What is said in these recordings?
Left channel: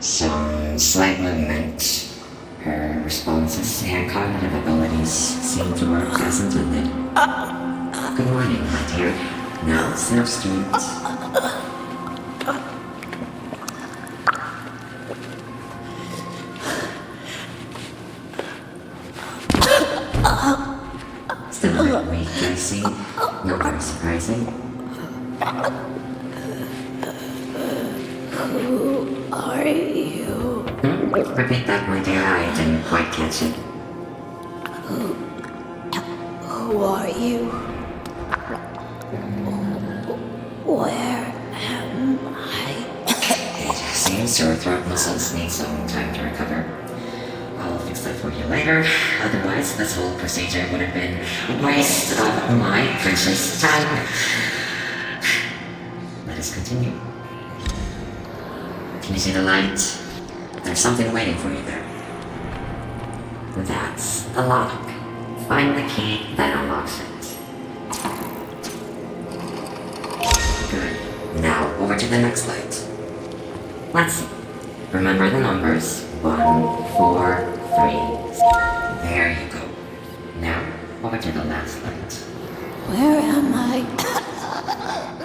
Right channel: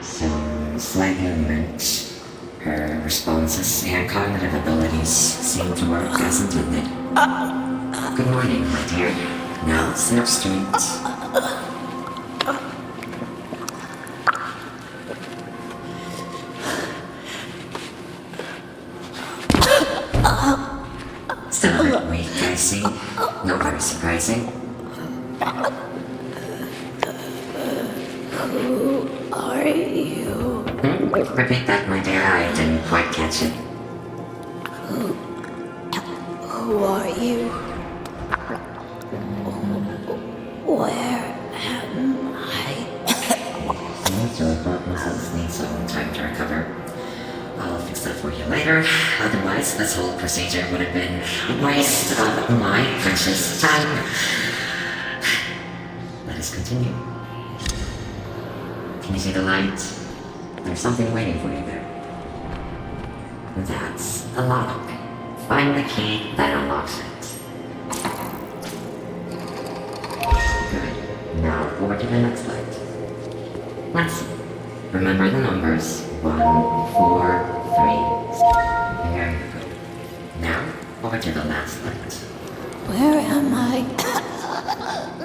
Some slight movement. Her responses and cognitive abilities seem to work as intended. Good morning, my dear. Now it's the streets. Still a bit weak, I see. No more surprising. Who are you? Repeat that, my dear. I didn't quite catch it. Who are you? Where am I? It seems your throat muscles need some time to recover. I'll fix that for you later. Otherwise, this whole procedure would have been a waste of my precious time. Let us continue. Can you see the light? There's something waiting for you there. That's the lock. Find the key that unlocks it. Good. Now, over to the next light. Let's see. Remember the numbers. 1, 4, 3. There you go. Now, over to the last light. Where am I?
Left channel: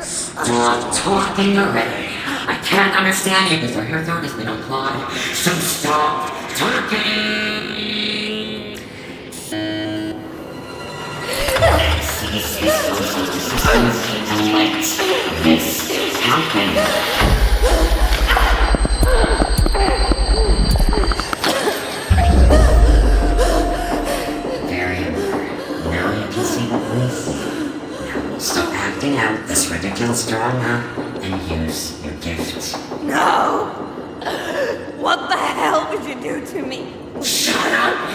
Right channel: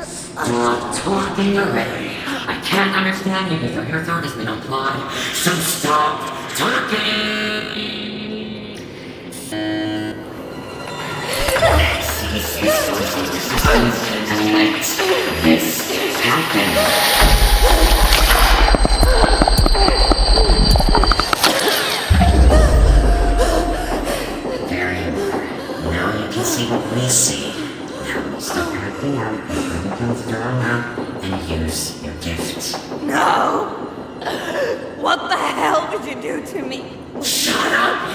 Stop talking already. I can't understand you before your throat has been applied. So stop talking! Cease your social resistance and let this happen. Now you can see what we see. Now stop acting out this ridiculous drama and use your gift. No! What the hell did you do to me? Shut up! I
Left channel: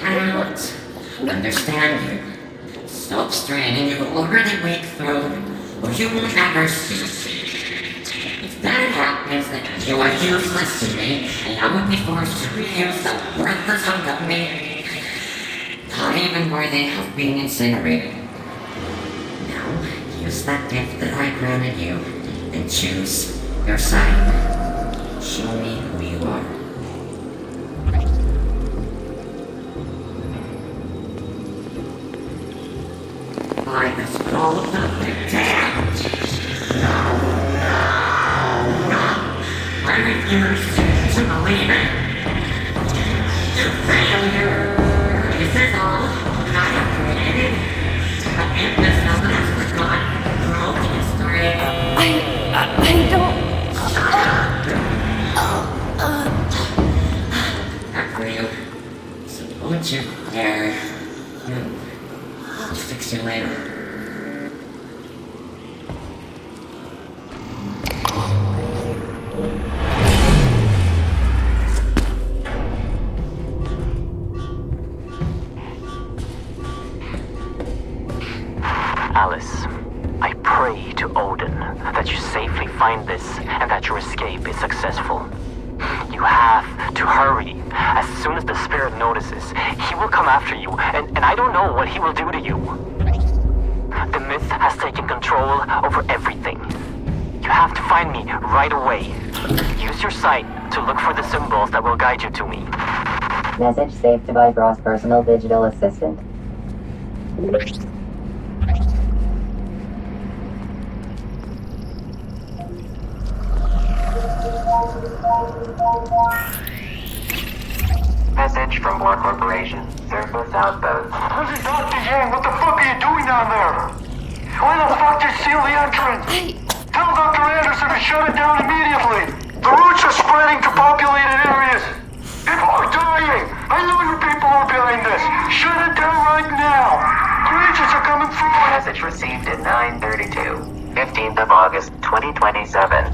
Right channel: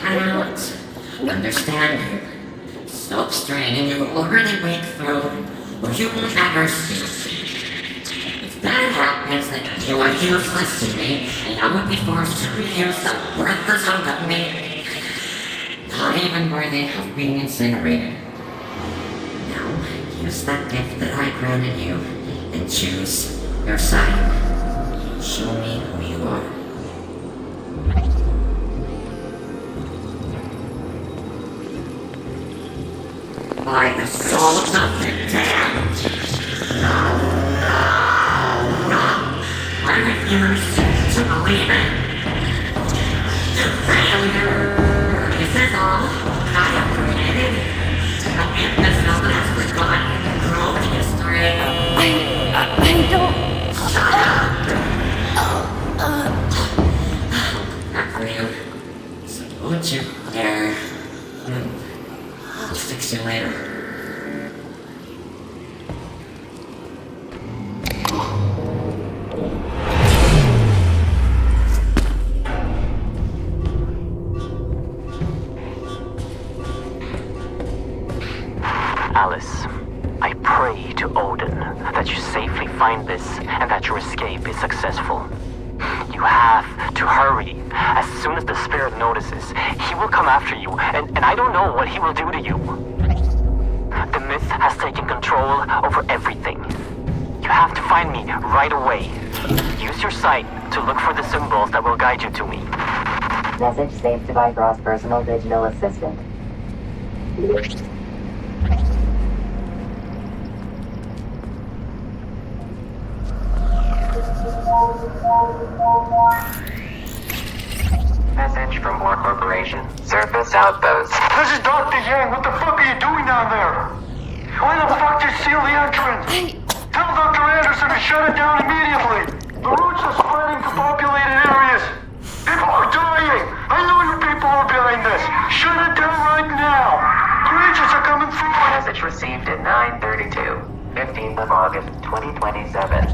cannot understand you. Stop straining your already weak throat, or you will never speak. If that happens, then you are useless to me, and I would be forced to reuse the worthless hunk of me. Not even worthy of being incinerated. Now, use that gift that I granted you and choose your side. Show me who you are. By the souls of the damned. No, no, no. I refuse to believe it. You failure. Is this all I have created? The Yggdrasil has forgotten the growth history. I don't... Not for you. So don't you dare. I'll fix you later. Alice, I pray to Odin that you safely find this and that your escape is successful. You have to hurry. As soon as the spirit notices, he will come after you, and I don't know what he will do to you. The myth has taken control over everything. You have to find me right away. Use your sight to look for the symbols that will guide you to me. Message saved to Vigro's personal digital assistant. Message from War Corporation. Surface outpost. This is Dr. Yang. What the fuck are you doing down there? Why the fuck did you seal the entrance? Tell Dr. Anderson to shut it down immediately. The roots are spreading to populated areas. People are dying. I know you people are behind this. Shut it down right now. Creatures are coming through. Message received at 9:32. 15th of August, 2027.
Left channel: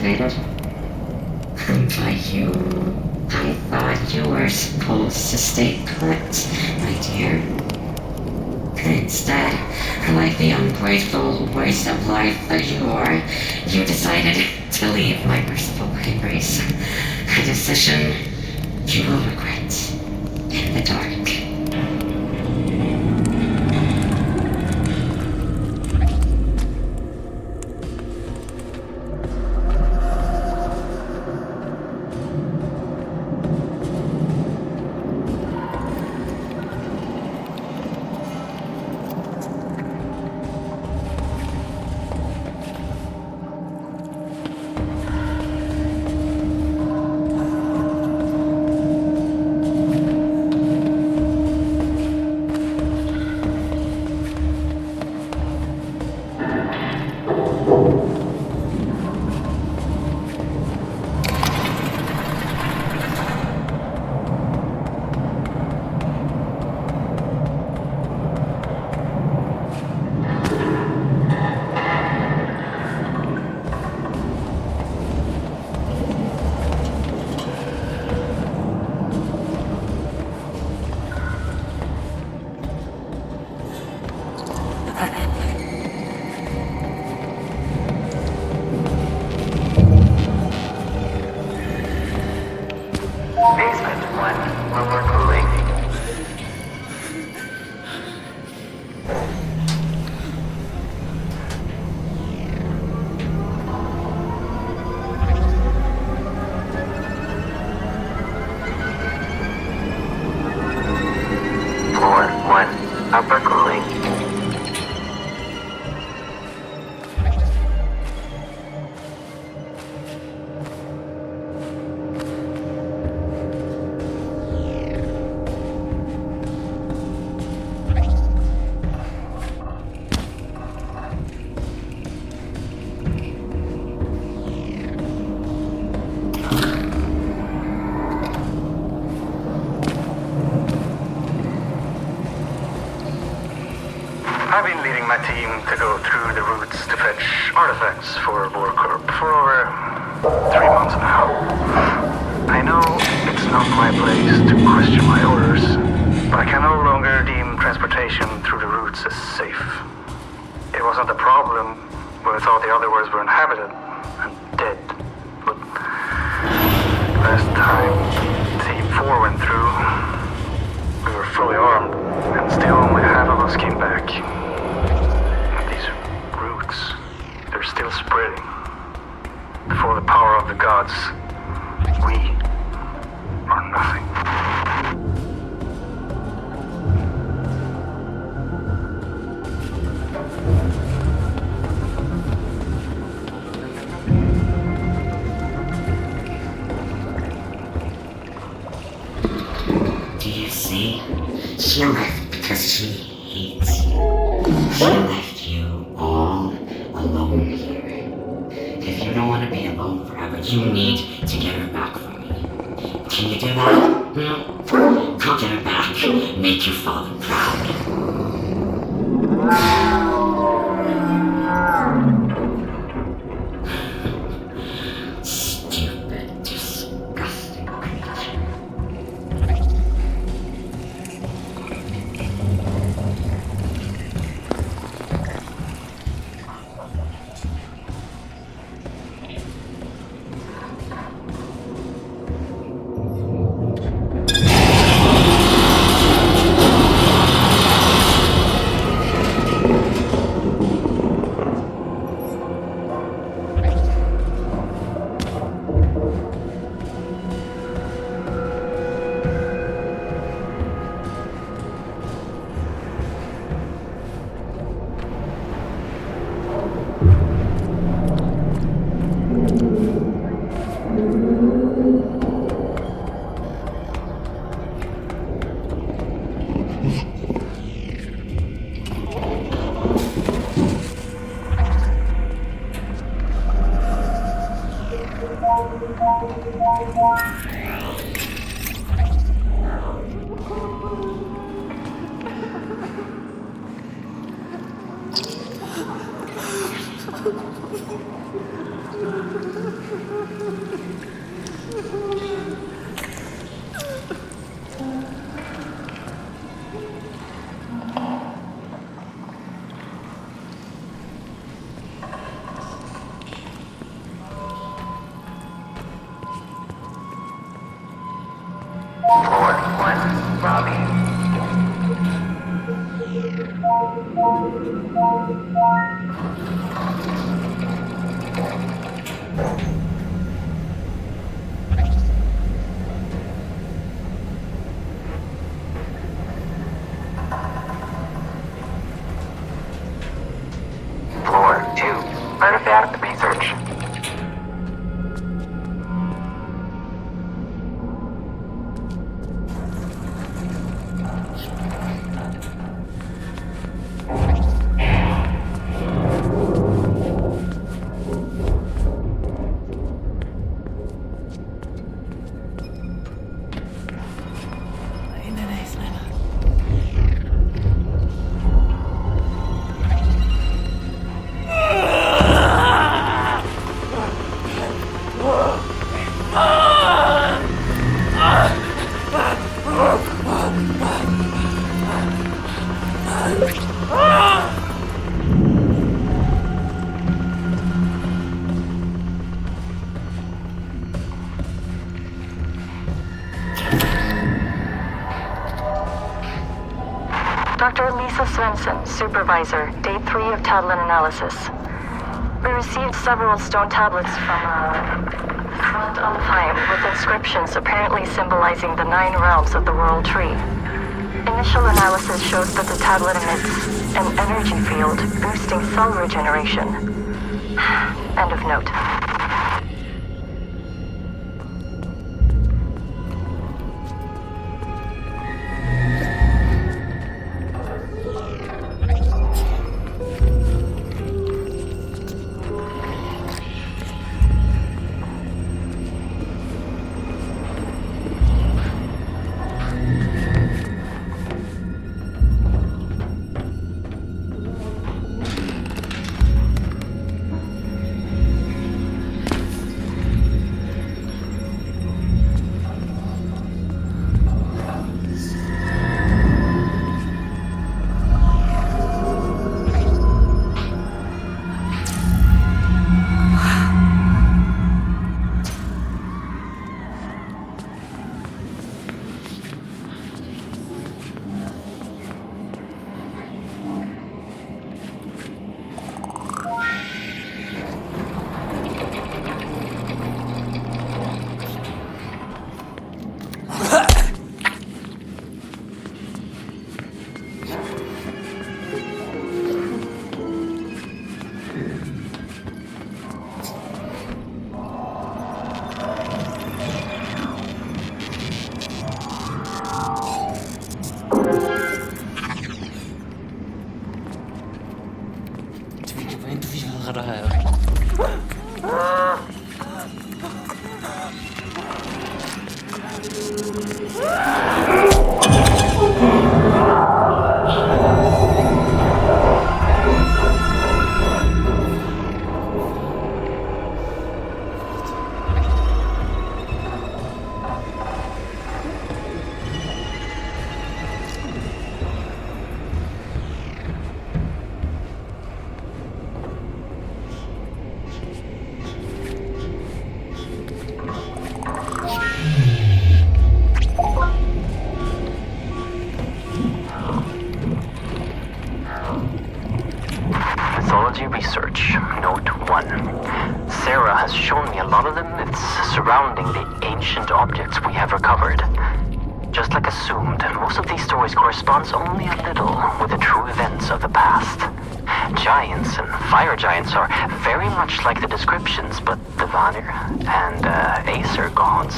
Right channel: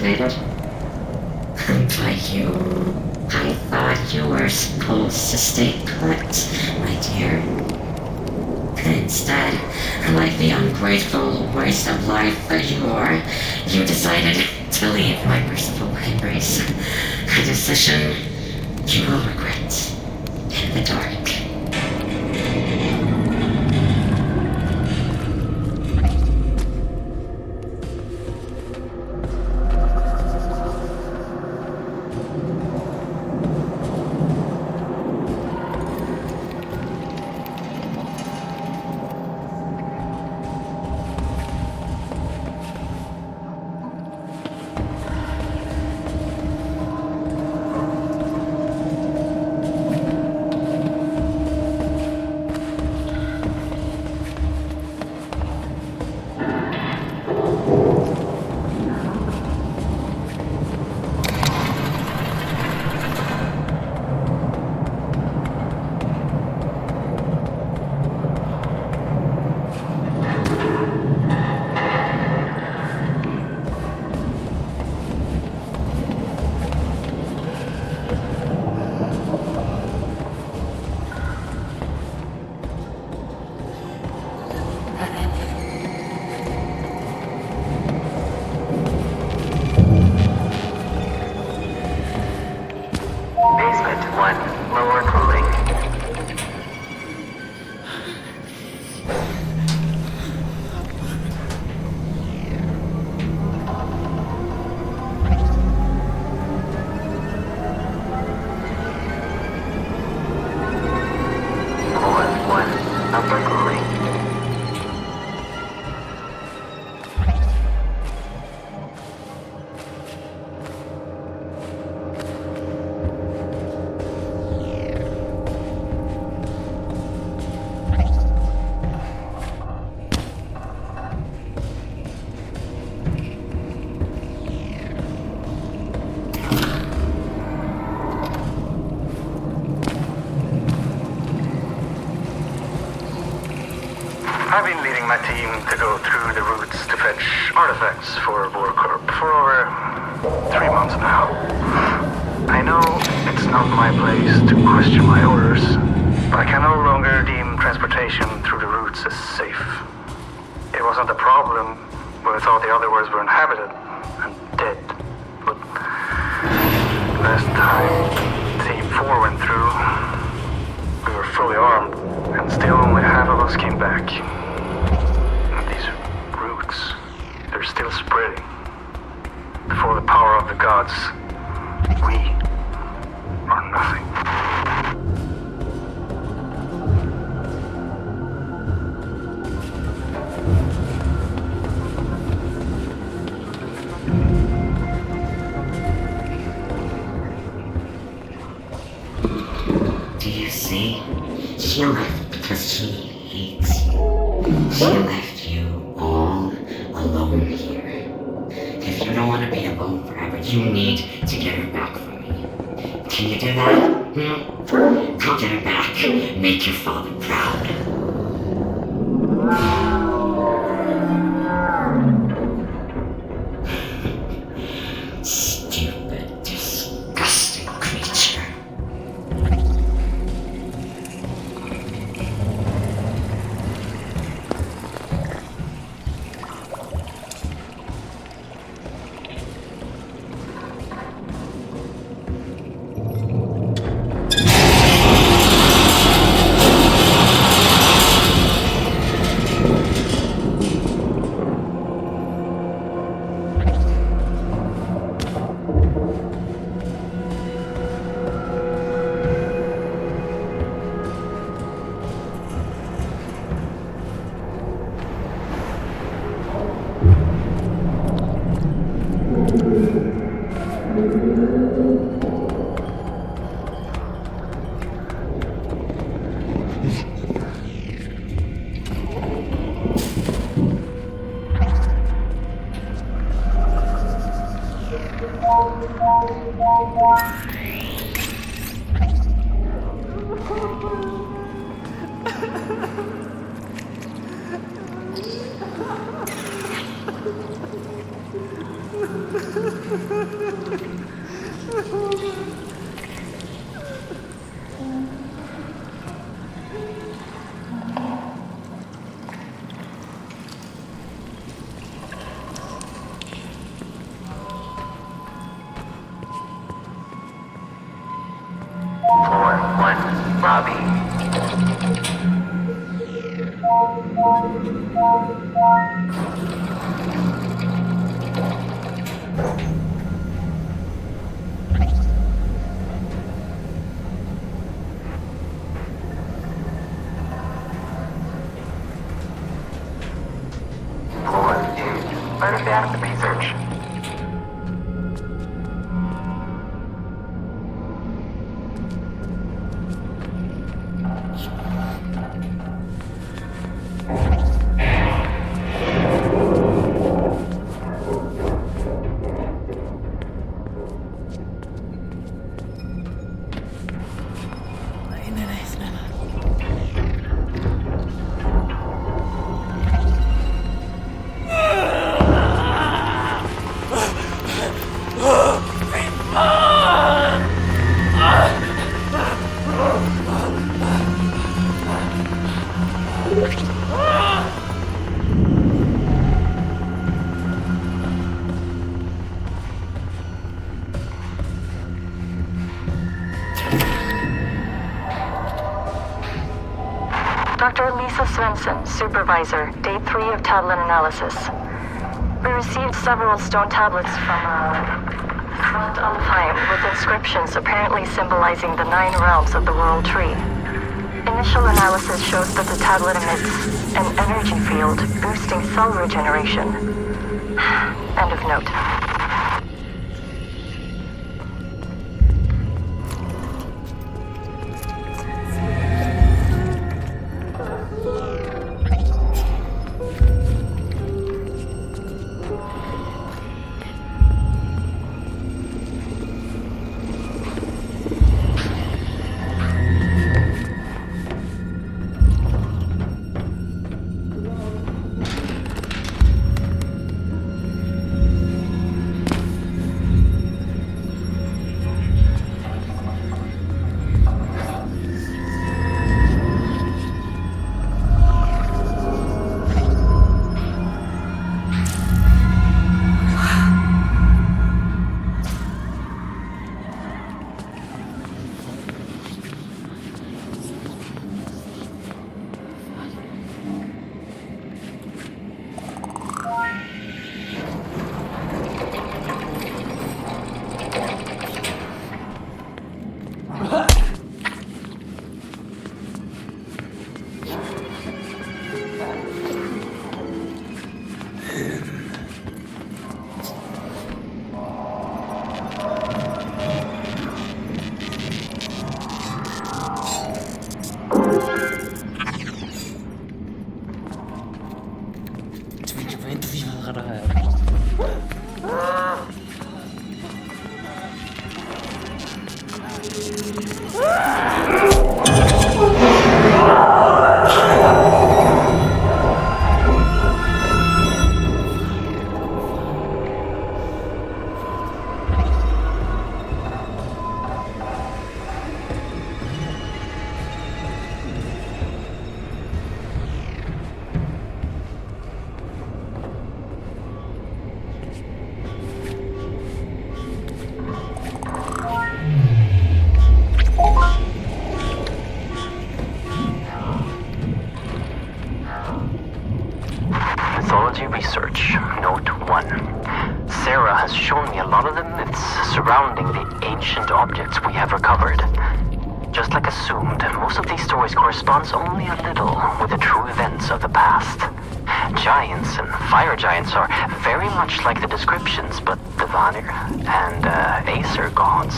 activated. By you, I thought you were supposed to stay put, my dear. Instead, like the ungrateful waste of life that you are, you decided to leave my merciful embrace. A decision you will regret in the dark. Basement 1, lower cooling. Floor 1, upper cooling. I've been leading my team to go through the routes to fetch artifacts for Vorkorp for over 3 months now. I know it's not my place to question my orders, but I can no longer deem transportation through the routes as safe. It wasn't a problem when I thought the other worlds were inhabited and dead, but last time Team 4 went through, we were fully armed, and still only half of us came back. And these roots, they're still spreading. Before the power of the gods, we are nothing. Do you see? She left because she hates you. She left you all alone here. If you don't want to be alone forever, you need to get her back from me. Can you do that? Go get her back. Make your father proud. Stupid, disgusting creature. Floor 1, lobby. Floor 2, artifact research. Dr. Lisa Svensson, Supervisor, Day 3 of tablet analysis. We received several stone tablets from front on the fire with inscriptions apparently symbolizing the 9 realms of the World Tree. Initial analysis shows that the tablet emits an energy field boosting cell regeneration. End of note. Mythology research, note 1. Sarah has shown me a lot of the myths surrounding the ancient objects we have recovered. Just like assumed, most of these stories corresponds only a little with the true events of the past. Giants and fire giants are very much like the descriptions, but the Vanir and Aesir gods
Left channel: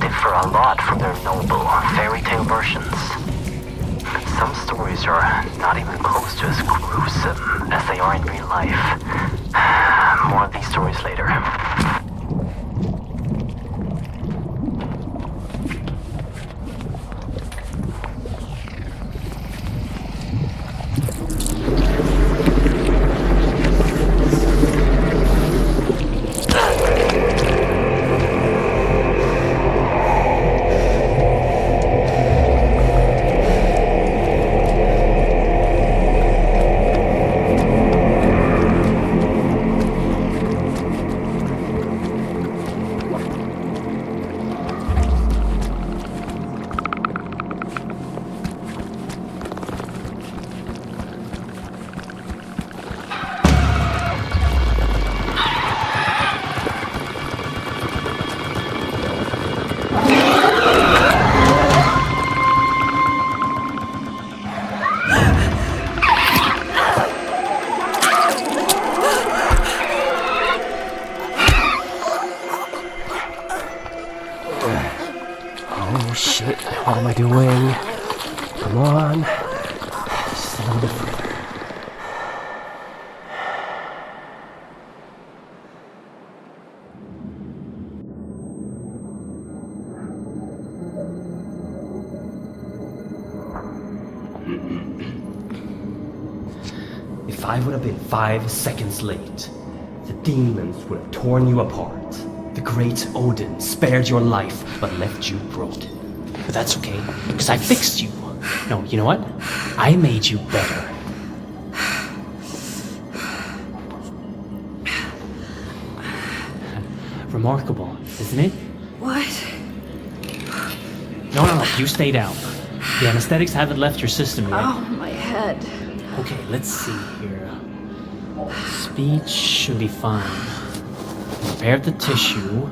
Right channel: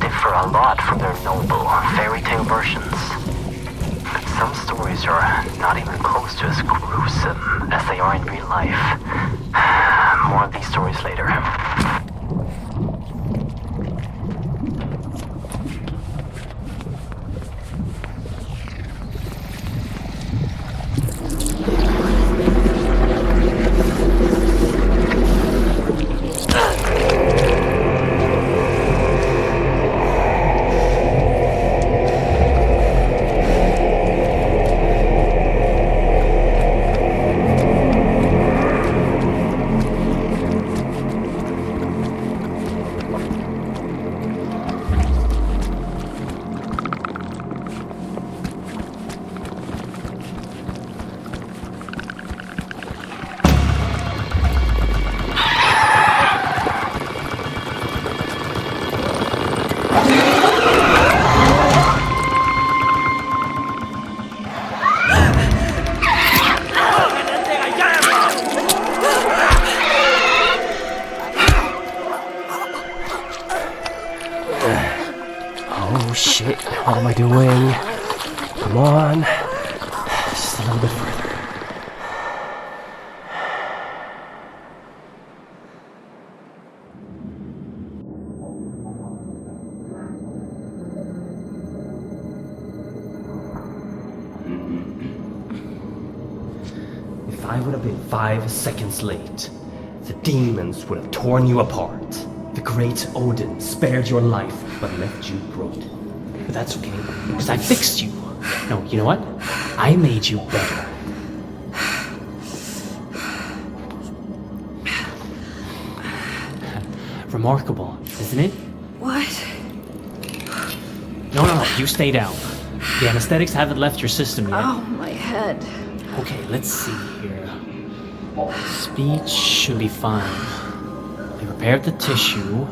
differ a lot from their noble fairy tale versions. Some stories are not even close to as gruesome as they are in real life. More of these stories later. Oh shit, what am I doing? Come on. Just a little bit further. If I would have been 5 seconds late, the demons would have torn you apart. The great Odin spared your life, but left you broken. But that's okay, because I fixed you. No, you know what? I made you better. Remarkable, isn't it? What? No, you stay down. The anesthetics haven't left your system yet. Oh, my head. Okay, let's see here. Speech should be fine. I prepared the tissue.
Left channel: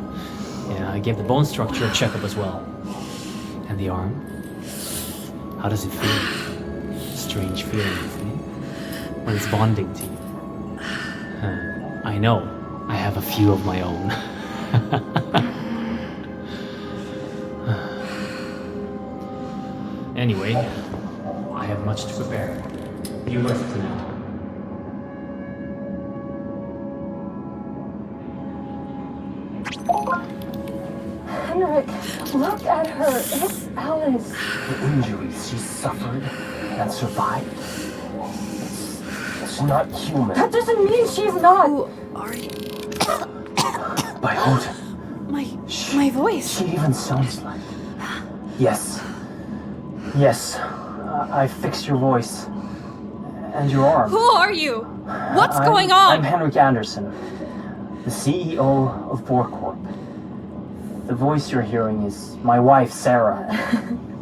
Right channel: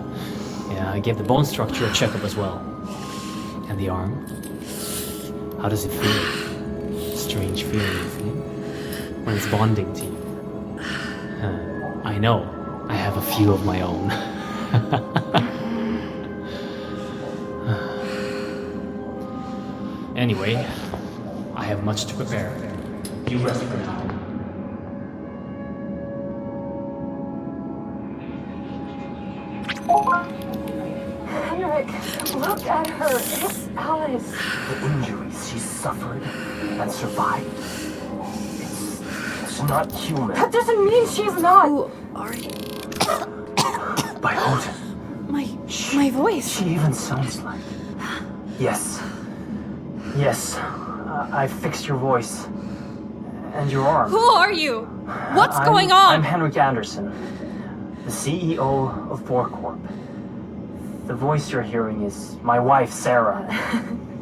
Yeah, I gave the bone structure a checkup as well. And the arm? How does it feel? Strange feeling, isn't it? When it's bonding to you. I know. I have a few of my own. Anyway, I have much to prepare. You rest for now. Henrik, look at her. It's Alice. The injuries she suffered and survived. It's not human. That doesn't mean she's not. Who are you? By Odin. My voice. She even sounds like... Yes. I fixed your voice. And your arm. Who are you? What's going on? I'm Henrik Anderson, the CEO of Borcorp. The voice you're hearing is my wife, Sarah.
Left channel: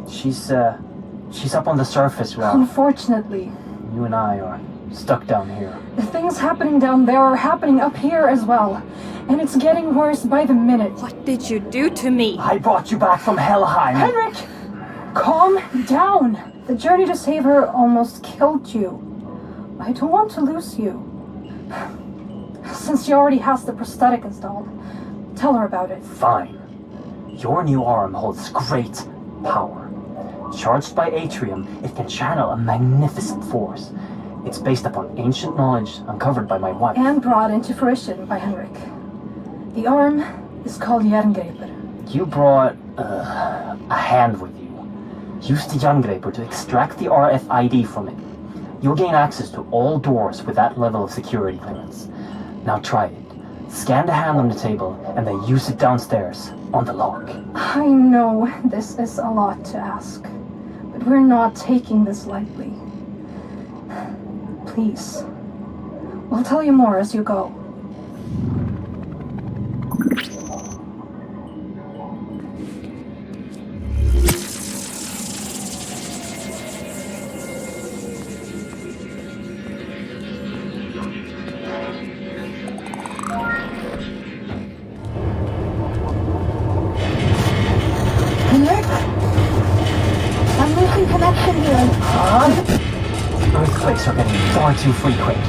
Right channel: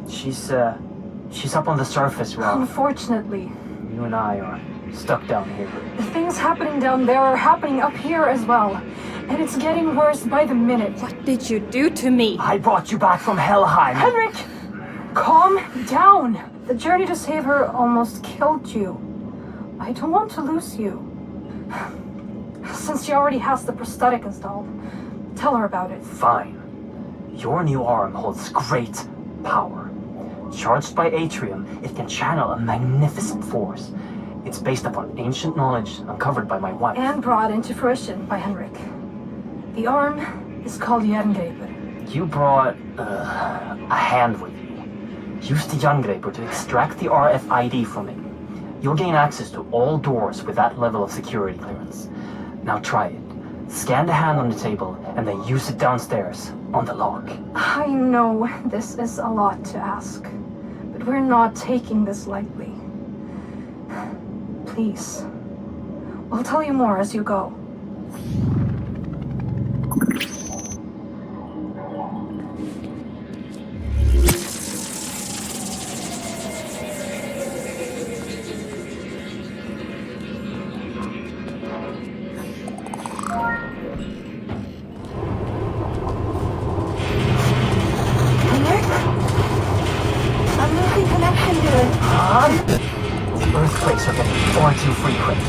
She's up on the surface, Rob. Unfortunately, You and I are stuck down here. the things happening down there are happening up here as well. And it's getting worse by the minute. What did you do to me? I brought you back from Helheim. Henrik! Calm down. The journey to save her almost killed you. I don't want to lose you. Since she already has the prosthetic installed, tell her about it. Fine. Your new arm holds great power. Charged by Atrium, it can channel a magnificent force. It's based upon ancient knowledge uncovered by my wife. And brought into fruition by Henrik. The arm is called Jerngreper. You brought a hand with you. Use the Jerngreper to extract the RFID from it. You'll gain access to all doors with that level of security clearance. Now try it. Scan the hand on the table and then use it downstairs on the lock. I know this is a lot to ask, but we're not taking this lightly. Please. We'll tell you more as you go. I'm losing connection here. Earthquakes are getting far too frequent.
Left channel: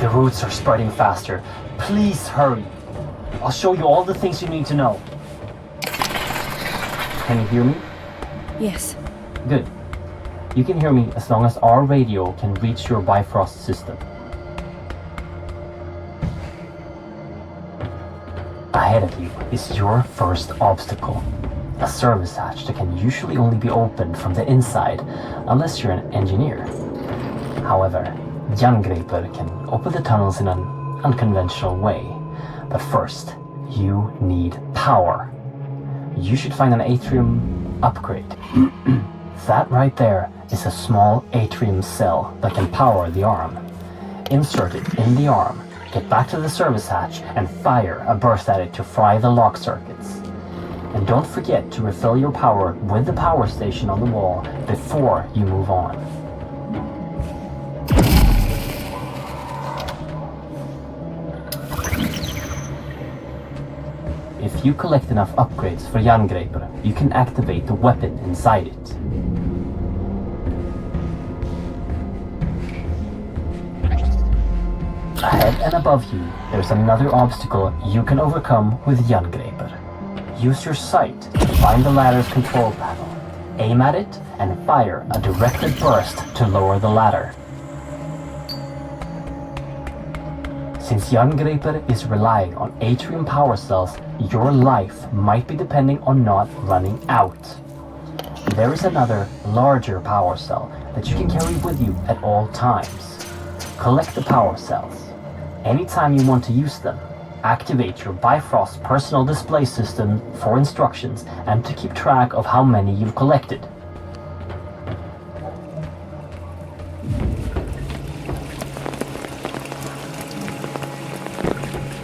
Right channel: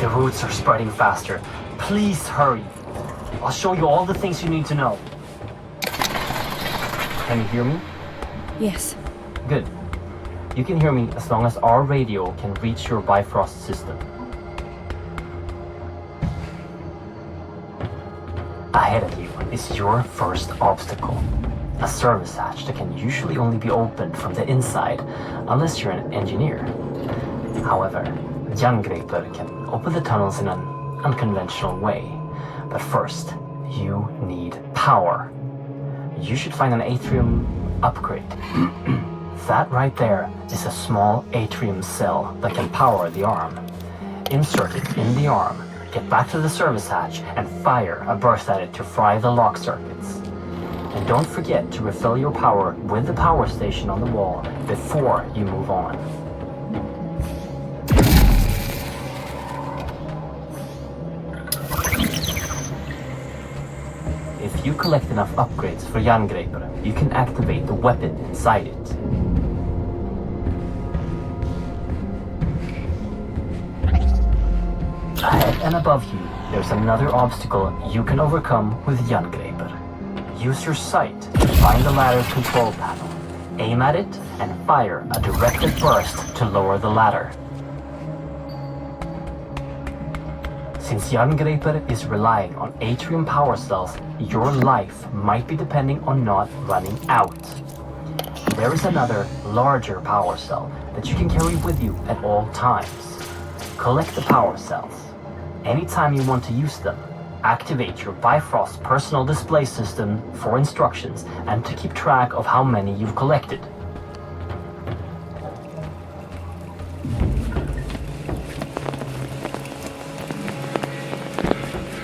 The roots are spreading faster. Please hurry. I'll show you all the things you need to know. Can you hear me? Yes. Good. You can hear me as long as our radio can reach your Bifrost system. Ahead of you is your first obstacle. A service hatch that can usually only be opened from the inside, unless you're an engineer. However, Jerngreper can open the tunnels in an unconventional way. But first, you need power. You should find an atrium upgrade. That right there is a small atrium cell that can power the arm. Insert it in the arm, get back to the service hatch, and fire a burst at it to fry the lock circuits. And don't forget to refill your power with the power station on the wall before you move on. If you collect enough upgrades for Jerngreper, you can activate the weapon inside it. Ahead and above you, there's another obstacle you can overcome with Jerngreper. Use your sight to Find the ladder's control panel, aim at it, and fire a directed burst to lower the ladder. Since Yggdrasil is relying on atrium power cells, your life might be depending on not running out. There is another, larger power cell that you can carry with you at all times. Collect the power cells. Anytime you want to use them, activate your Bifrost personal display system for instructions and to keep track of how many you've collected.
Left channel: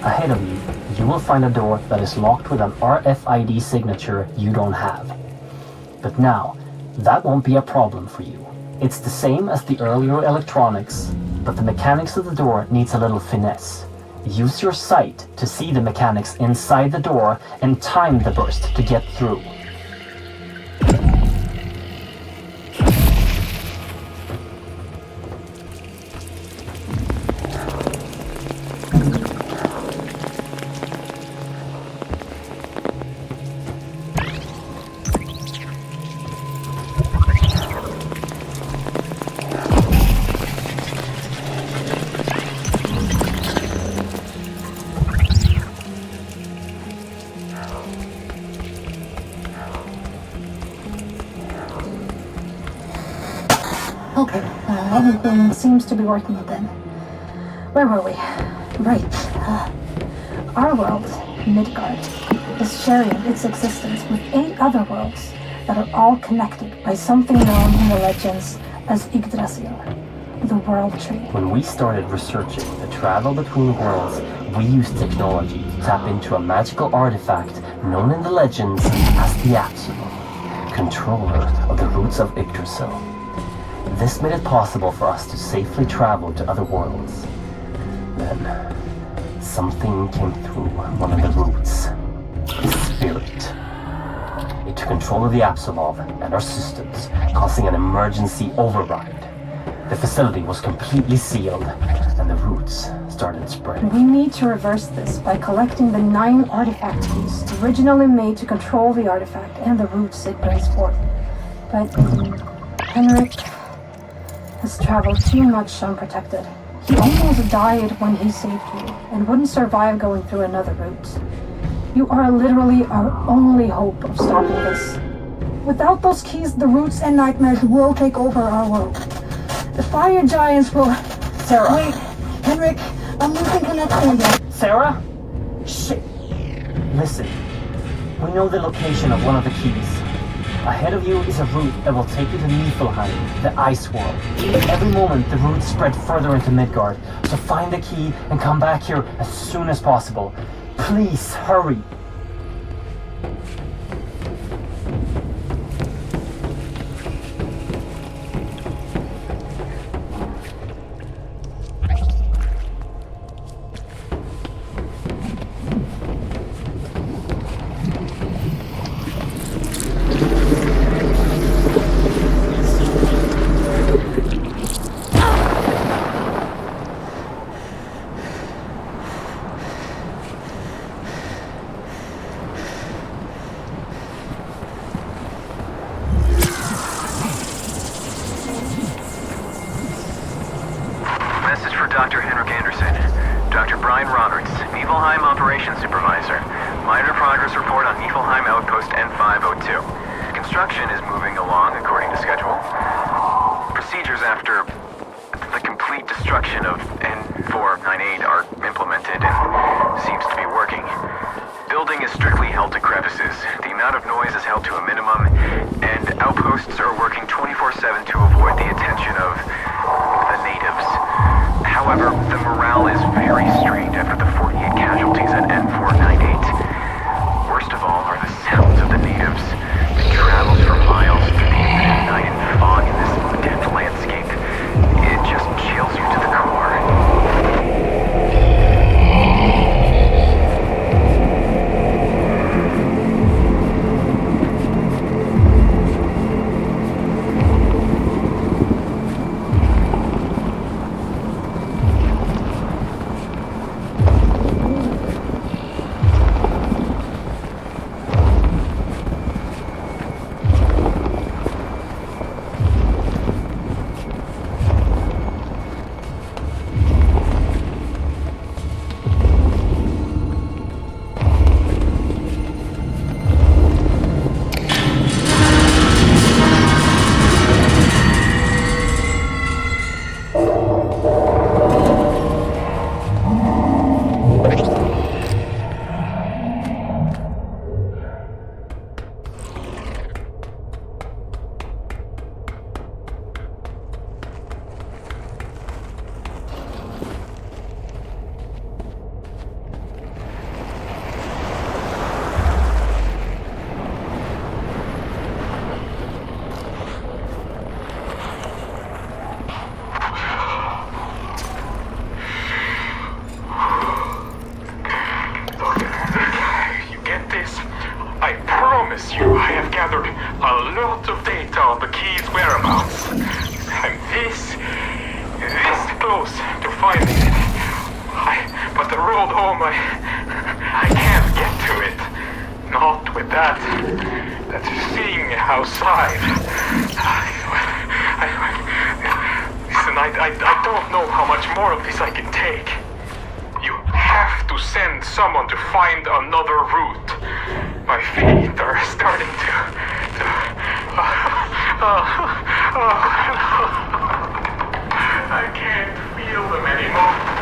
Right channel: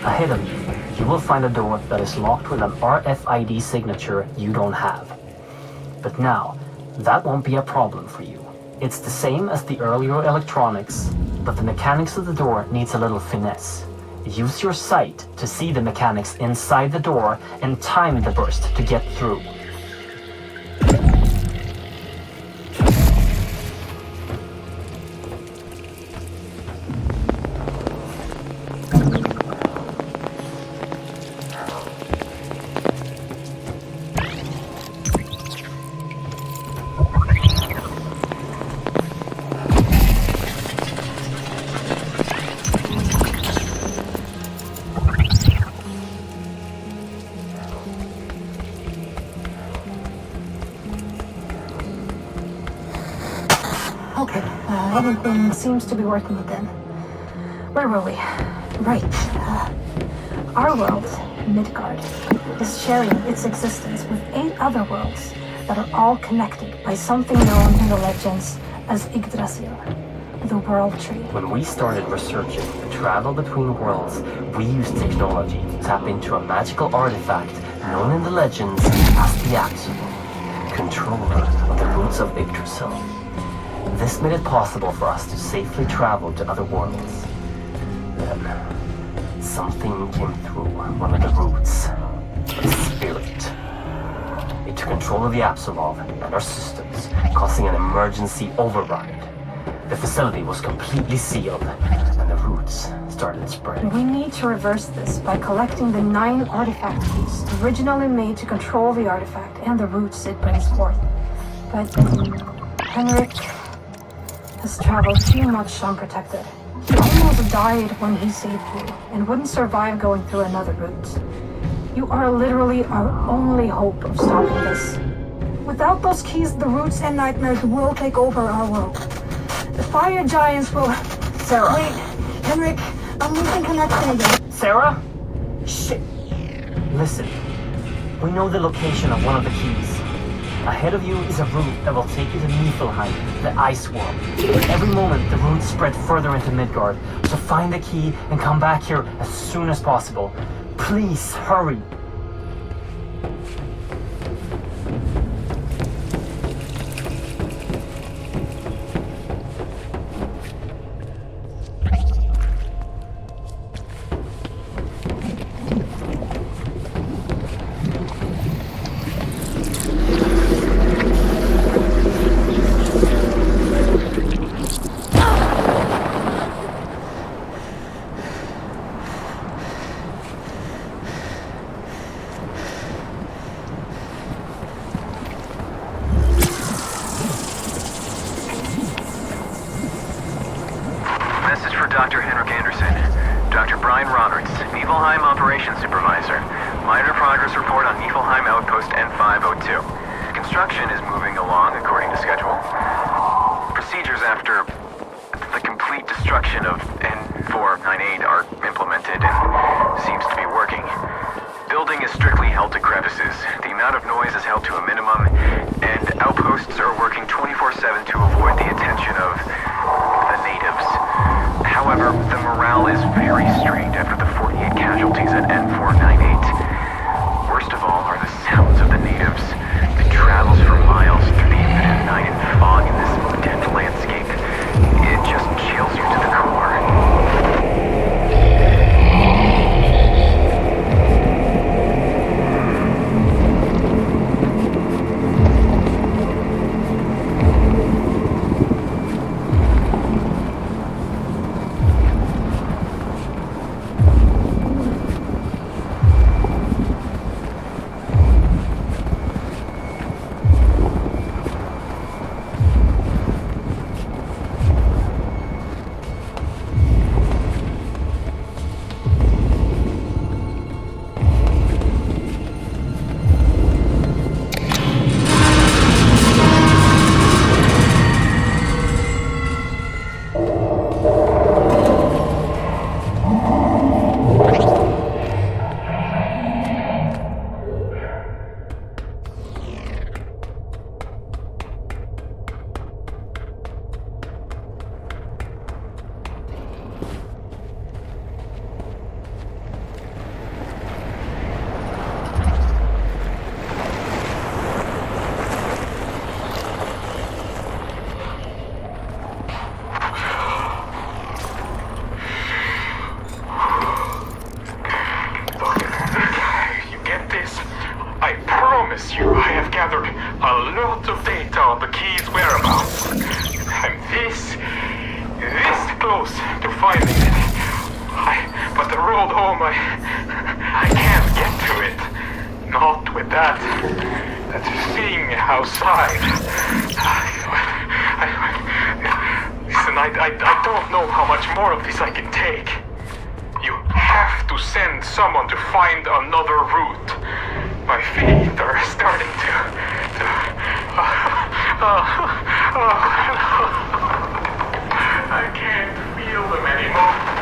Ahead of you, you will find a door that is locked with an RFID signature you don't have. But now, that won't be a problem for you. It's the same as the earlier electronics, but the mechanics of the door needs a little finesse. Use your sight to see the mechanics inside the door and time the burst to get through. Okay, everything seems to be working again. Where were we? Right. Our world, Midgard, is sharing its existence with 8 other worlds that are all connected by something known in the legends as Yggdrasil, the World Tree. When we started researching the travel between worlds, we used technology to tap into a magical artifact known in the legends as the Apsulov, controller of the roots of Yggdrasil. This made it possible for us to safely travel to other worlds. Then, something came through one of the roots. A spirit. It took control of the Apsulov and our systems, causing an emergency override. The facility was completely sealed, and the roots started spreading. We need to reverse this by collecting the 9 artifact keys originally made to control the artifact and the roots it brings forth. But Henrik has traveled too much unprotected. He almost died when he saved you, and wouldn't survive going through another route. You are literally our only hope of stopping this. Without those keys, the roots and nightmares will take over our world. The fire giants will... Sarah! Wait, Henrik, I'm losing connection again. Sarah? Shit! Listen, we know the location of one of the keys. Ahead of you is a route that will take you to Niflheim, the ice world. Every moment, the roots spread further into Midgard, so find the key and come back here as soon as possible. Please, hurry! Dr. Henrik Anderson. Dr. Brian Roberts, Niflheim Operations Supervisor. Minor progress report on Niflheim Outpost N502. Construction is moving along according to schedule. Procedures after the complete destruction of N498 are implemented and seems to be working. Building is strictly held to crevices. The amount of noise is held to a minimum, and outposts are working 24/7 to avoid the attention of the natives. However, the morale is very strained after the 48 casualties at N498. Worst of all are the sounds of the natives. It travels for miles through the infinite night and fog in this dense landscape. It just chills you to the core. a lot of data on the key's whereabouts. I'm this close to finding it. But the road home, I can't get to it. Not with that thing outside. Listen, I don't know how much more of this I can take. You have to send someone to find another route. My feet are starting to I can't feel them anymore.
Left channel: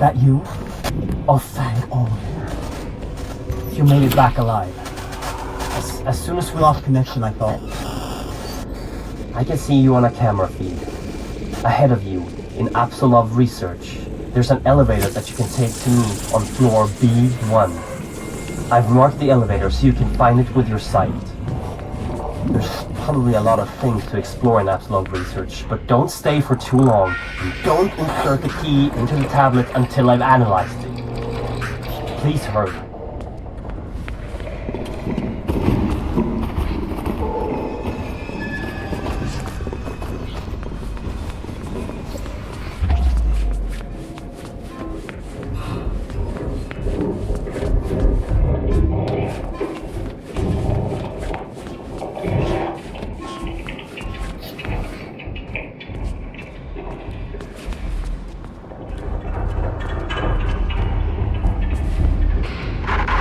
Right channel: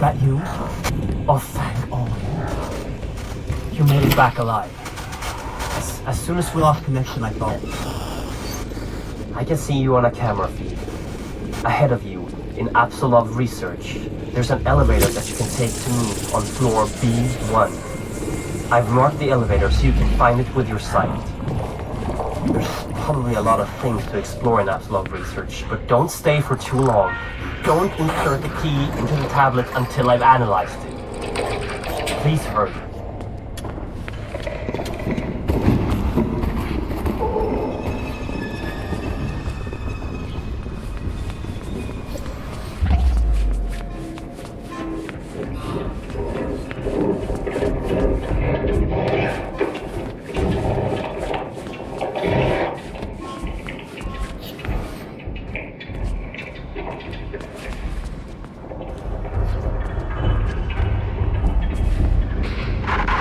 that you? Oh, thank all. You made it back alive. As soon as we lost connection, I thought, I can see you on a camera feed. Ahead of you, in Apsulov research, there's an elevator that you can take to me on floor B1. I've marked the elevator so you can find it with your sight. There's probably a lot of things to explore in Apsulov research, but don't stay for too long. Don't insert the key into the tablet until I've analyzed it. Please hurry.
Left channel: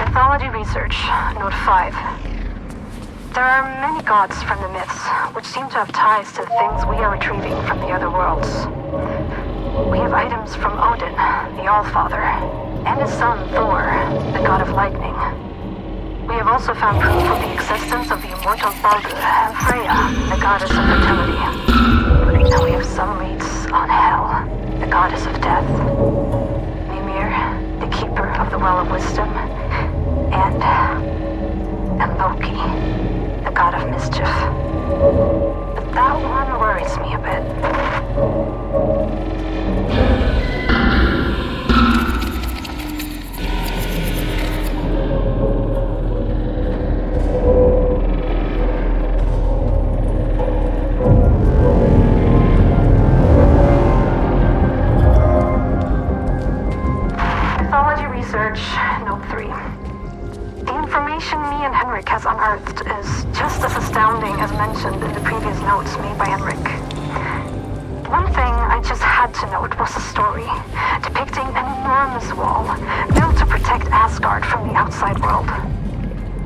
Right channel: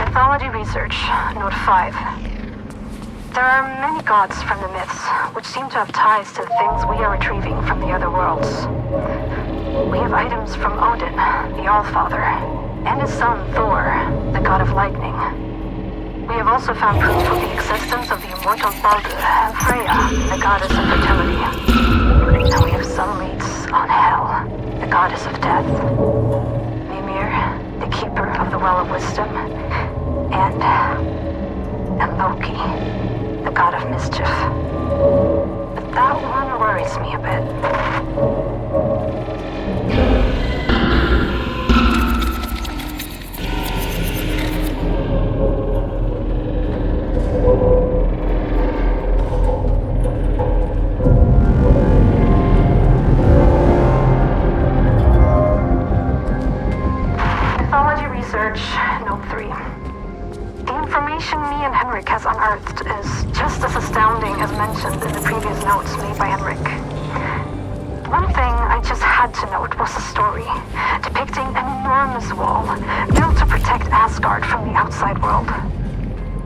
Mythology research, note 5. There are many gods from the myths, which seem to have ties to the things we are retrieving from the other worlds. We have items from Odin, the Allfather, and his son Thor, the god of lightning. We have also found proof of the existence of the immortal Baldur and Freya, the goddess of fertility. And we have some leads on Hel, the goddess of death, Mimir, the keeper of the Well of Wisdom, and Loki, the god of mischief. But that one worries me a bit. Mythology research, note 3. The information me and Henrik has unearthed is just as astounding as mentioned in the previous notes made by Henrik. One thing I just had to note was a story depicting an enormous wall built to protect Asgard from the outside world.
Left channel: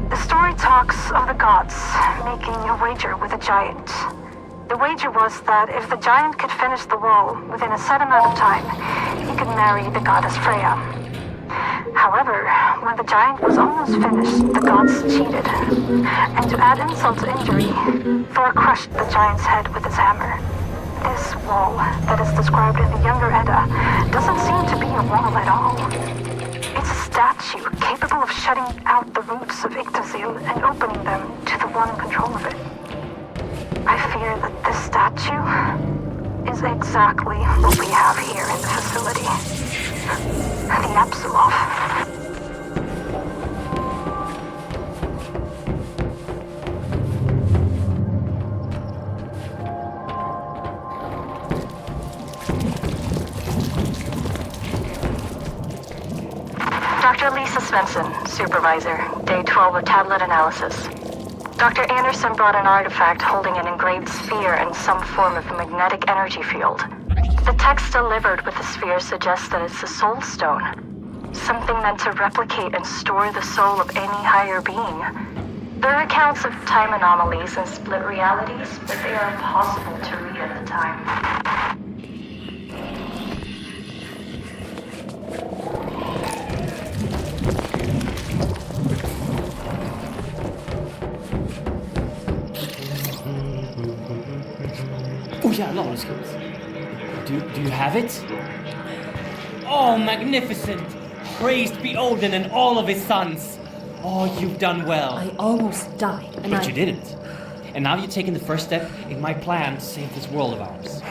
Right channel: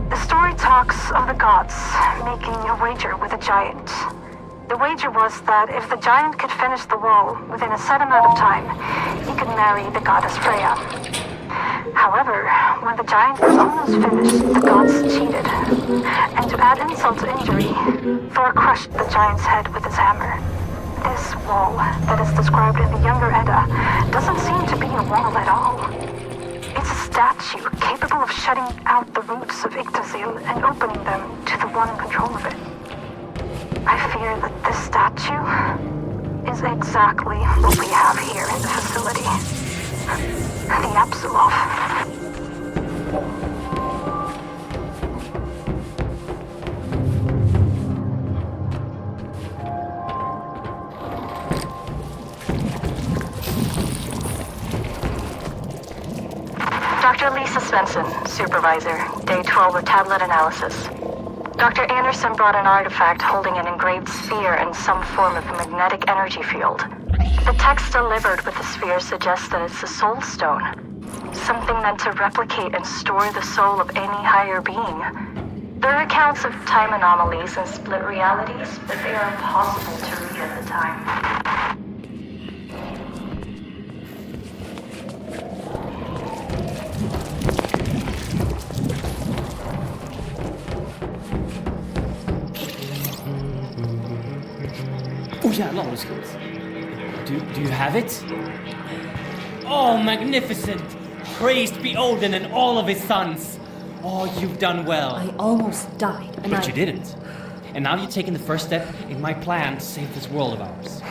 The story talks of the gods making a wager with a giant. The wager was that if the giant could finish the wall within a set amount of time, he could marry the goddess Freya. However, when the giant was almost finished, the gods cheated. And to add insult to injury, Thor crushed the giant's head with his hammer. This wall that is described in the Younger Edda doesn't seem to be a wall at all. It's a statue capable of shutting out the roots of Yggdrasil and opening them to the one in control of it. I fear that this statue is exactly what we have here in the facility. The Apsulov. Dr. Lisa Svensson, Supervisor, Day 12 of Tablet Analysis. Dr. Anderson brought an artifact holding an engraved sphere and some form of magnetic energy field. The text delivered with the sphere suggests that it's a soul stone, something meant to replicate and store the soul of any higher being. There are accounts of time anomalies and split realities, but they are impossible to read at the time. Oh jävlar vad det skrivs. Do you have it? Oh, magnificent! Praised be Odin and all of his sons! Oh, you've done well. I almost died, and But you didn't. And now you've taken the first step in my plan to save this world of ours.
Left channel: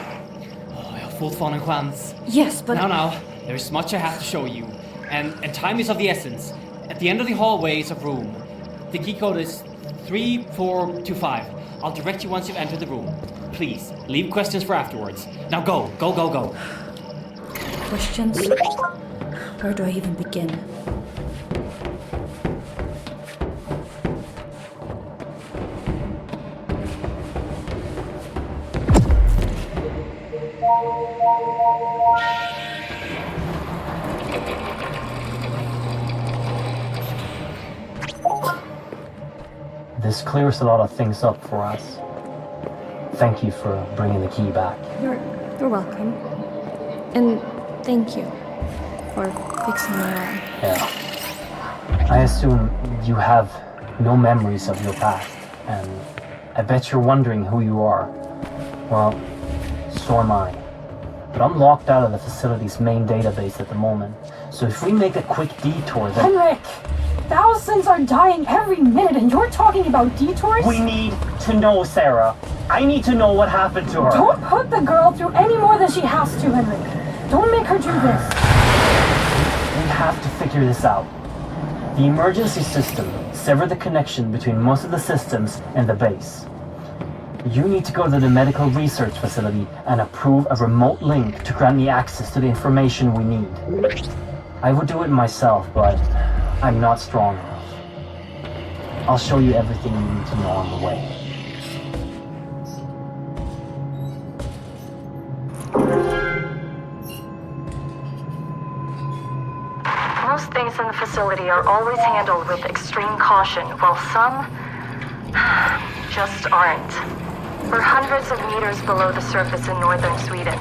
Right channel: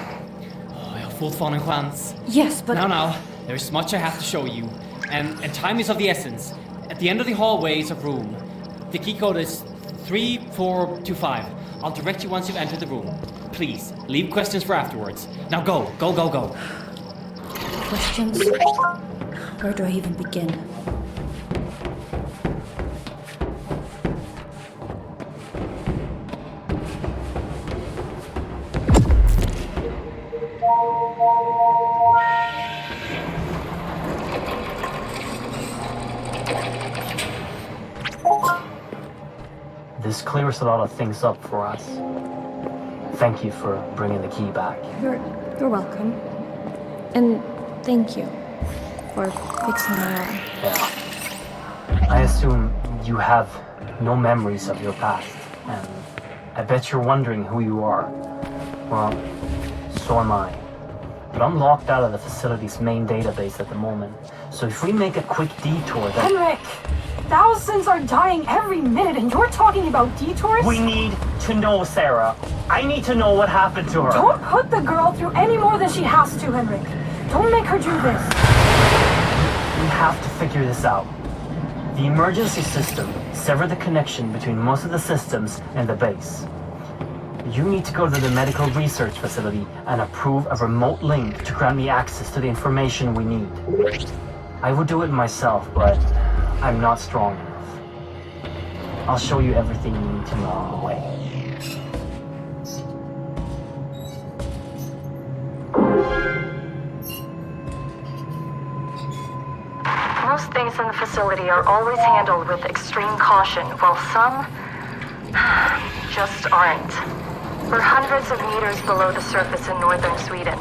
Oh, jag har fortfarande en chans. Yes, but... Now, there's much I have to show you. And time is of the essence. At the end of the hallway is a room. The key code is 3425. I'll direct you once you've entered the room. Please, leave questions for afterwards. Now go. Questions? Where do I even begin? This clears a lot of things up for us. Thank you for bringing the key back. You're welcome. And thank you for fixing my arm. Yeah. I assume you have no memories of your past, and I bet you're wondering who you are. Well, so am I. But I'm locked out of the facility's main database at the moment, so if we make a quick detour then... Henrik! Thousands are dying every minute and you're talking about detours? We need to know, Sarah. I need to know what happened to her. Don't put the girl through any more than she has to, Henrik. Don't make her do this. We have to figure this out. The emergency system severed the connection between most of the systems and the base. You need to go to the medical research facility and approve a remote link to grant me access to the information we need. I would do it myself, but I'm not strong enough. I'll show you everything you need to know on the way. Most things in the facility are always handled with extreme caution, while some just aren't. We're hundreds of meters below the surface in northern Sweden.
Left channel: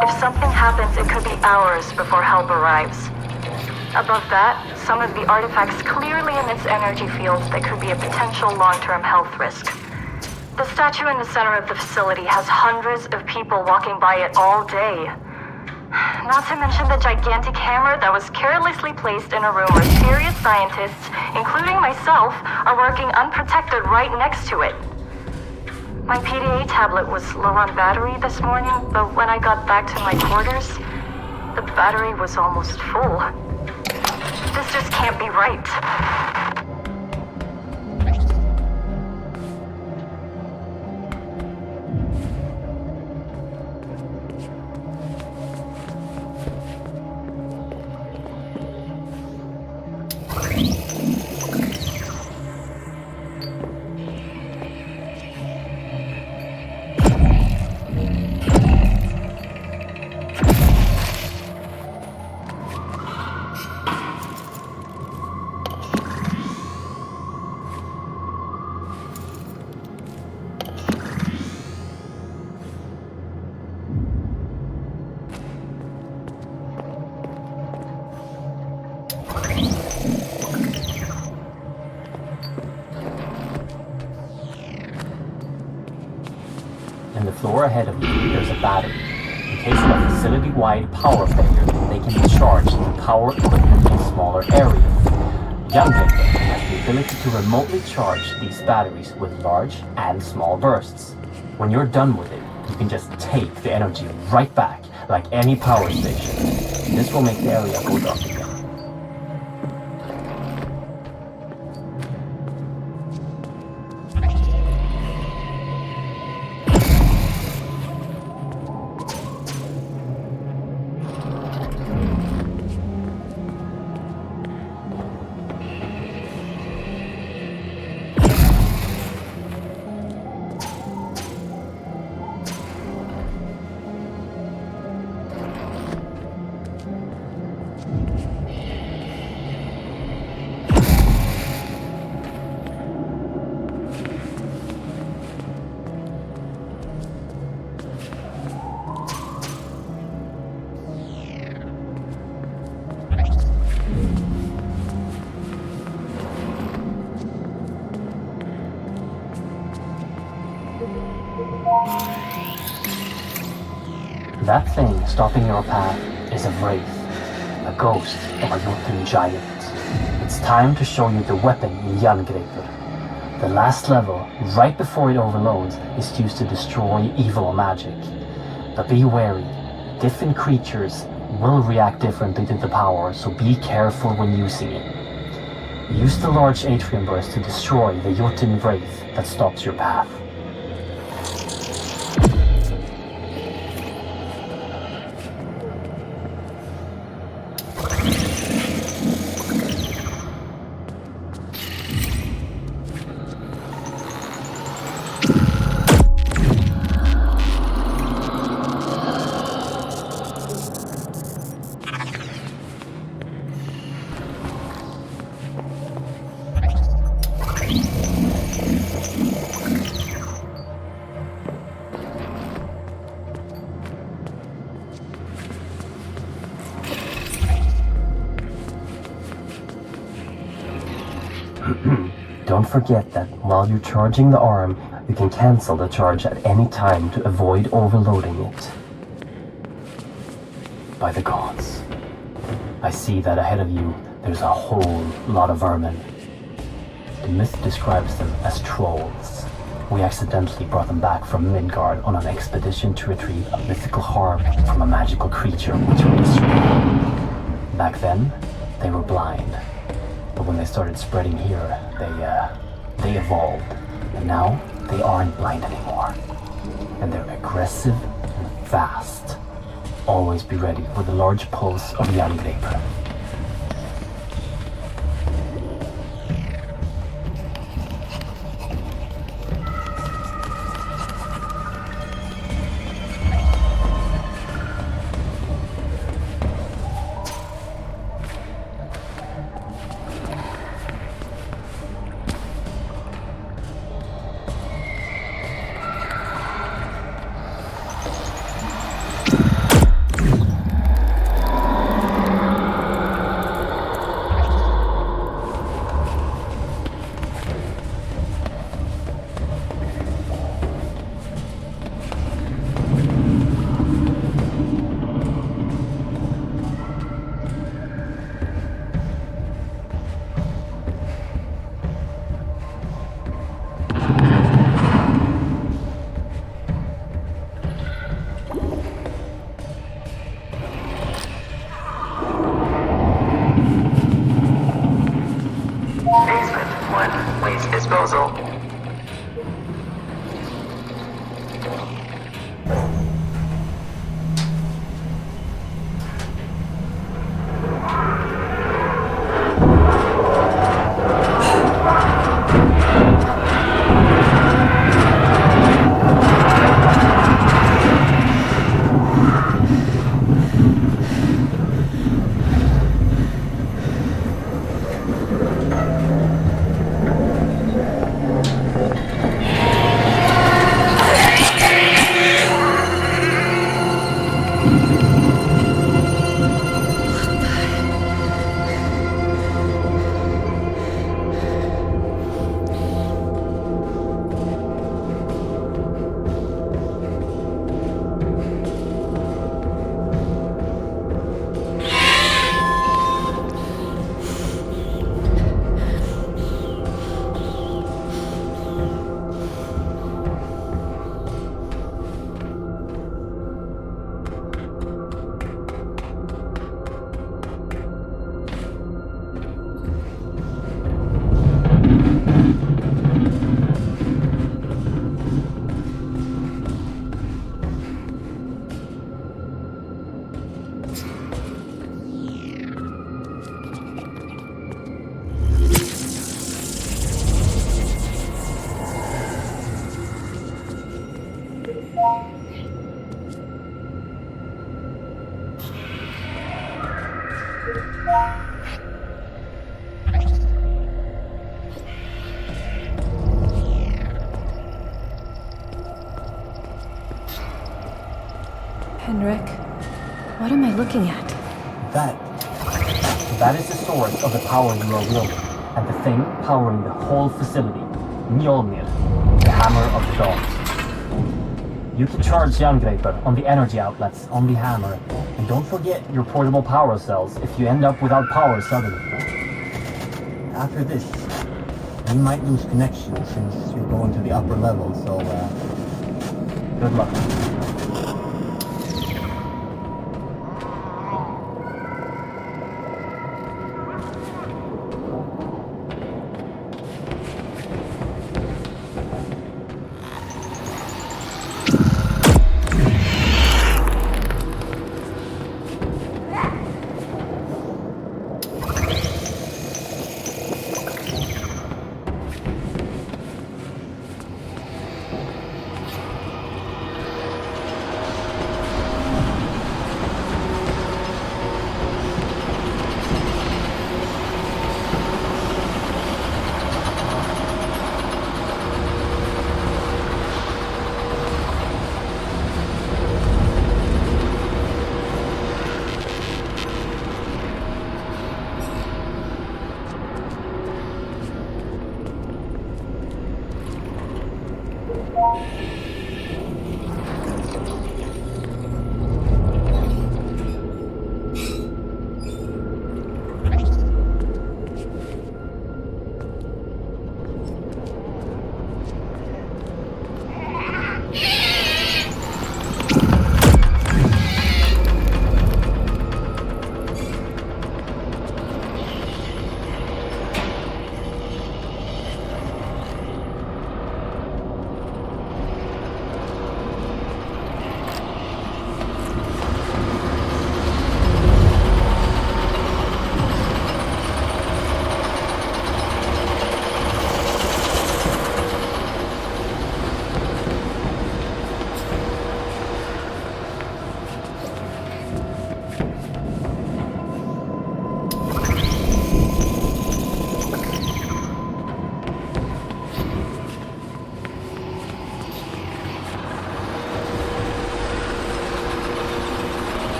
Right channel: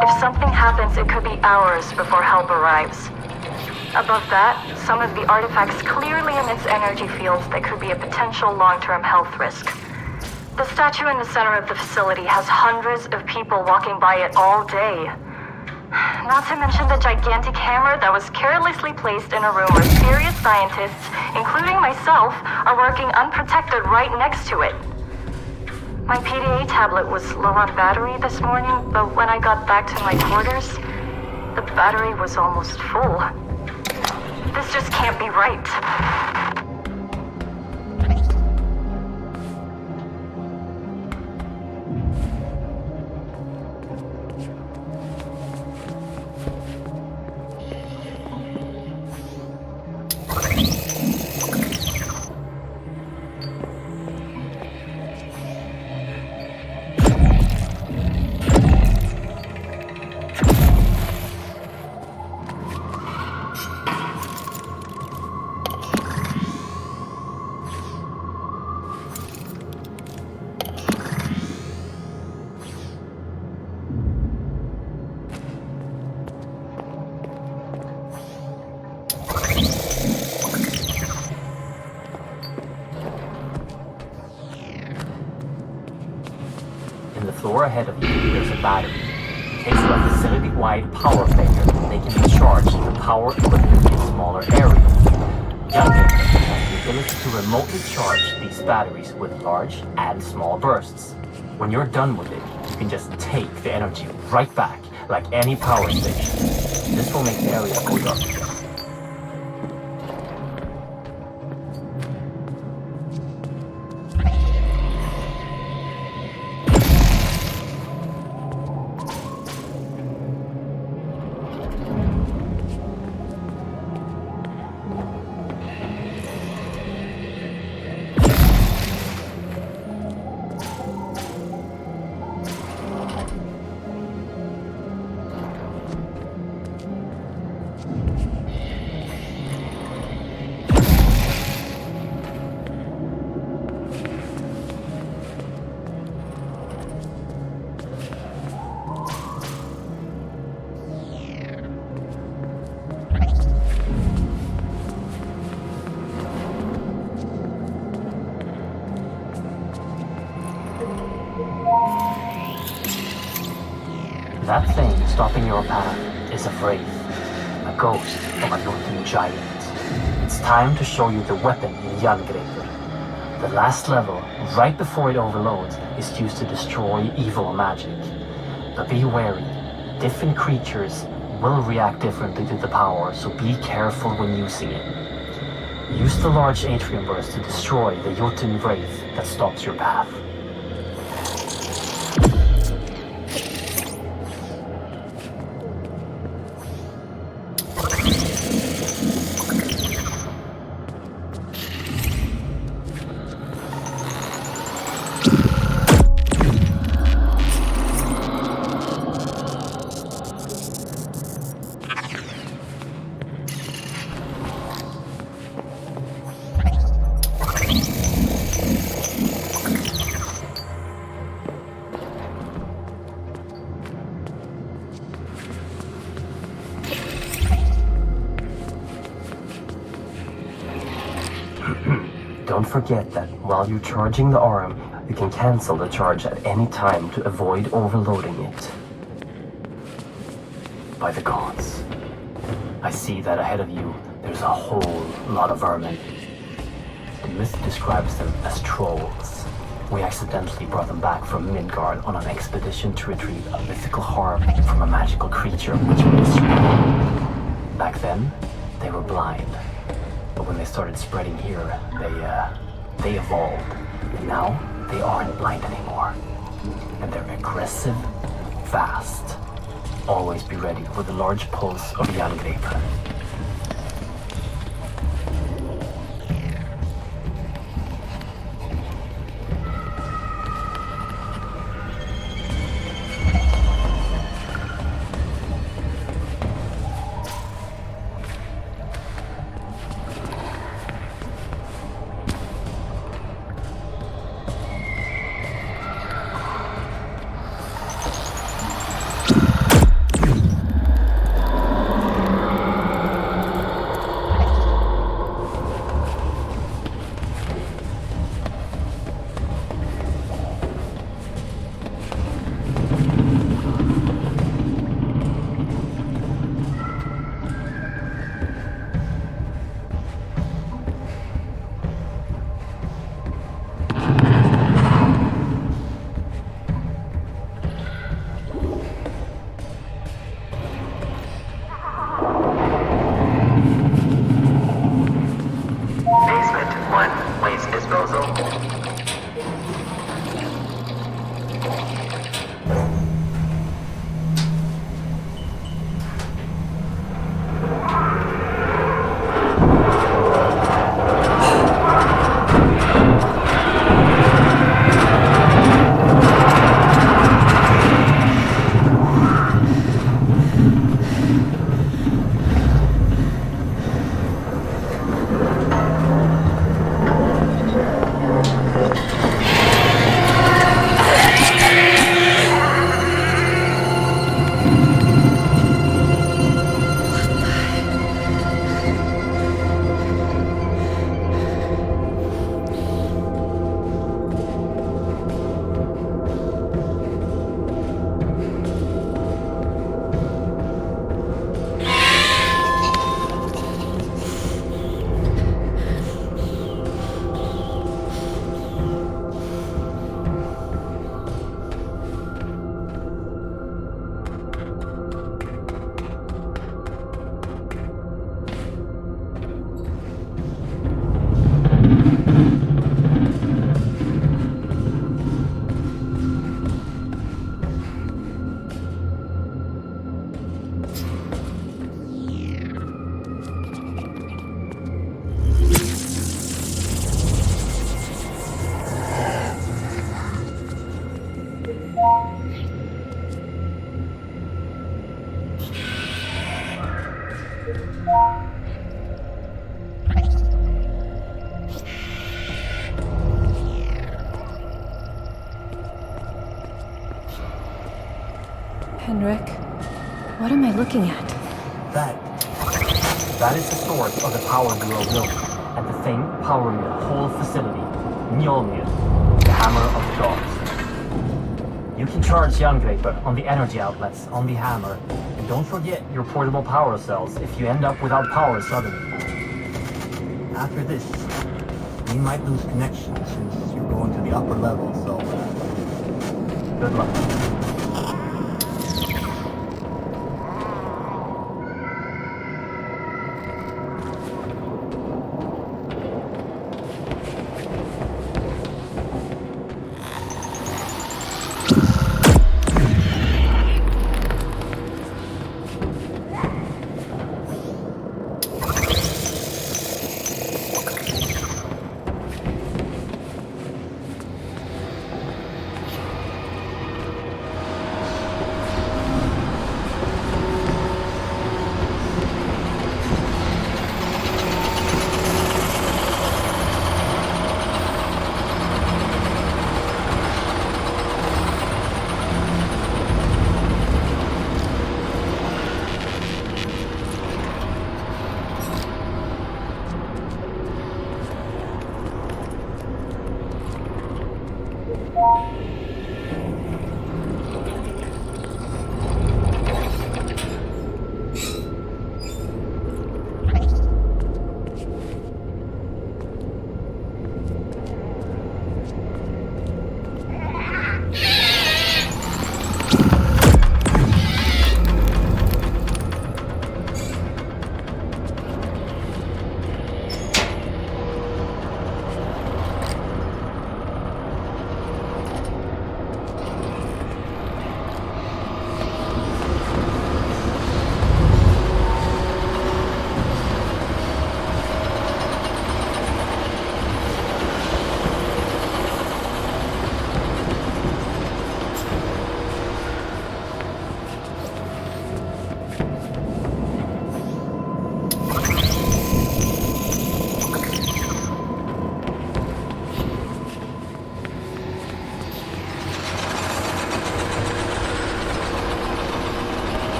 If something happens, it could be hours before help arrives. Above that, some of the artifacts clearly emits energy fields that could be a potential long-term health risk. The statue in the center of the facility has hundreds of people walking by it all day. Not to mention the gigantic hammer that was carelessly placed in a room where serious scientists, including myself, are working unprotected right next to it. My PDA tablet was low on battery this morning, but when I got back to my quarters, the battery was almost full. This just can't be right. Floor ahead of you, there's a battery. In case of a facility-wide power failure, they can be charged to power equipment in smaller areas. Yggdrasil has the ability to remotely charge these batteries with large and small bursts. When you're done with it, you can just take the energy right back, like any power station. This will make the area go dark again. That thing stopping your path is a wraith, a ghost of a Jotun giant. It's time to show you the weapon in Yggdrasil. The last level, right before it overloads, is used to destroy evil magic. But be wary, different creatures will react differently to the power, so be careful when using it. Use the large atrium burst to destroy the Jotun wraith that stops your path. Don't forget that while you're charging the arm, you can cancel the charge at any time to avoid overloading it. By the gods, I see that ahead of you there's a whole lot of vermin. The myth describes them as trolls. We accidentally brought them back from Midgard on an expedition to retrieve a mythical harm from a magical creature which we destroyed. Back then, they were blind. But when they started spreading here, they evolved. And now, they aren't blind anymore. And they're aggressive and fast. Always be ready for the large pulse of Yggdrasil. Henrik, what am I looking at? That is the source of the power you are wielding, and the thing powering the whole facility, Mjolnir, the Hammer of the Gods. You can charge Yggdrasil on the energy outlets on the hammer, and don't forget your portable power cells if you end up without power suddenly. After this, you might lose connection since you're going to the upper level, so good luck.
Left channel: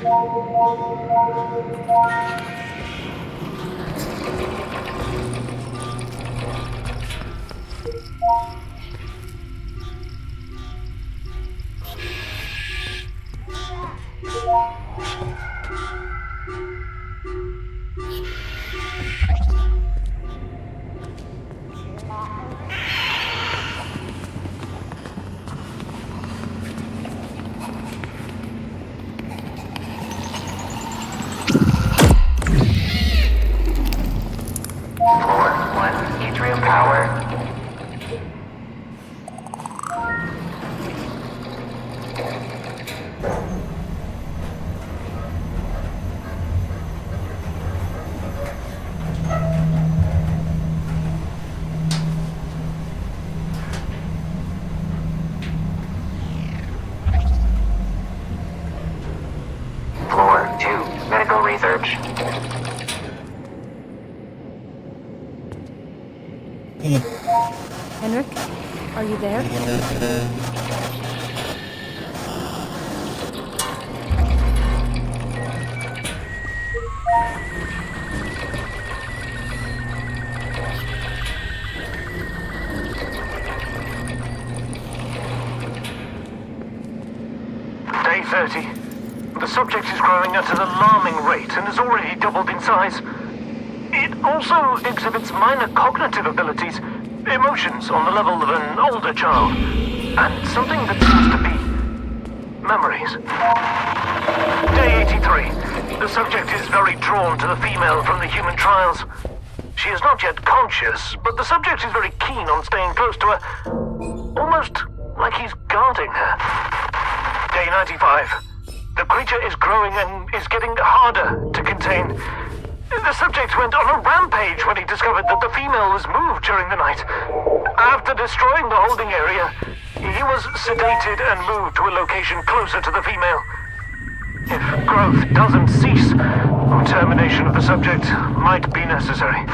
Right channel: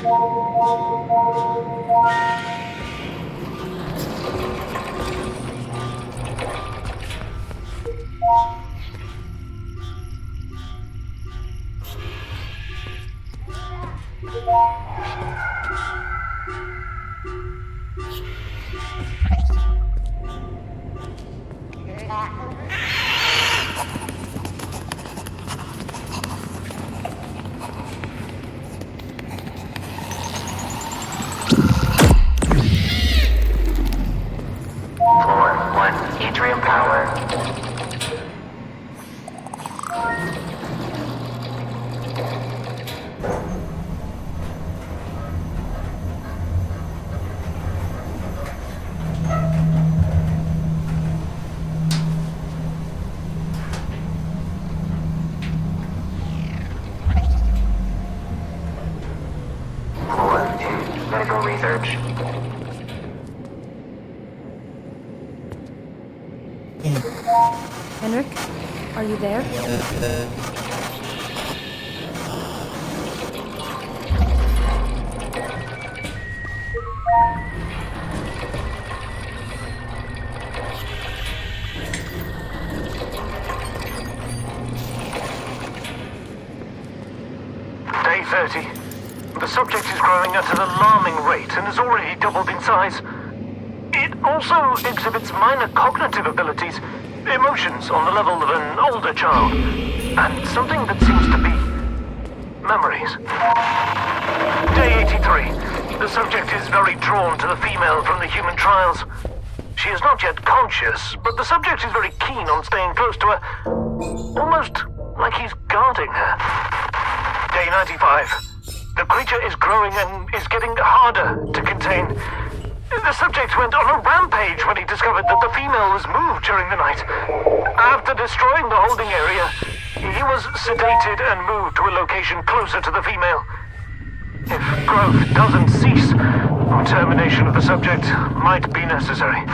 Floor 1, atrium power. Floor 2, medical research. Henrik, are you there? Day 30. The subject is growing at an alarming rate and has already doubled in size. It also exhibits minor cognitive abilities, emotions on the level of an older child, and something that seems to be memories. Day 83. The subject is very drawn to the female from the human trials. She is not yet conscious, but the subject is very keen on staying close to her, almost like he's guarding her. Day 95. The creature is growing and is getting harder to contain. The subject went on a rampage when he discovered that the female was moved during the night. After destroying the holding area, he was sedated and moved to a location closer to the female. If growth doesn't cease, termination of the subject might be necessary.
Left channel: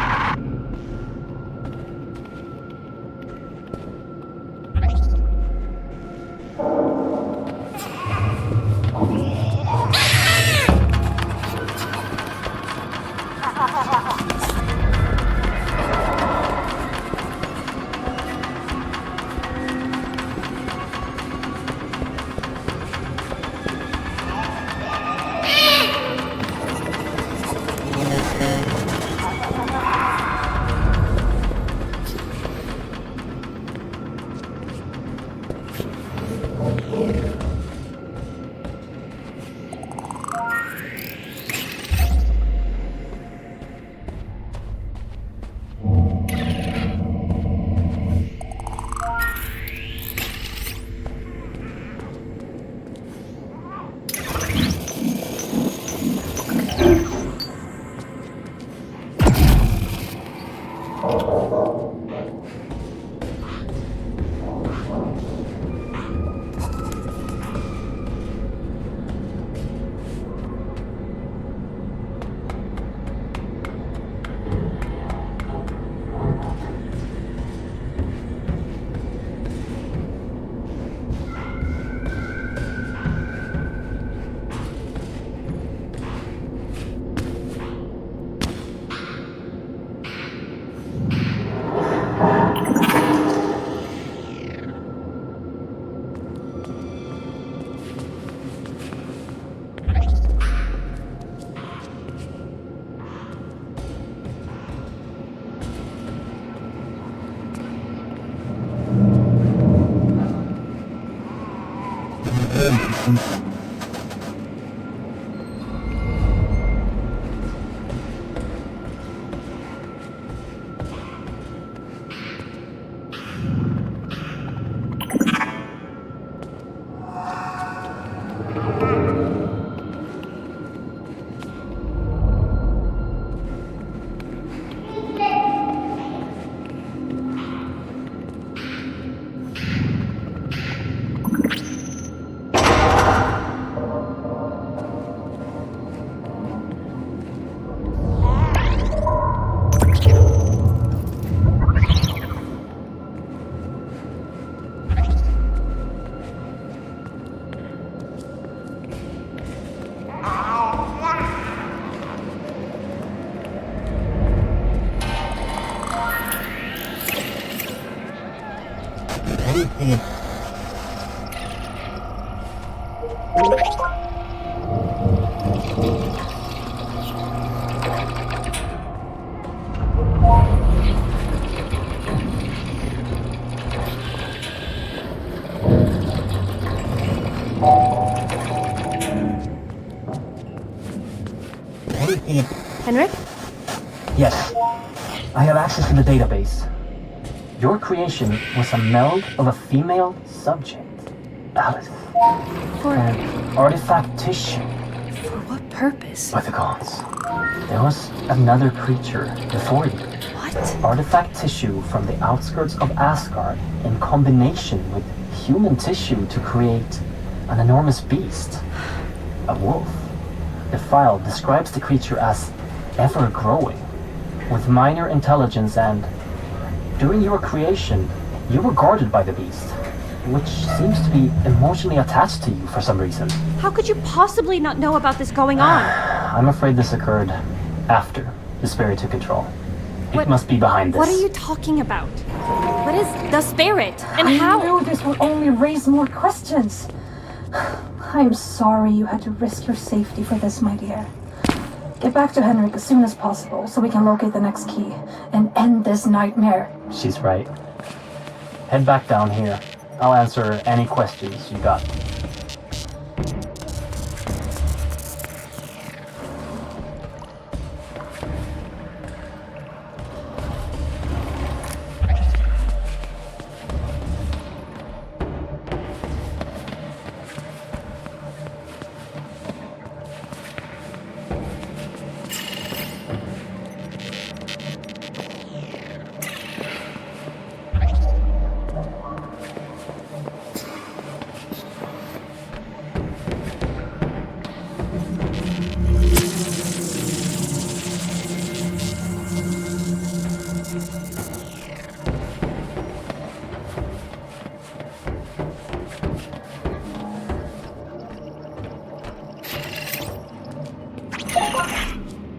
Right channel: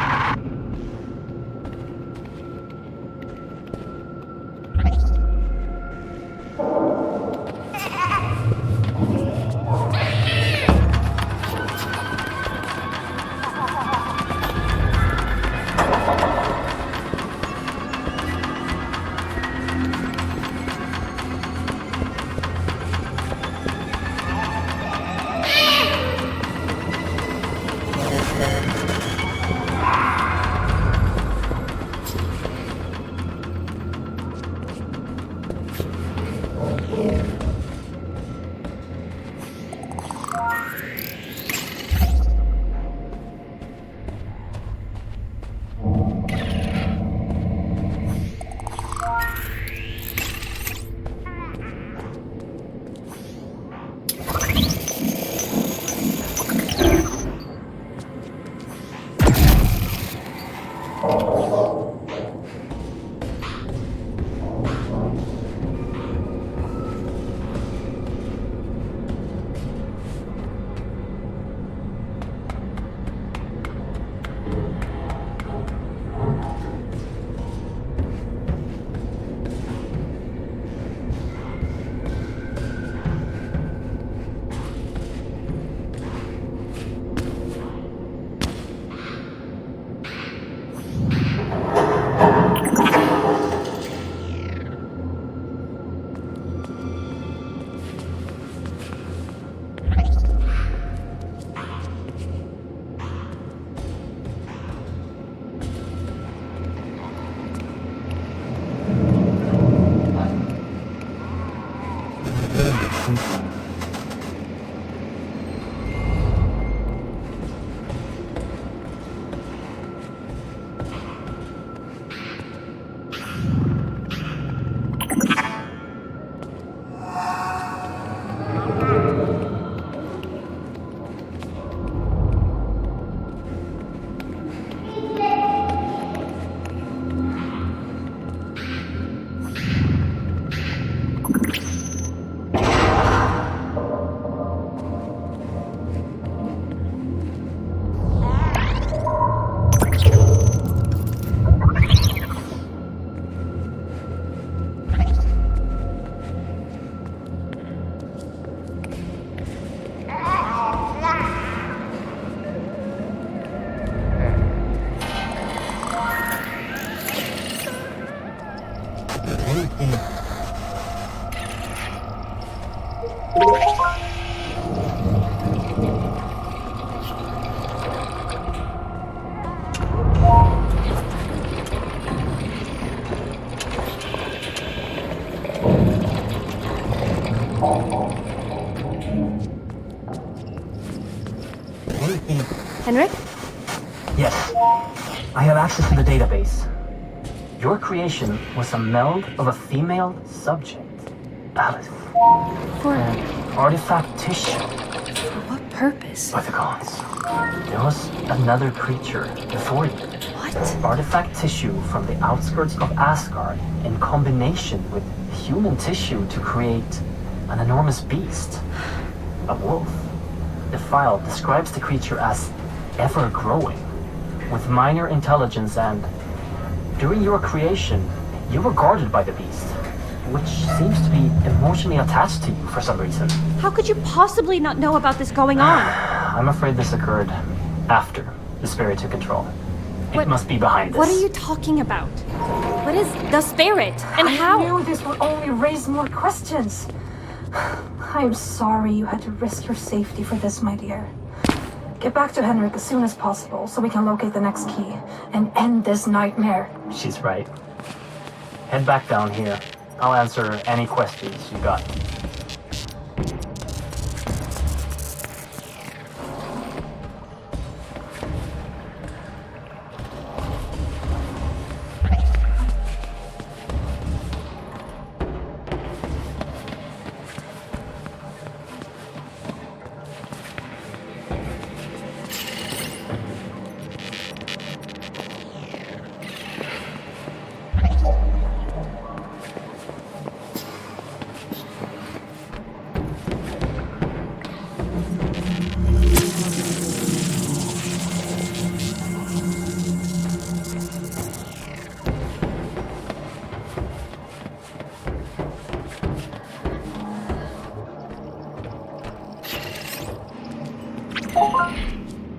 Henrik? Yes, I have access to the database. Your creation was a meld of a female subject, Alice. For Artifact tissue. For what purpose? By the gods. There was another creature before you. What? Artifact tissue from the outskirts of Asgard in combination with human tissue to create an enormous beast. A wolf. The file describes the creature as ever-growing, with minor intelligence, and during your creation, you were guarded by the beast, which seems to be emotionally attached to you for some reason. How could you possibly not know about this going on? I'm afraid this occurred after the spirit took control. It must be behind this. What are you talking about? What is the spirit? And how? I knew this would only raise more questions. I'm sorry you had to risk your safety for this, my dear. Get back to Henrik as soon as possible so we can locate the next key and end this nightmare. She's right. Head back down here. I'll answer any questions you got.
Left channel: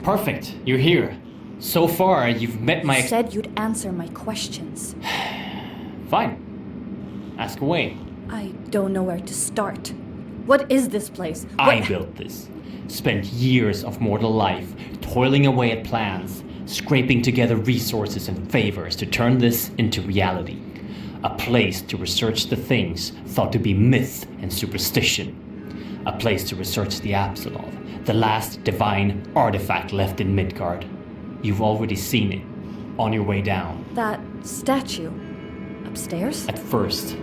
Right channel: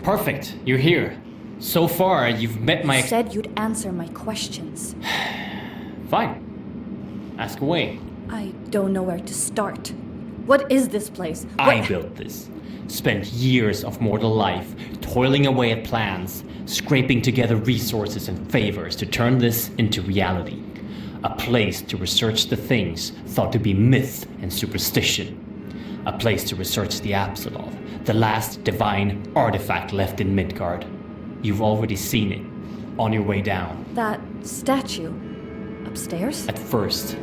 Perfect, you're here. So far, you've met my... You said you'd answer my questions. Fine. Ask away. I don't know where to start. What is this place? I built this. Spent years of mortal life toiling away at plans, scraping together resources and favors to turn this into reality. A place to research the things thought to be myth and superstition. A place to research the Apsulov, the last divine artifact left in Midgard. You've already seen it, on your way down. That statue. Upstairs? At first,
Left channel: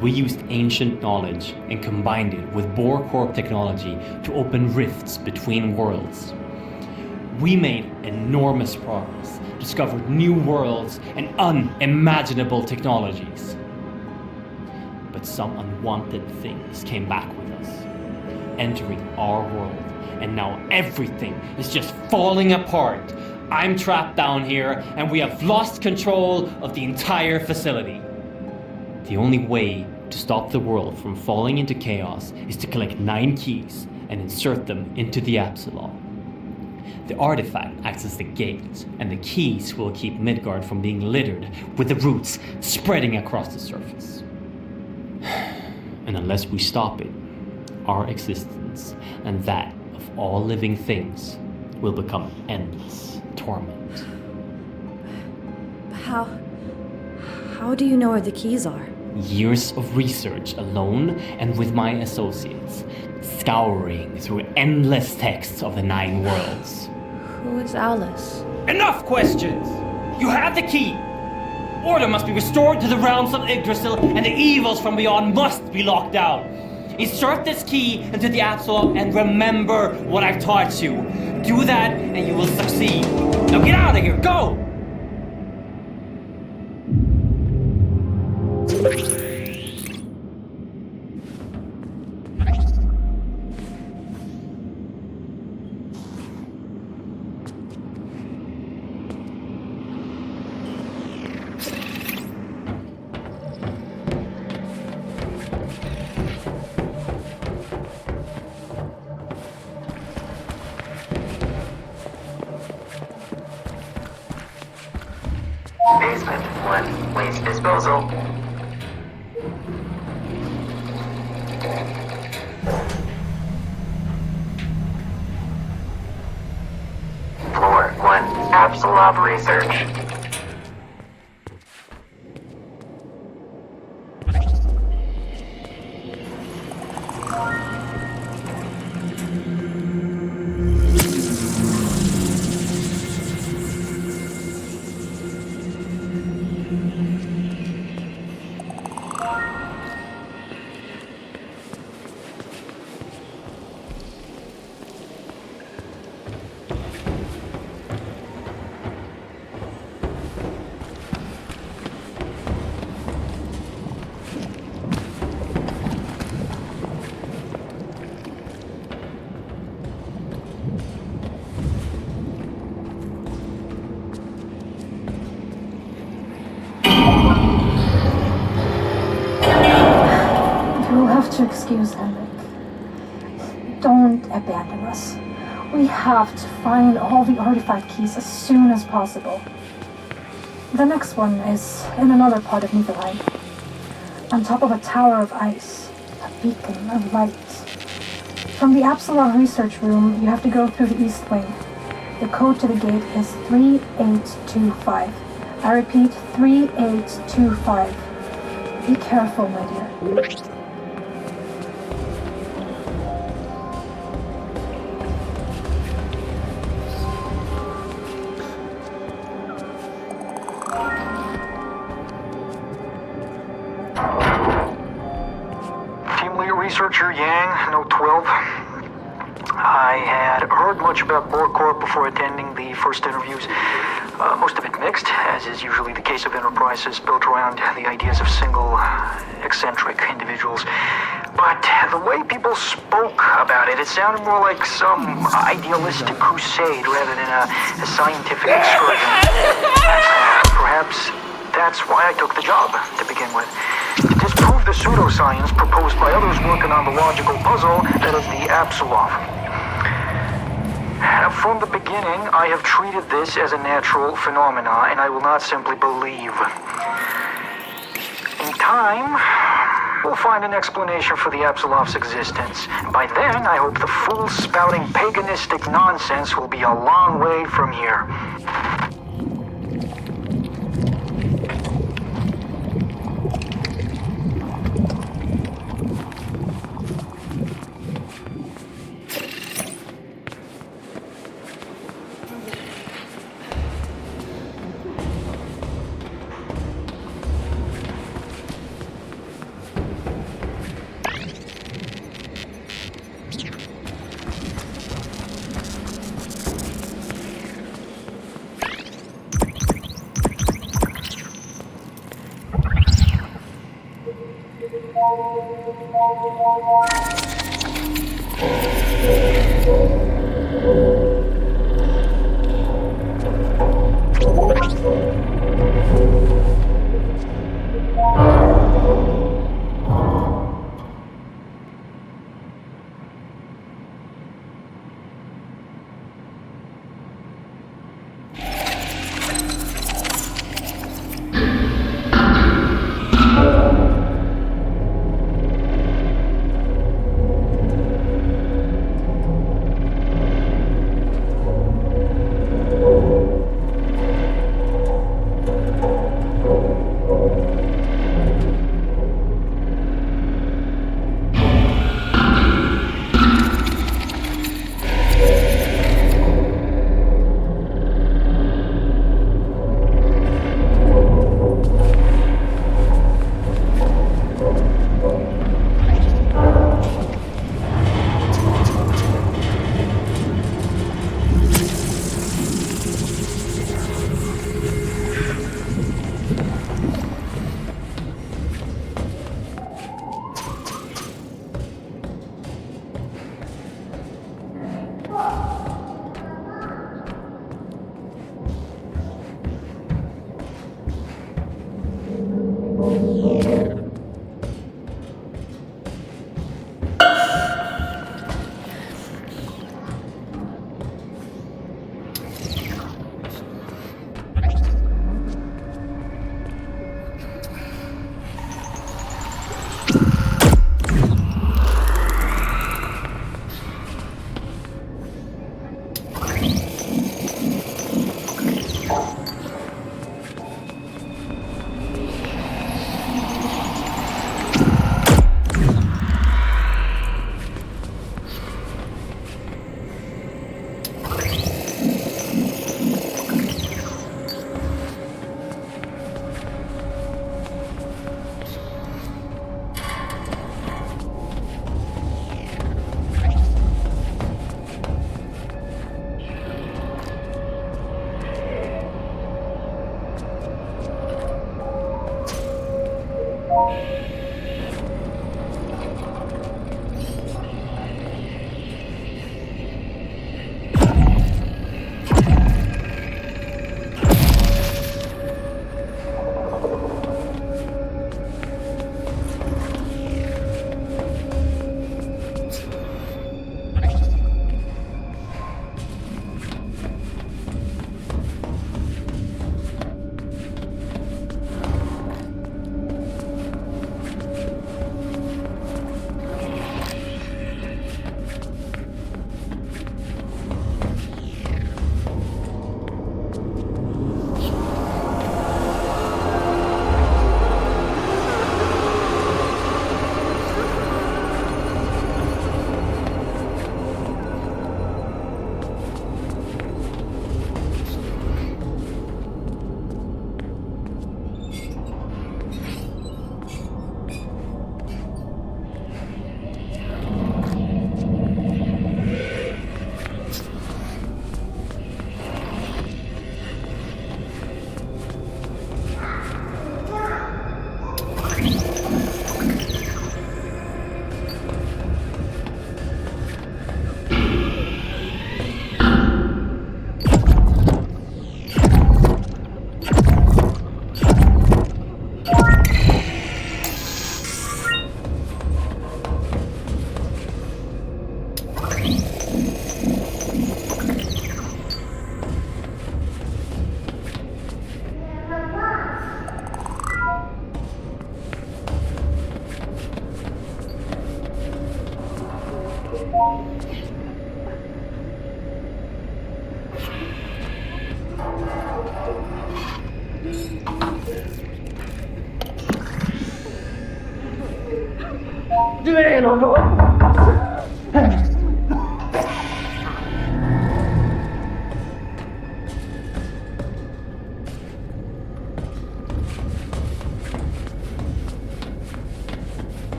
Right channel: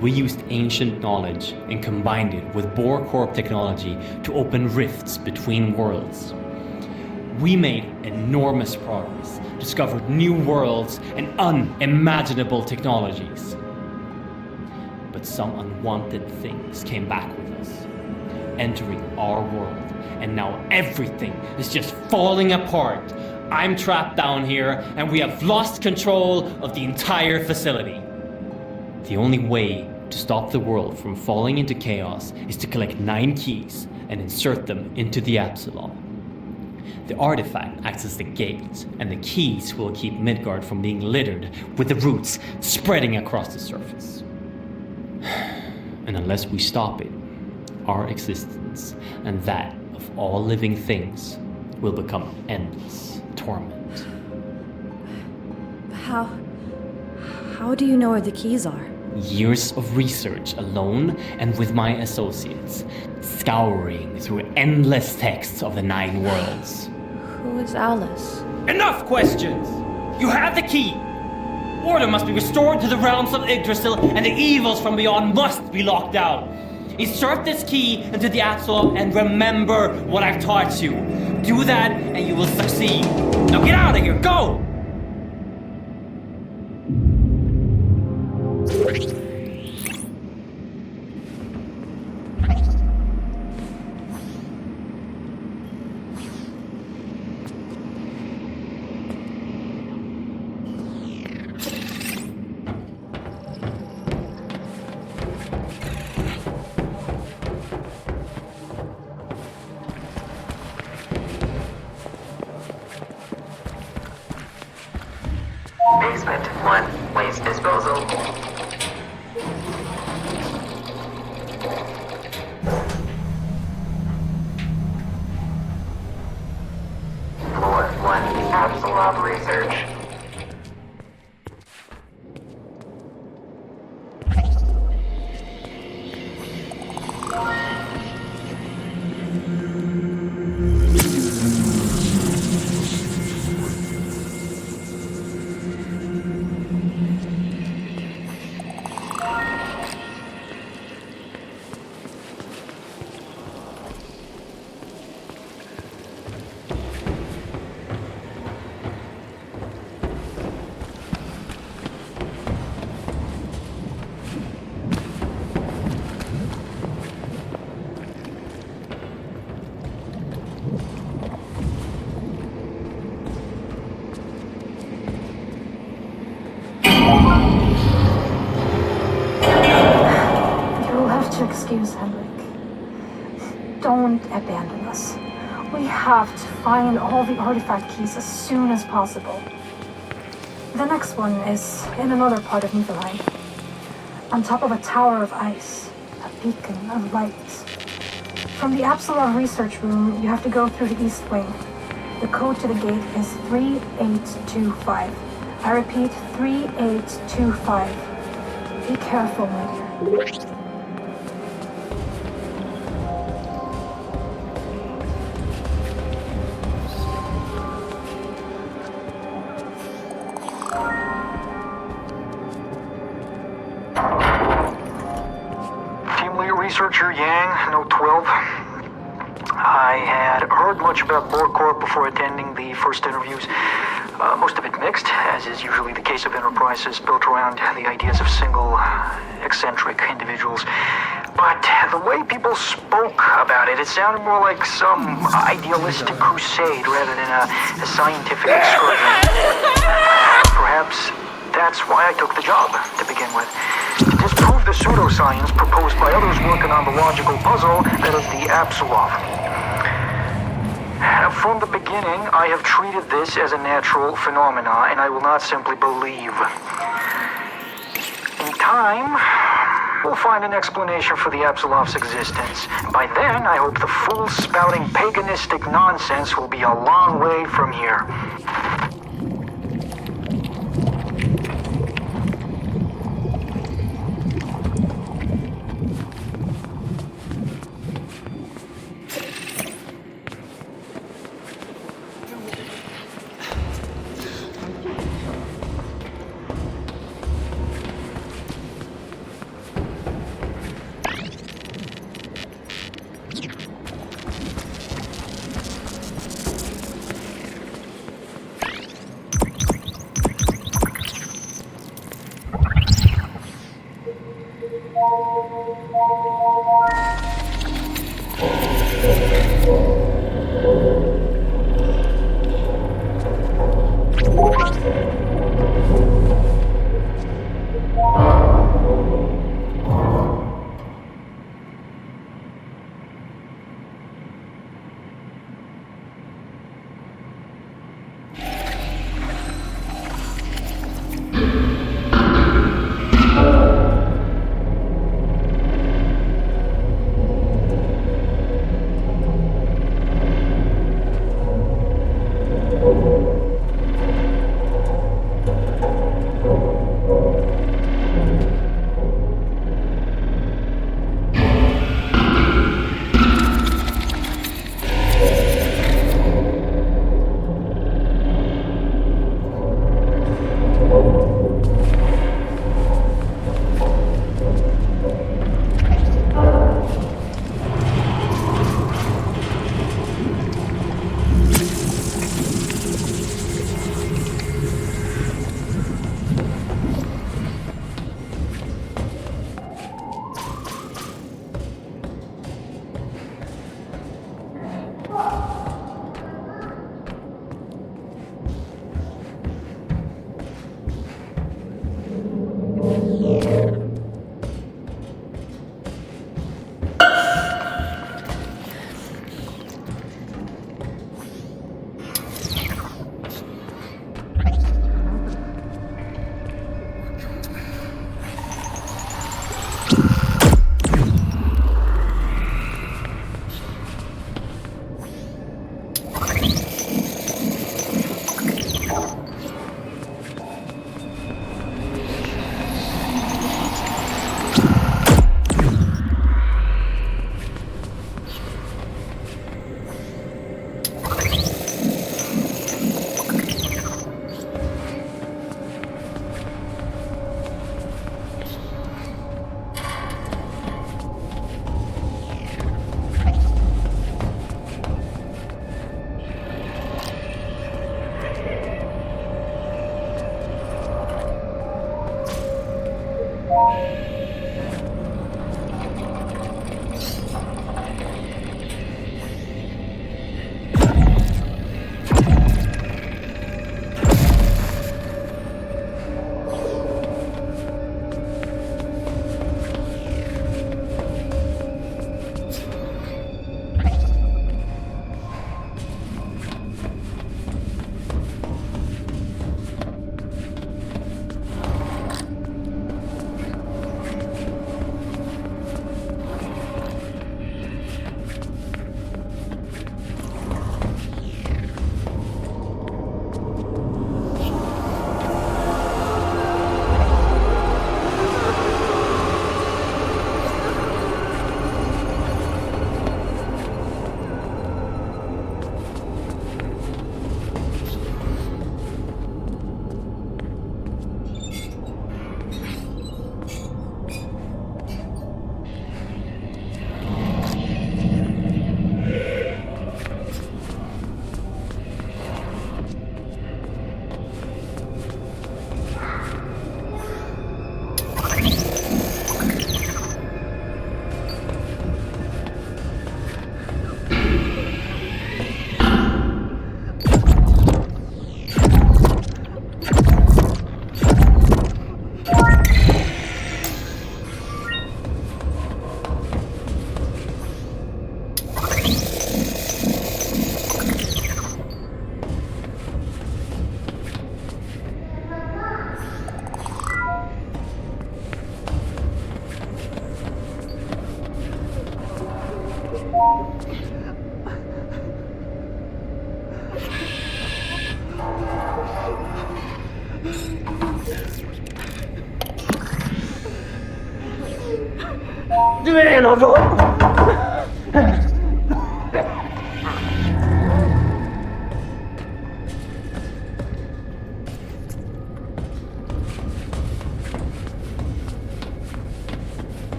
we used ancient knowledge and combined it with Bohr Corp technology to open rifts between worlds. We made enormous progress, discovered new worlds and unimaginable technologies. But some unwanted things came back with us, entering our world, and now everything is just falling apart. I'm trapped down here, and we have lost control of the entire facility. The only way to stop the world from falling into chaos is to collect 9 keys and insert them into the Apsulov. The artifact acts as the gate, and the keys will keep Midgard from being littered with the roots spreading across the surface. And unless we stop it, our existence and that of all living things will become endless torment. How do you know where the keys are? Years of research alone and with my associates, scouring through endless texts of the 9 worlds. Who is Alice? Enough questions! You have the key! Order must be restored to the realms of Yggdrasil, and the evils from beyond must be locked out. Insert this key into the Apsulov and remember what I've taught you. Do that and you will succeed. Now get out of here, go! Basement 1, waste disposal. Apsulov research. Excuse Henrik. Don't abandon us. We have to find all the artifact keys as soon as possible. The next one is in another part of Niflheim. On top of a tower of ice, a beacon of light. From the Apsulov research room, you have to go through the east wing. The code to the gate is 3825. I repeat, 3825. Be careful, my dear. Researcher Yang, Note 12. I had heard much about Borcorp before attending the first interviews. Most of it mixed, as is usually the case of enterprises built around the ideas of single, eccentric individuals. But the way people spoke about it, it sounded more like some idealistic crusade rather than a scientific excursion. Perhaps that's why I took the job, to begin with. To disprove the pseudoscience proposed by others working on the logical puzzle that is the Apsulov. From the beginning, I have treated this as a natural phenomena, and I will not simply believe. In time, we'll find an explanation for the Apsulov's existence. By then, I hope the fool spouting paganistic nonsense will be a long way from here.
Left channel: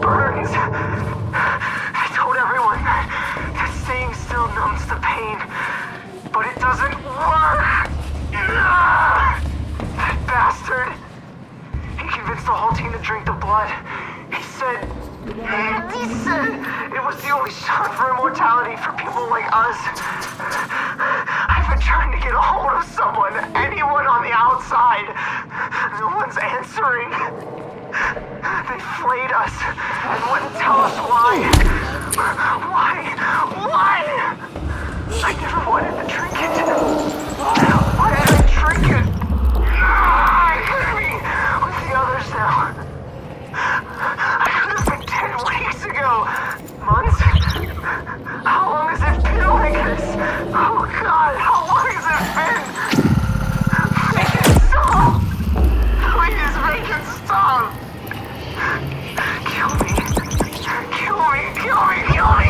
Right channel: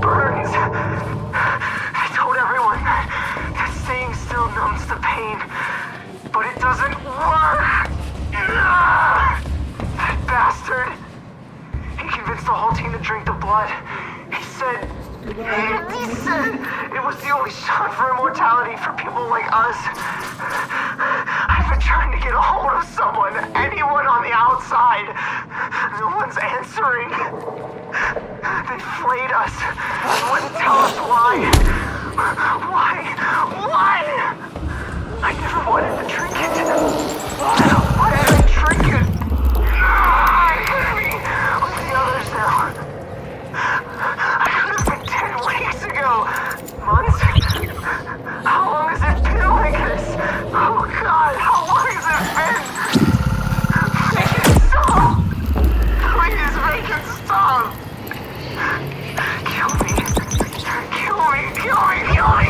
Burns. I told everyone that staying still numbs the pain, but it doesn't work. That bastard. He convinced the whole team to drink the blood. He said it was the only shot for immortality for people like us. I've been trying to get a hold of someone, anyone on the outside. No one's answering. They flayed us and wouldn't tell us why. Why? I never wanted to drink it. Why did I drink it? I could be with the others now. I could have been 10 weeks ago. Months? How long has it been like this? Oh God, how long has it been? Make it stop! Please make it stop! Kill me. Kill me. Kill me. Kill me. Kill me.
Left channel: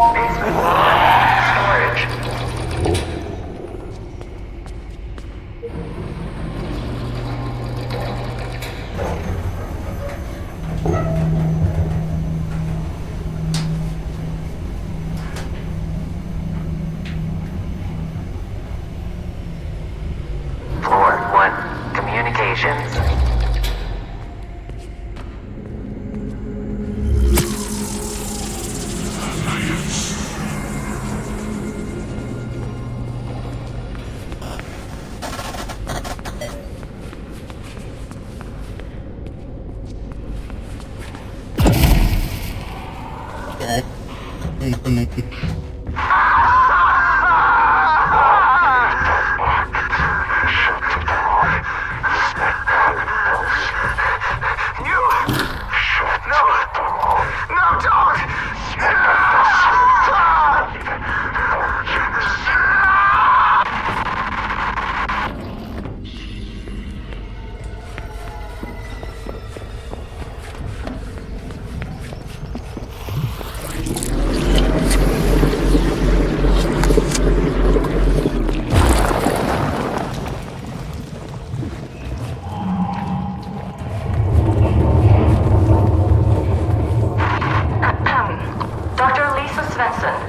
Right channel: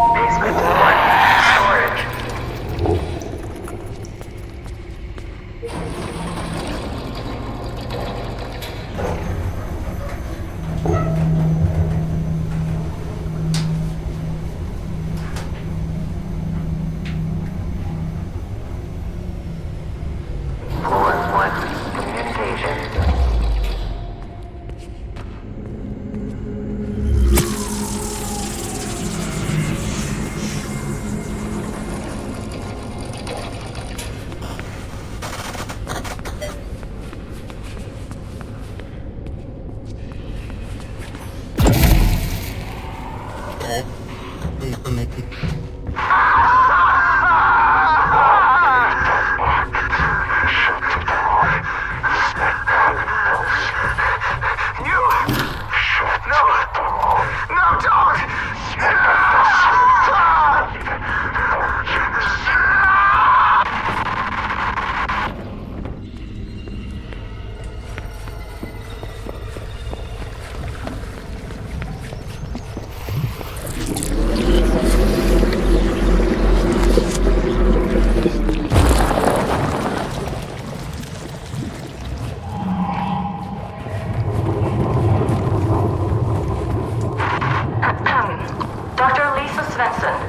Basement. Storage. Floor 1. Communications.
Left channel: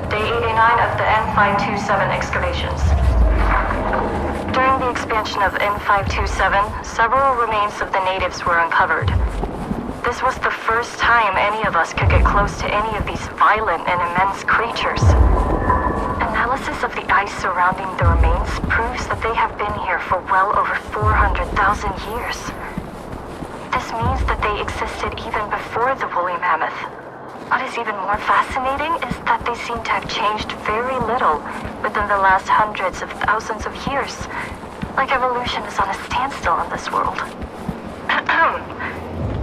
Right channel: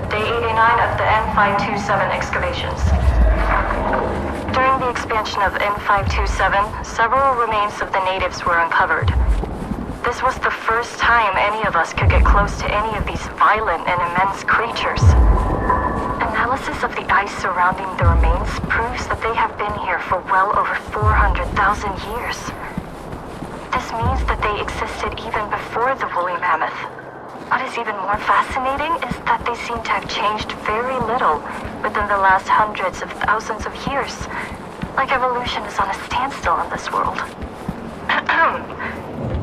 Day 89 of the N527 excavations. During the expansion of N527, several remains of the natives were uncovered. This was the first time any of us could get close to any of these violent and immense creatures. Analysis of the ice surrounding the remains proves that they have been here for well over 400,000 years. This means that they existed even before the woolly mammoth. What is even more fascinating is that they seem to have changed very little within the last hundreds of thousands of years. Like evolution is on a standstill in this world.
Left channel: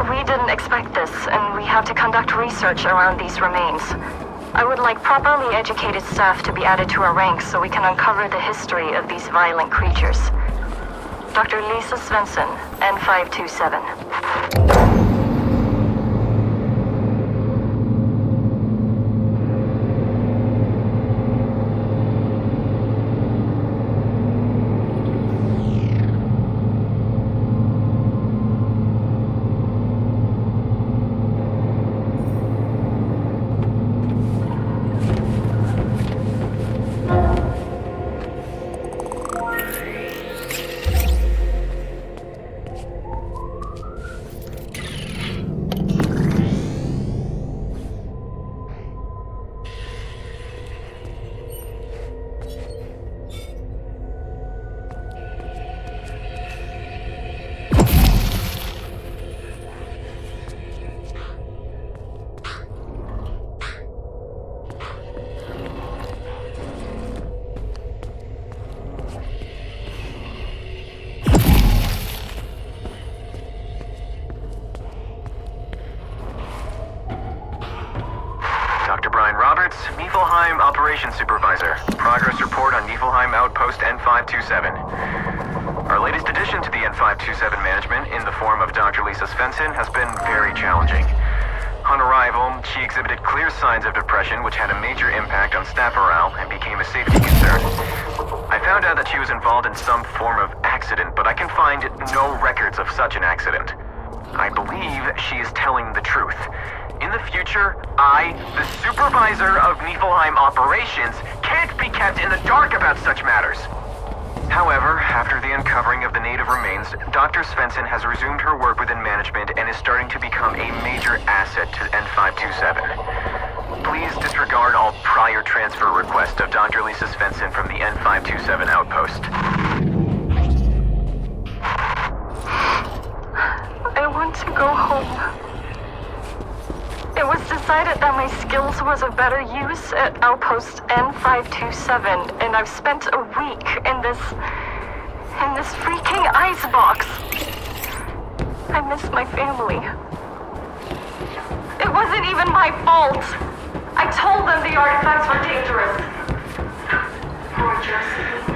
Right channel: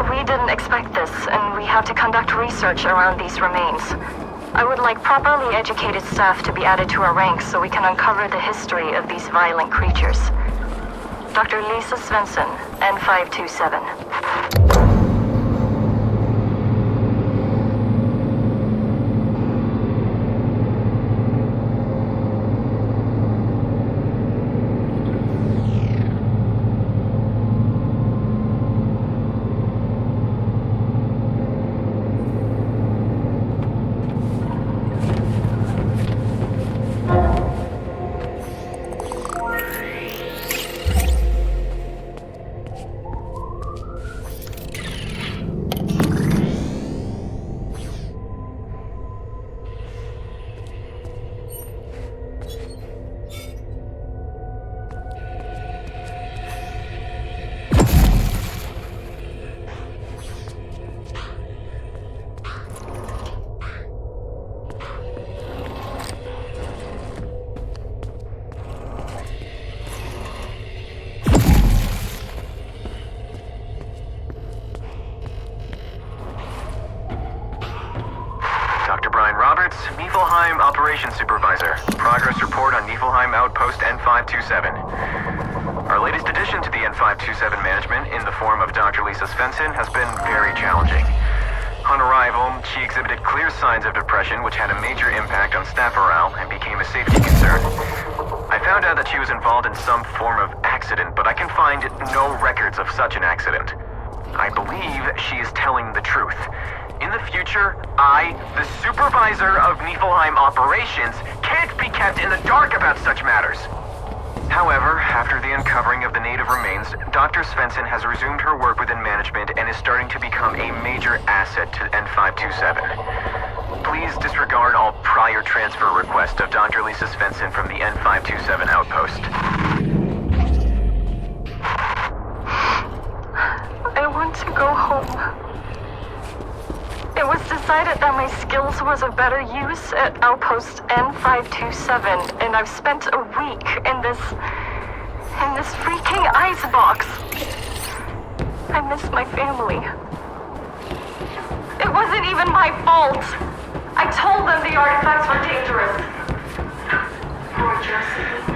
We didn't expect this, and we have to conduct research around these remains. I would like properly educated staff to be added to our ranks so we can uncover the history of these violent creatures. Dr. Lisa Svensson, N527. Niflheim Operations Supervisor. Progress report on Niflheim Outpost N527. Our latest addition to the N527 management, in the form of Dr. Lisa Svensson, has been very challenging. On arrival, she exhibited clear signs of depression, which had a major impact on staff morale and became a safety concern. I found out that she was involved in some form of accident, but I can find no records of such an accident. I believe she is telling the truth. In the future, I, the supervisor of Niflheim operations, can't be kept in the dark about such matters. However, after the uncovering of the native remains, Dr. Svensson has resumed her work within management and is starting to become a major asset to N527. Please disregard all prior transfer requests of Dr. Lisa Svensson from the N527 outpost. I want to go home. It was decided that my skills was of better use at Outpost N527, and I've spent a week in this freaking icebox. I miss my family. It wasn't even my fault. I told them the artifacts were dangerous. Poor Josephine.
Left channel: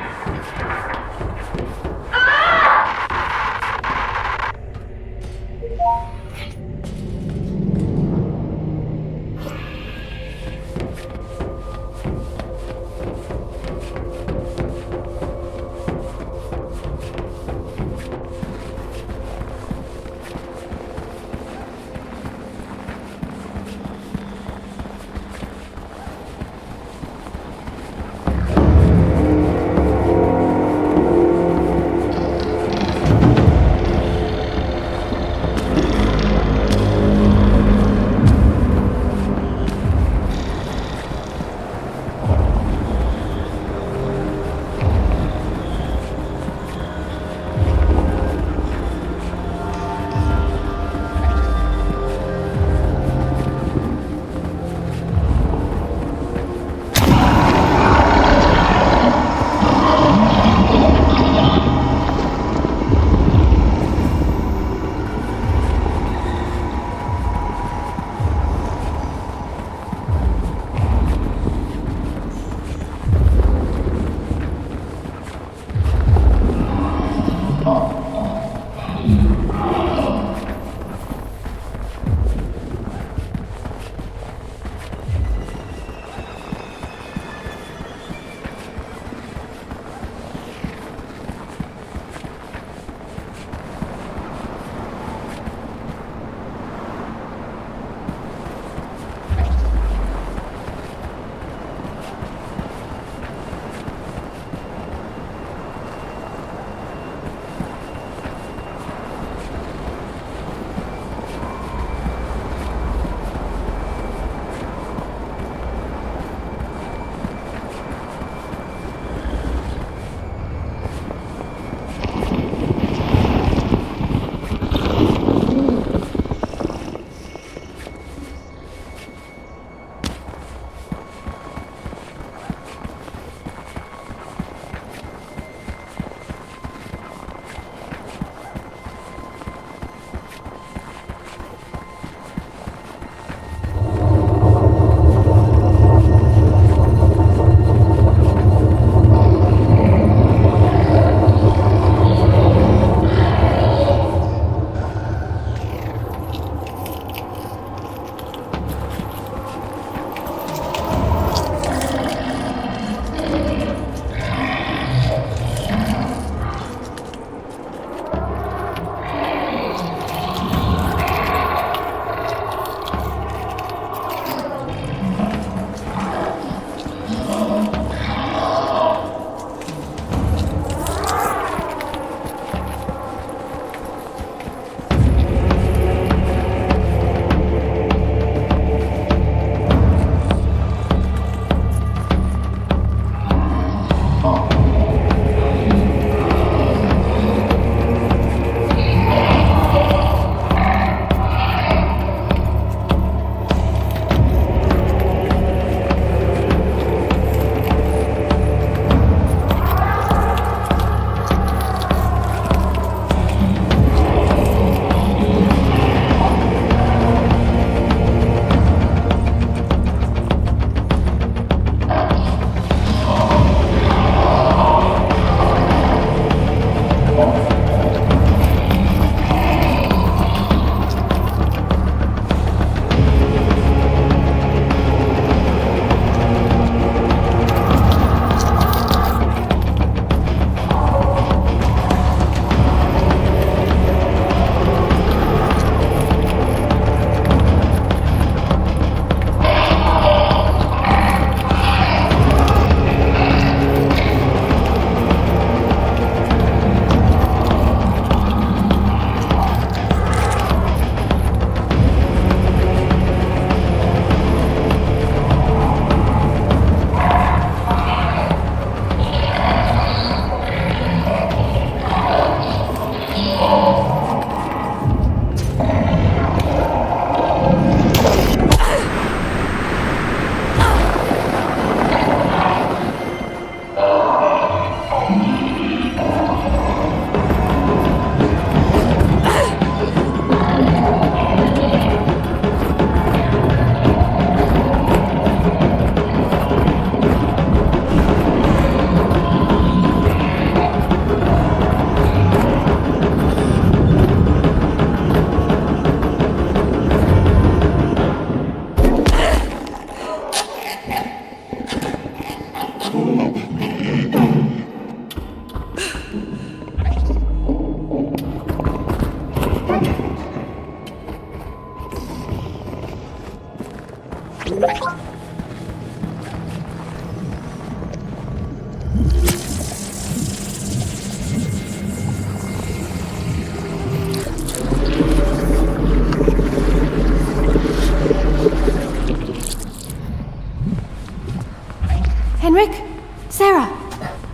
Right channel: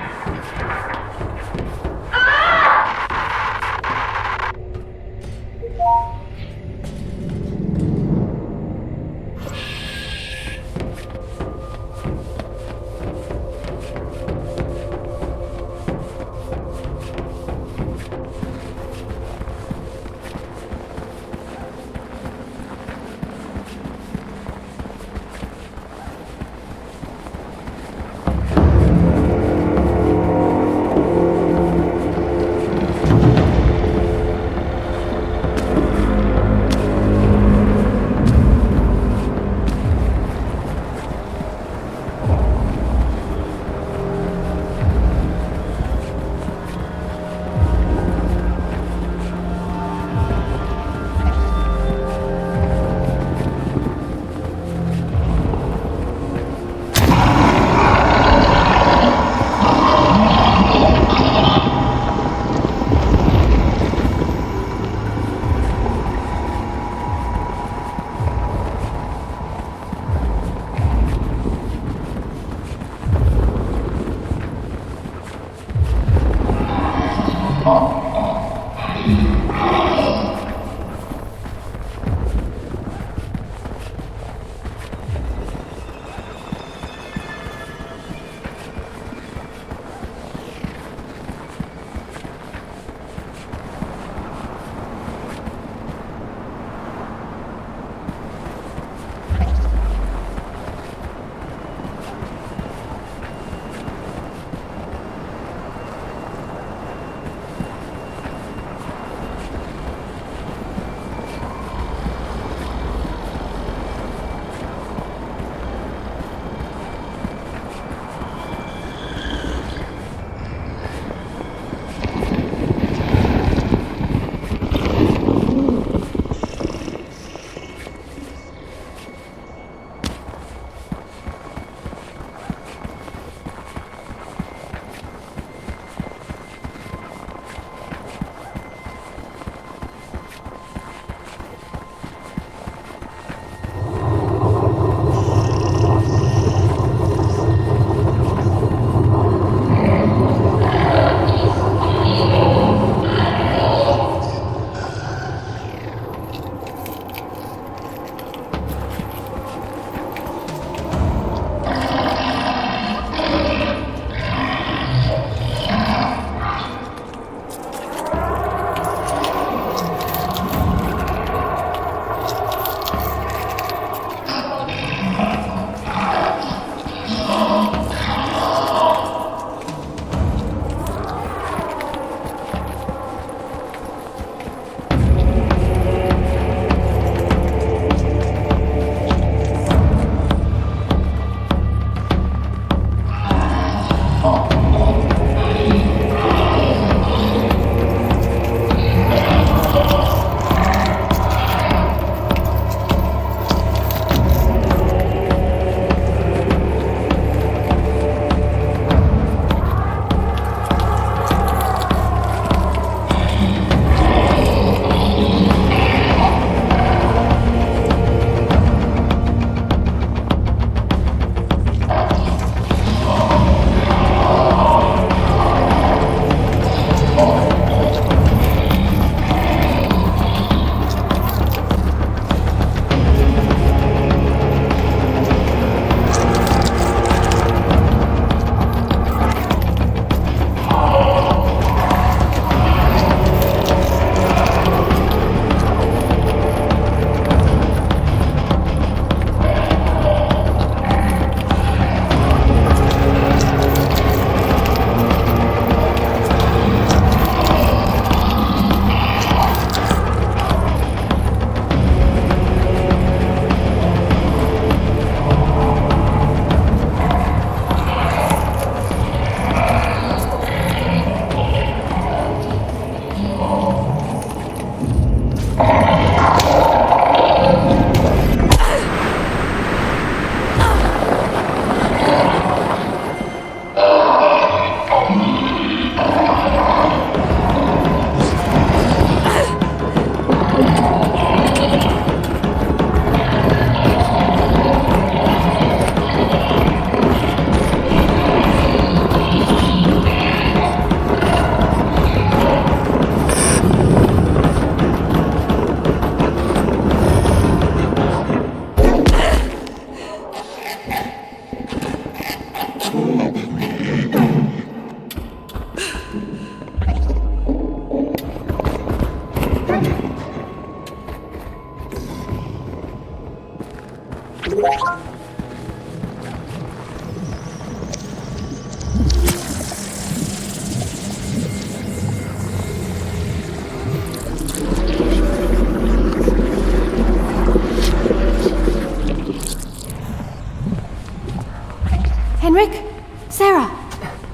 Henrik? Sarah?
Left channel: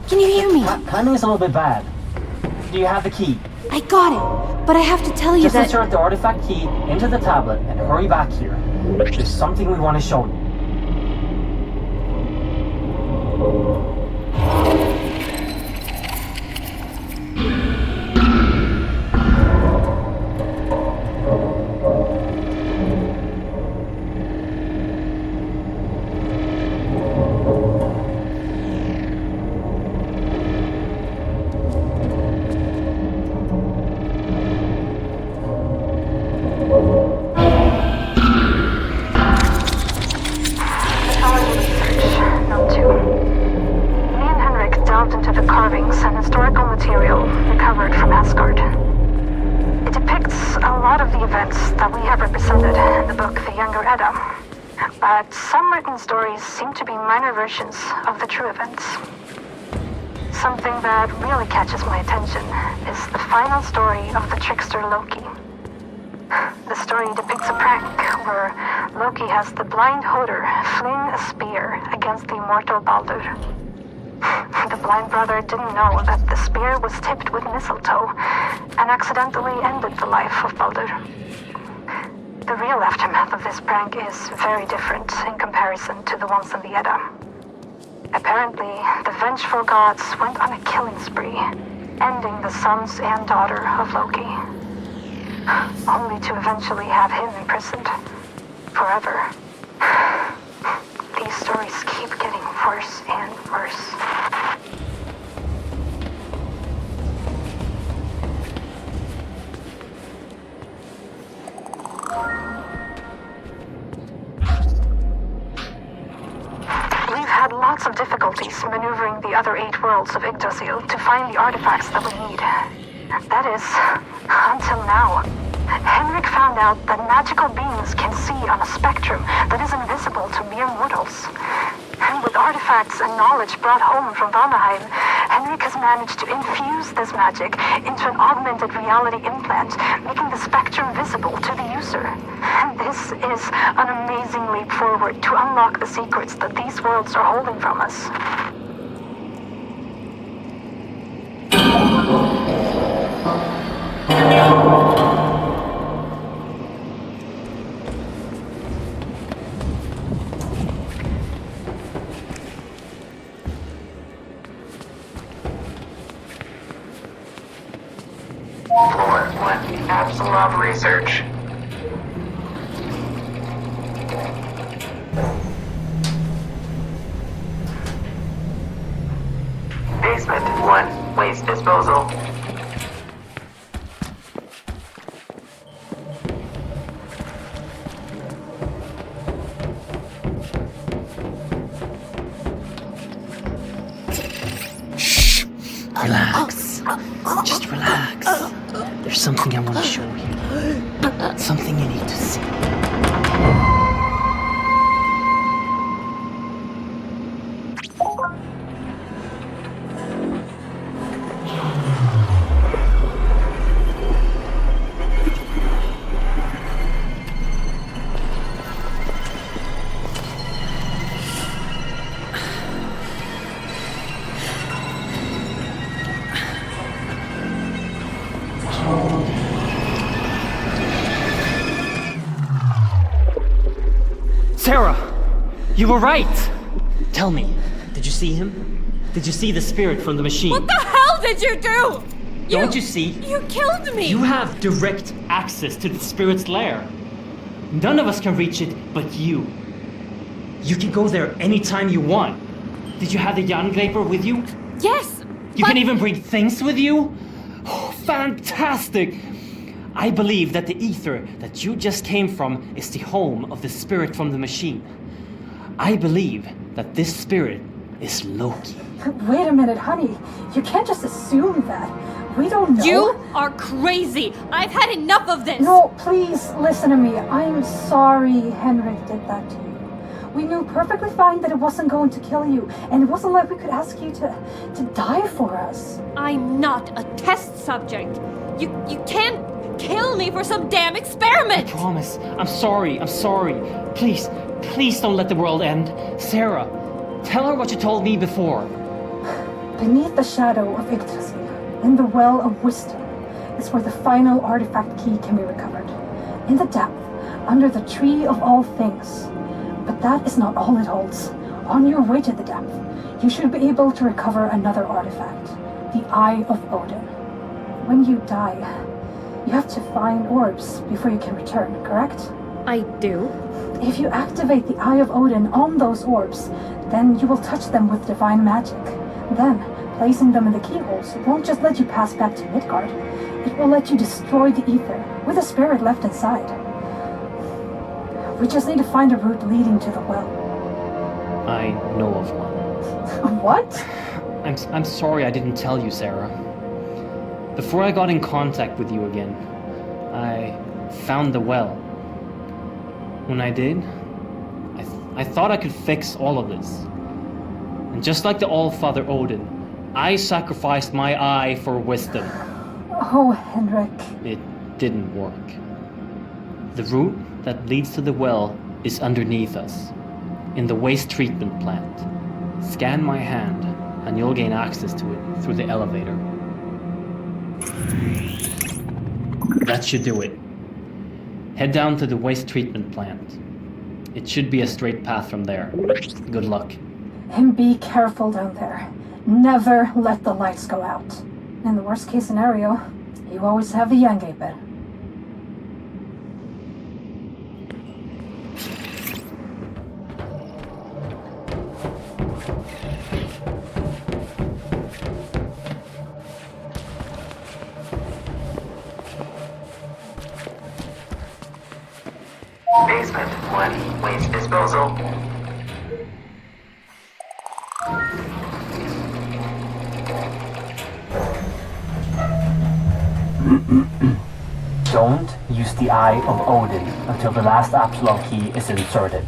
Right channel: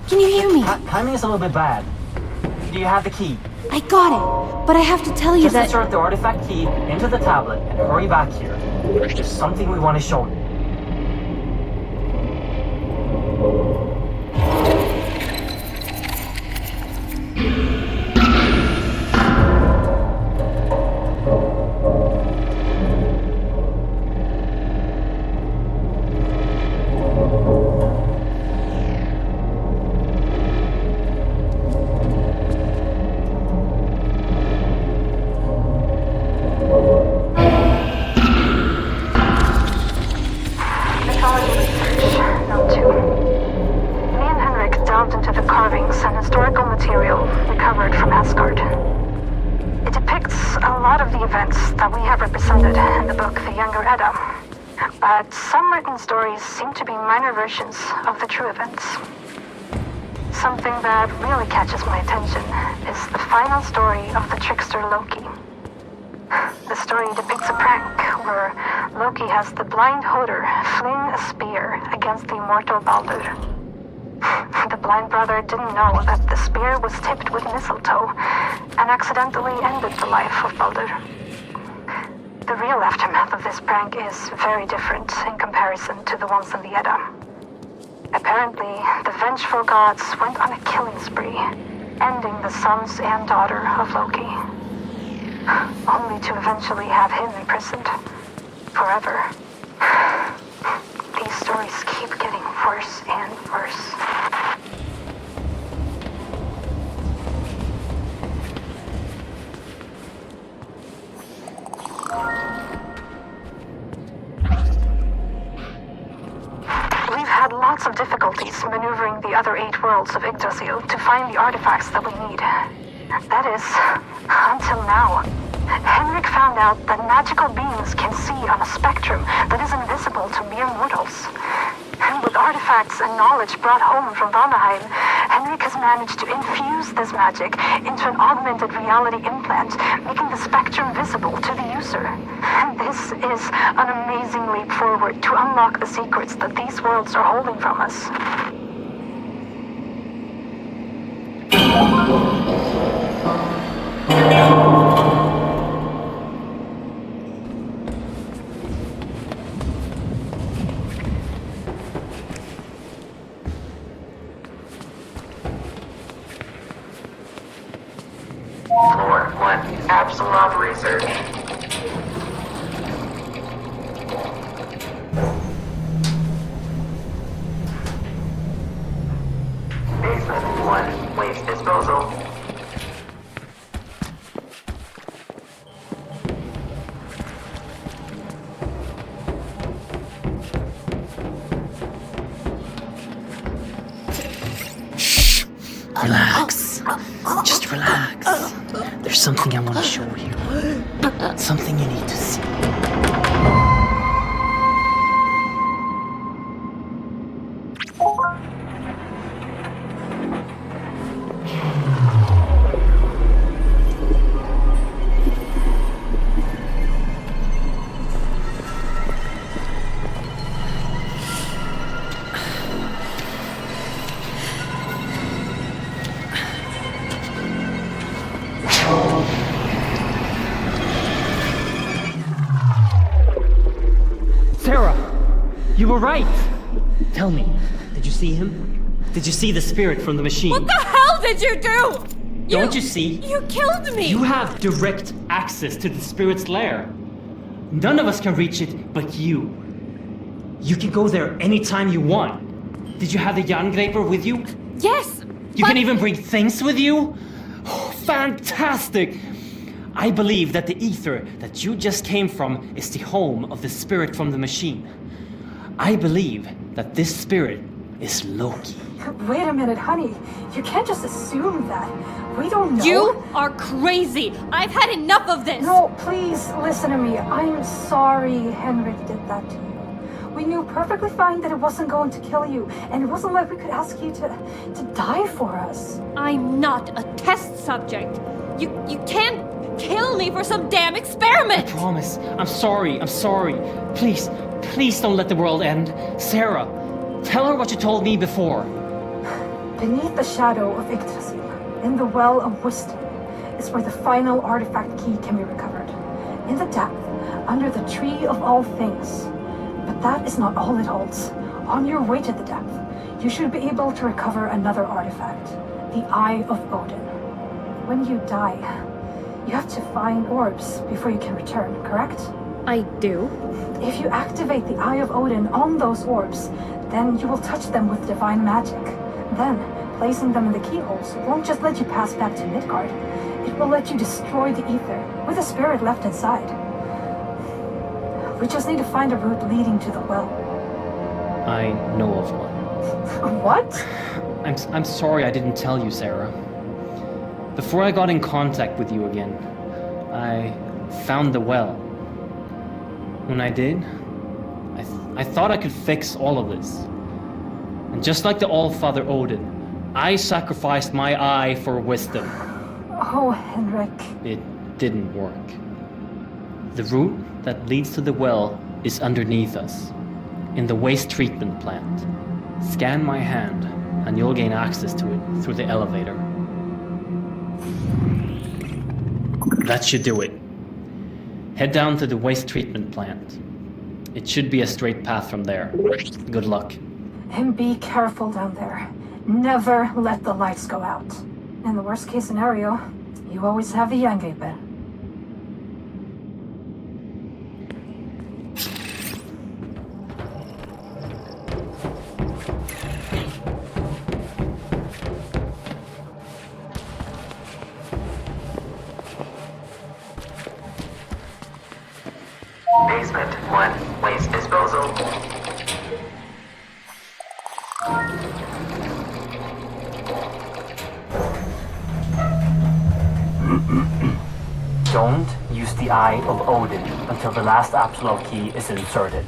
Can you hear me? Timing is a little bit bad. Do you have the key? I got it, but I have to tell you Just that... insert the artifact key into the tablet and hurry back here. There's something we want to show you. Mythology research, Note 2. Me and Henrik delved into the carvings and historical material recovered from Asgard. It depicts a lot of the events that we have represented in the book The Younger Edda, but some written stories seem to be minor versions of the true events. Something that really catches my attention is the final story of the trickster Loki. The story depicts a prank where Loki has the blind Hoder fling a spear against the immortal Baldur. The blind brother didn't know that the spear was tipped with mistletoe and accidentally ended the life of Baldur. The real aftermath of this prank is very different in comparison to the ones in the Edda. Apparently, the vengeful gods went on a killing spree, ending the sons and daughter of Loki. Only to eventually have him imprisoned forever. These stories keep getting worse and worse. We've had lots of difficulties maneuvering the other 8 worlds of Yggdrasil to find the artifacts that we need. That is, until now. Henrik found out that magical beings can see on a spectrum that is invisible to mere mortals. And with artifacts and knowledge brought home from Valnaheim, Henrik has managed to infuse this magic into an augmented reality implant, making the spectrum visible to the user. And this is an amazing leap forward to unlock the secrets that these worlds are holding from us. Floor 1, Apsulov research. Basement 1, waste disposal. Relax. Just relax. There's something I want to show you. Something you need to see. Sarah! You were right! Tell me, did you see him? Did you see the spirit from the machine? What the hell did you do? Don't you see? You killed me! You have direct access to the spirit's lair. None of us can reach it but you. You can go there anytime you want. Did you have the Jerngraper with you? Yes! You can even bring things with you? Oh, fantastic! I believe that the ether that you just came from is the home of the spirit from the machine. I believe that this spirit is Loki. Wait a minute, honey. You can't just assume that. We don't know. You are crazy! I've had enough of this! No, please, listen to me. I'm sorry Henrik did that to you. We knew perfectly fine that it wasn't going to kill you, and it wasn't like we could ask you to die for us. I'm not a test subject. You can't kill me for some damn experiment! I promise. I'm sorry. Please don't let the world end. Sarah, Tell her what you told me before. Beneath the shadow of Yggdrasil, in the Well of Wisdom, is where the final artifact key can be recovered. In the depth, under the Tree of All Things. But that is not all it holds. On your way to the depth, you should be able to recover another artifact, the Eye of Odin. When you die, you have to find orbs before you can return, correct? I do. If you activate the Eye of Odin on those orbs, then you will touch them with divine magic. Then, placing them in the keyholes won't just let you pass back to Midgard. It will let you destroy the ether with the spirit left inside. We just need to find a route leading to the well. I know of one. What? I'm sorry I didn't tell you, Sarah. Before I got in contact with you again, I found the well. When I did, I thought I could fix all of this. And just like the All-Father Odin, I sacrificed my eye for wisdom. Oh, Henrik. It didn't work. The route that leads to the well is underneath us, in the waste treatment plant. Scan my hand, and you'll gain access to it through the elevator. That should do it. Head down to the waste treatment plant. It should be a straight path from there. Good luck. And be careful down there. Never let the lights go out. In the worst case scenario, you always have the Yangaper. Basement 1, waste disposal. Don't use the Eye of Odin until the last Apsulov key is inserted.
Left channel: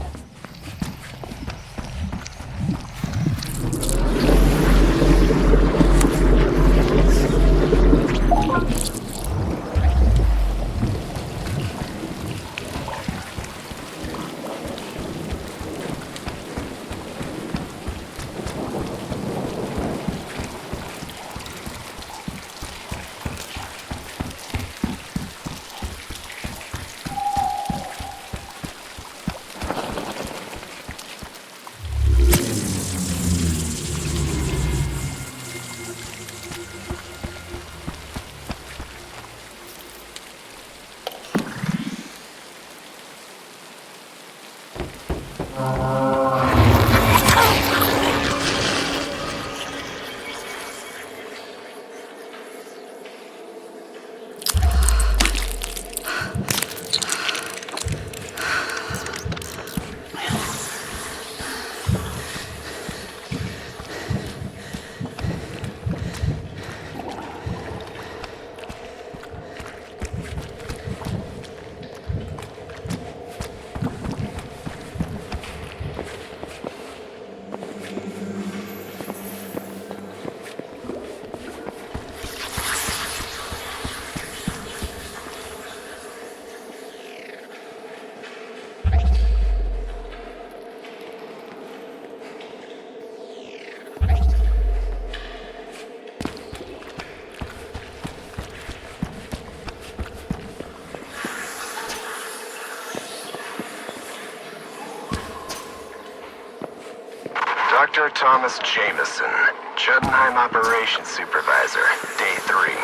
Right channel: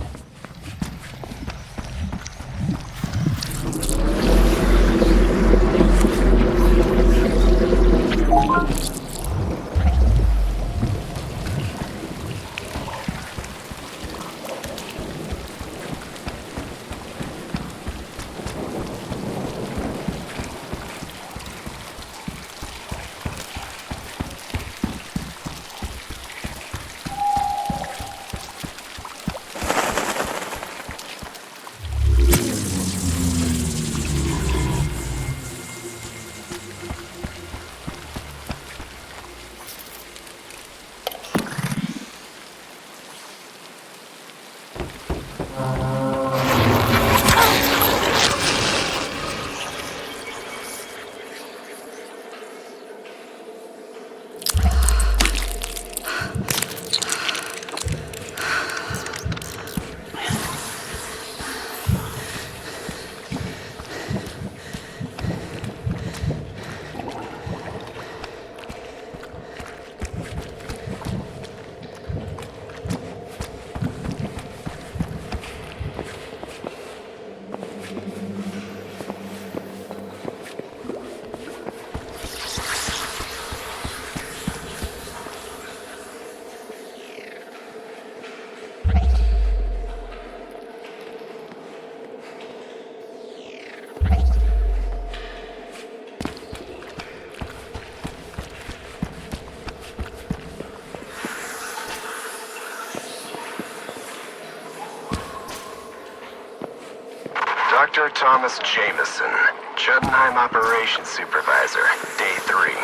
Dr. Thomas Jameson, Jotunheim Operations Supervisor, Day 3.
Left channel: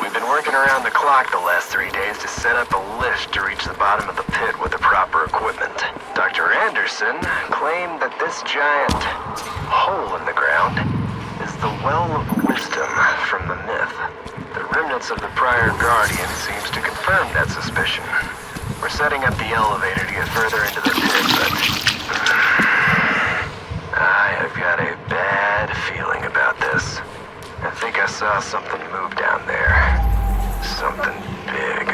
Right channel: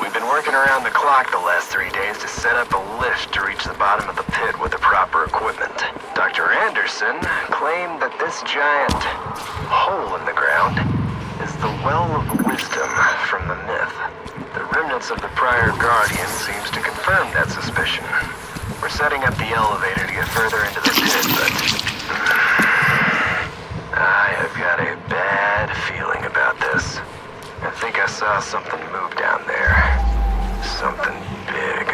We've been working around the clock the last 3 days to set up a lift to reach the bottom of the pit with the proper equipment. Dr. Anderson claimed that this giant hole in the ground is the Well of Wisdom from the myth. The remnants of the prior Guardian seems to confirm that suspicion. We're setting up the elevator to get further into the pit, but I have got a bad feeling about this. I think I saw something move down there. Something big.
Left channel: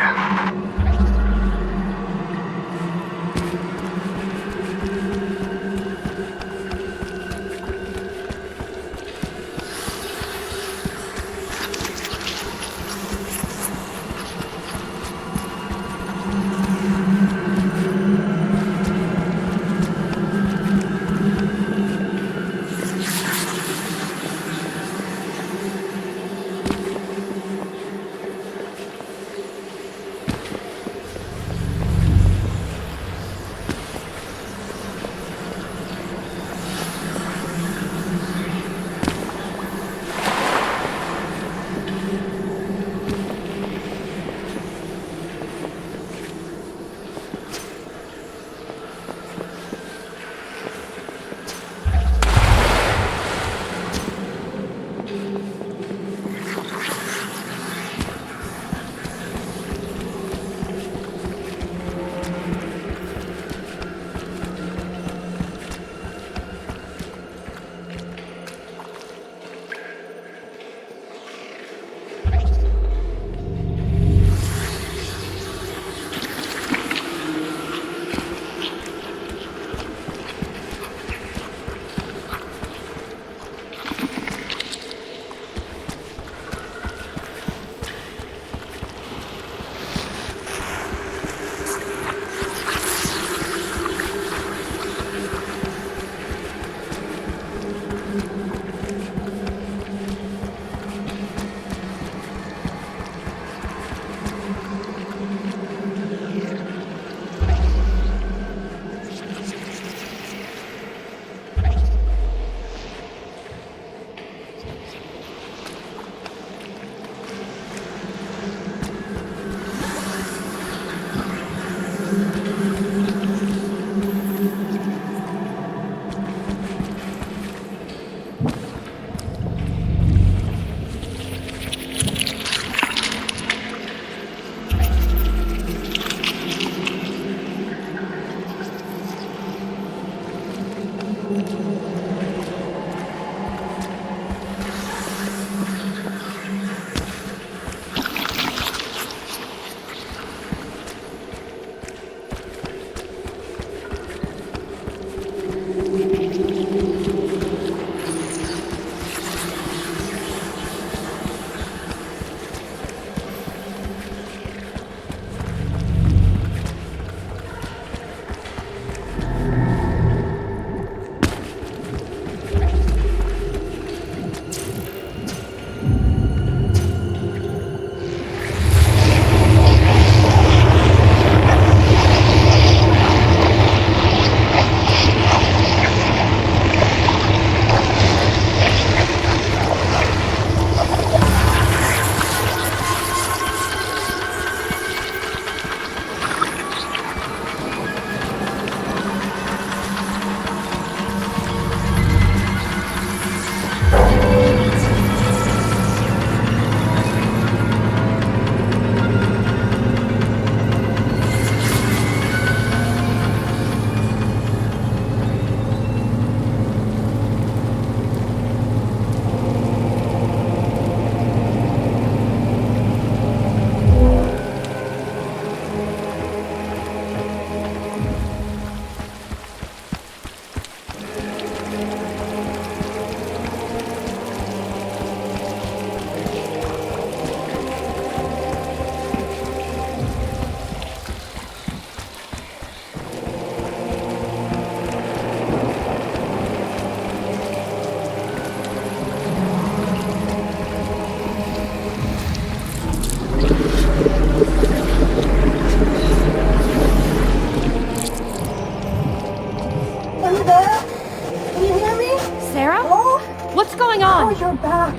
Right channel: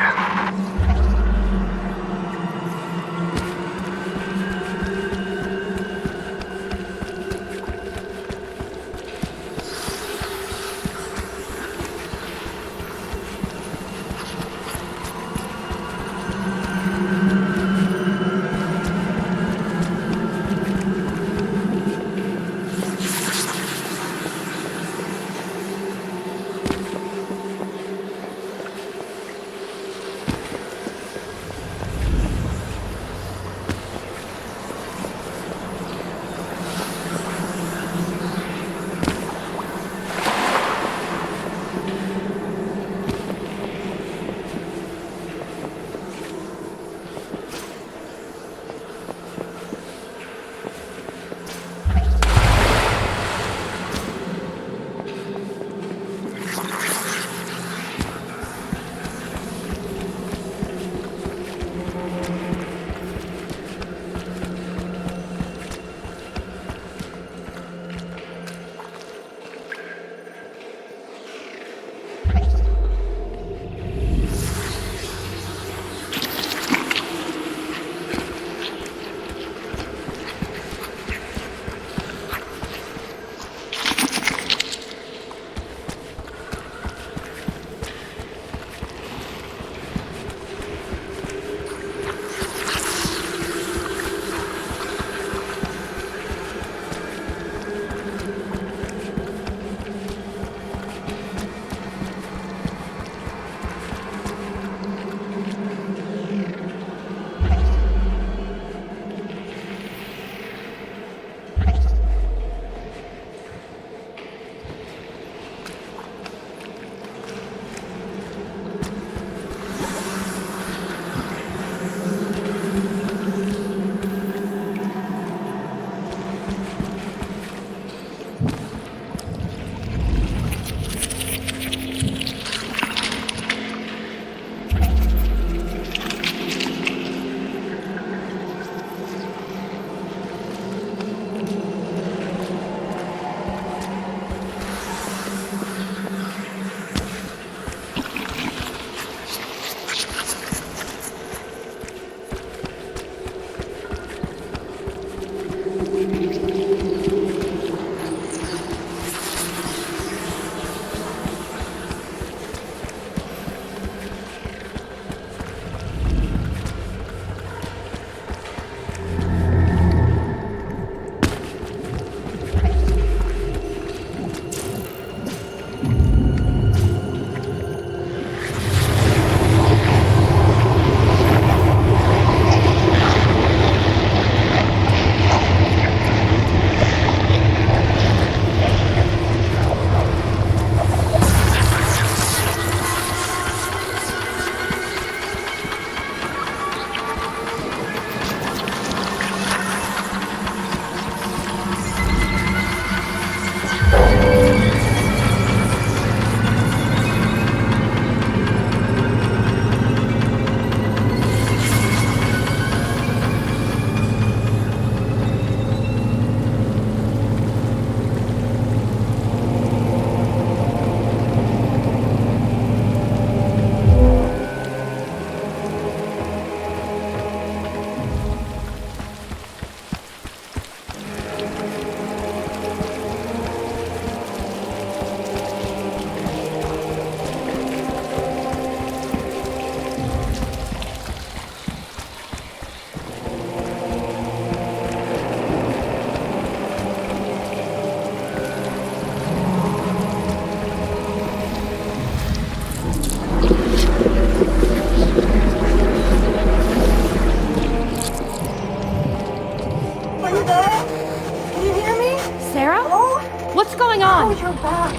Sarah? Oh, What's going on? oh, you're back.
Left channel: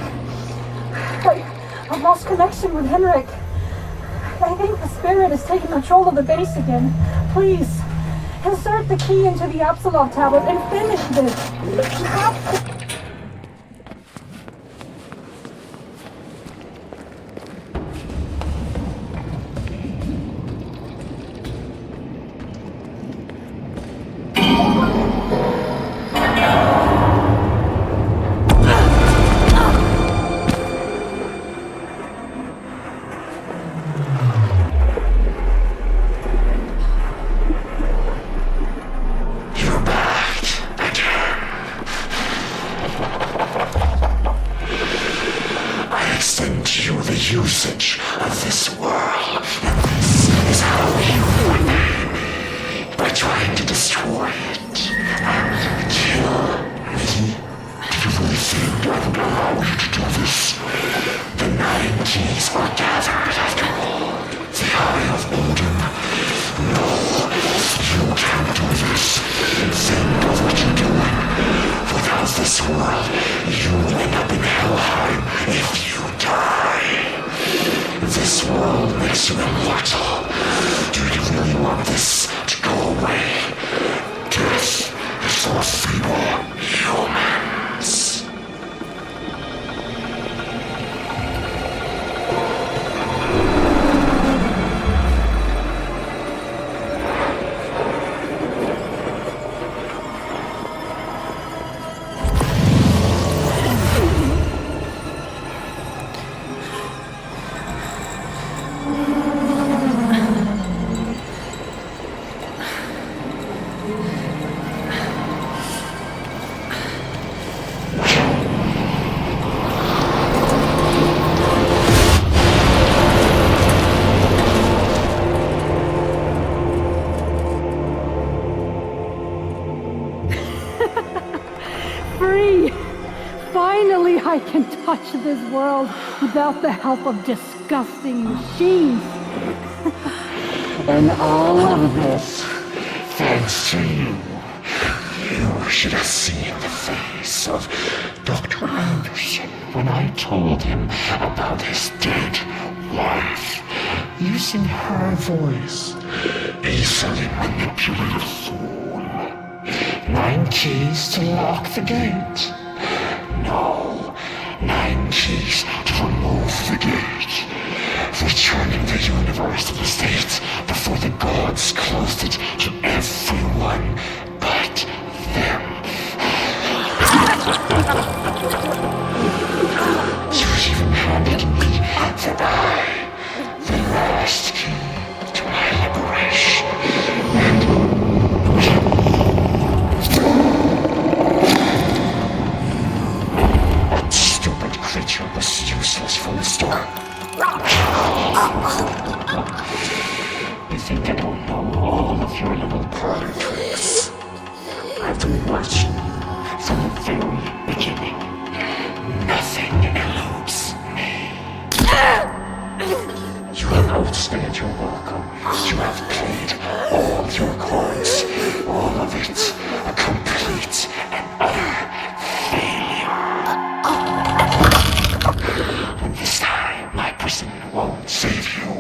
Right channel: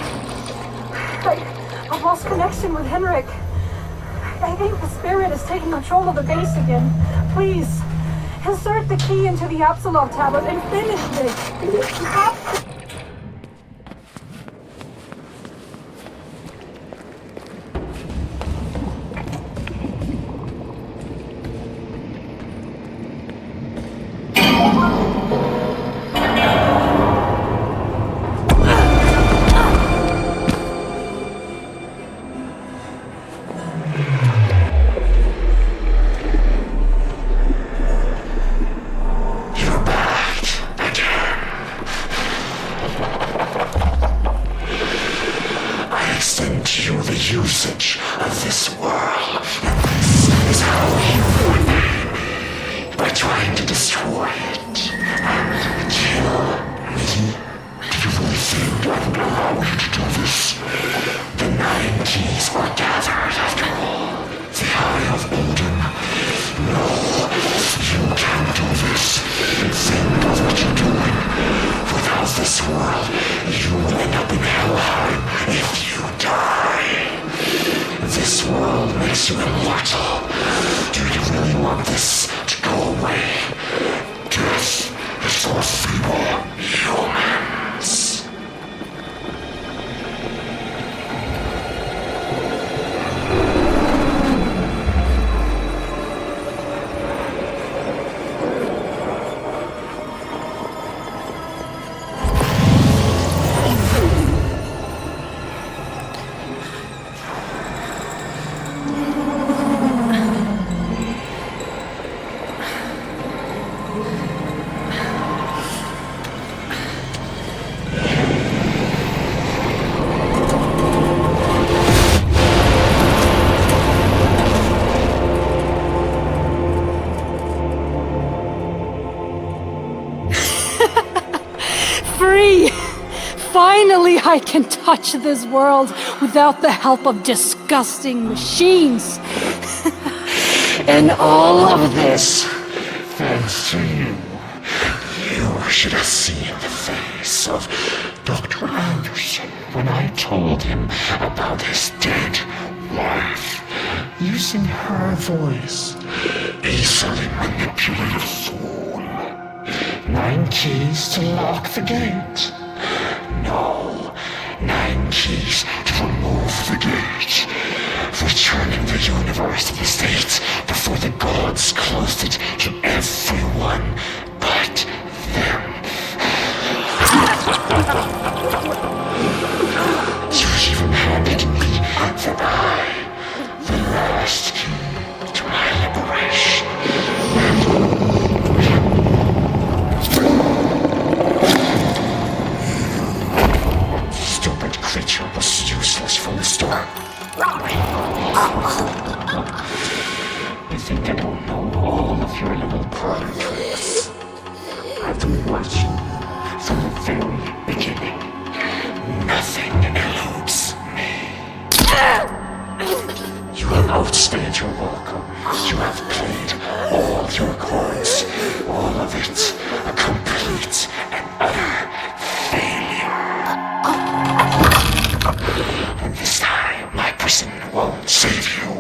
I've lost connection with Henrik. I think the spirit is taking control of the base again. Please, insert the key into the Apsulov tablet and finish this. You have to. Usage of this world, and this is how you repay me, by trying to destroy it and kill me. Do you really think I would allow you to do this? The 9 keys are gathered after all. The Eye of Odin? No, you can't do this. Think of what you're doing. Without this world, you will end up in Helheim if you die. This world makes you immortal. Do you really want this to go away? Death is for feeble humans. Finally, I can touch this world without the help of disgusting machines. And all of this, thanks to you. You should have seen the face of Dr. Anderson when I told him about his dead wife. Using her voice, easily manipulated fool. 9 keys to lock the gate. No, 9 keys to remove the gate. Returning the universe to the state before the gods closed it to everyone but them. You even handed me the Eye, the last key to my liberation. That stupid creature was useless from the start. You think I don't know all of your little party tricks? I've been watching from the very beginning. Nothing eludes me. You have outstayed your welcome. You have played all your cards. All of it a complete and utter failure. And this time, my prison won't save you.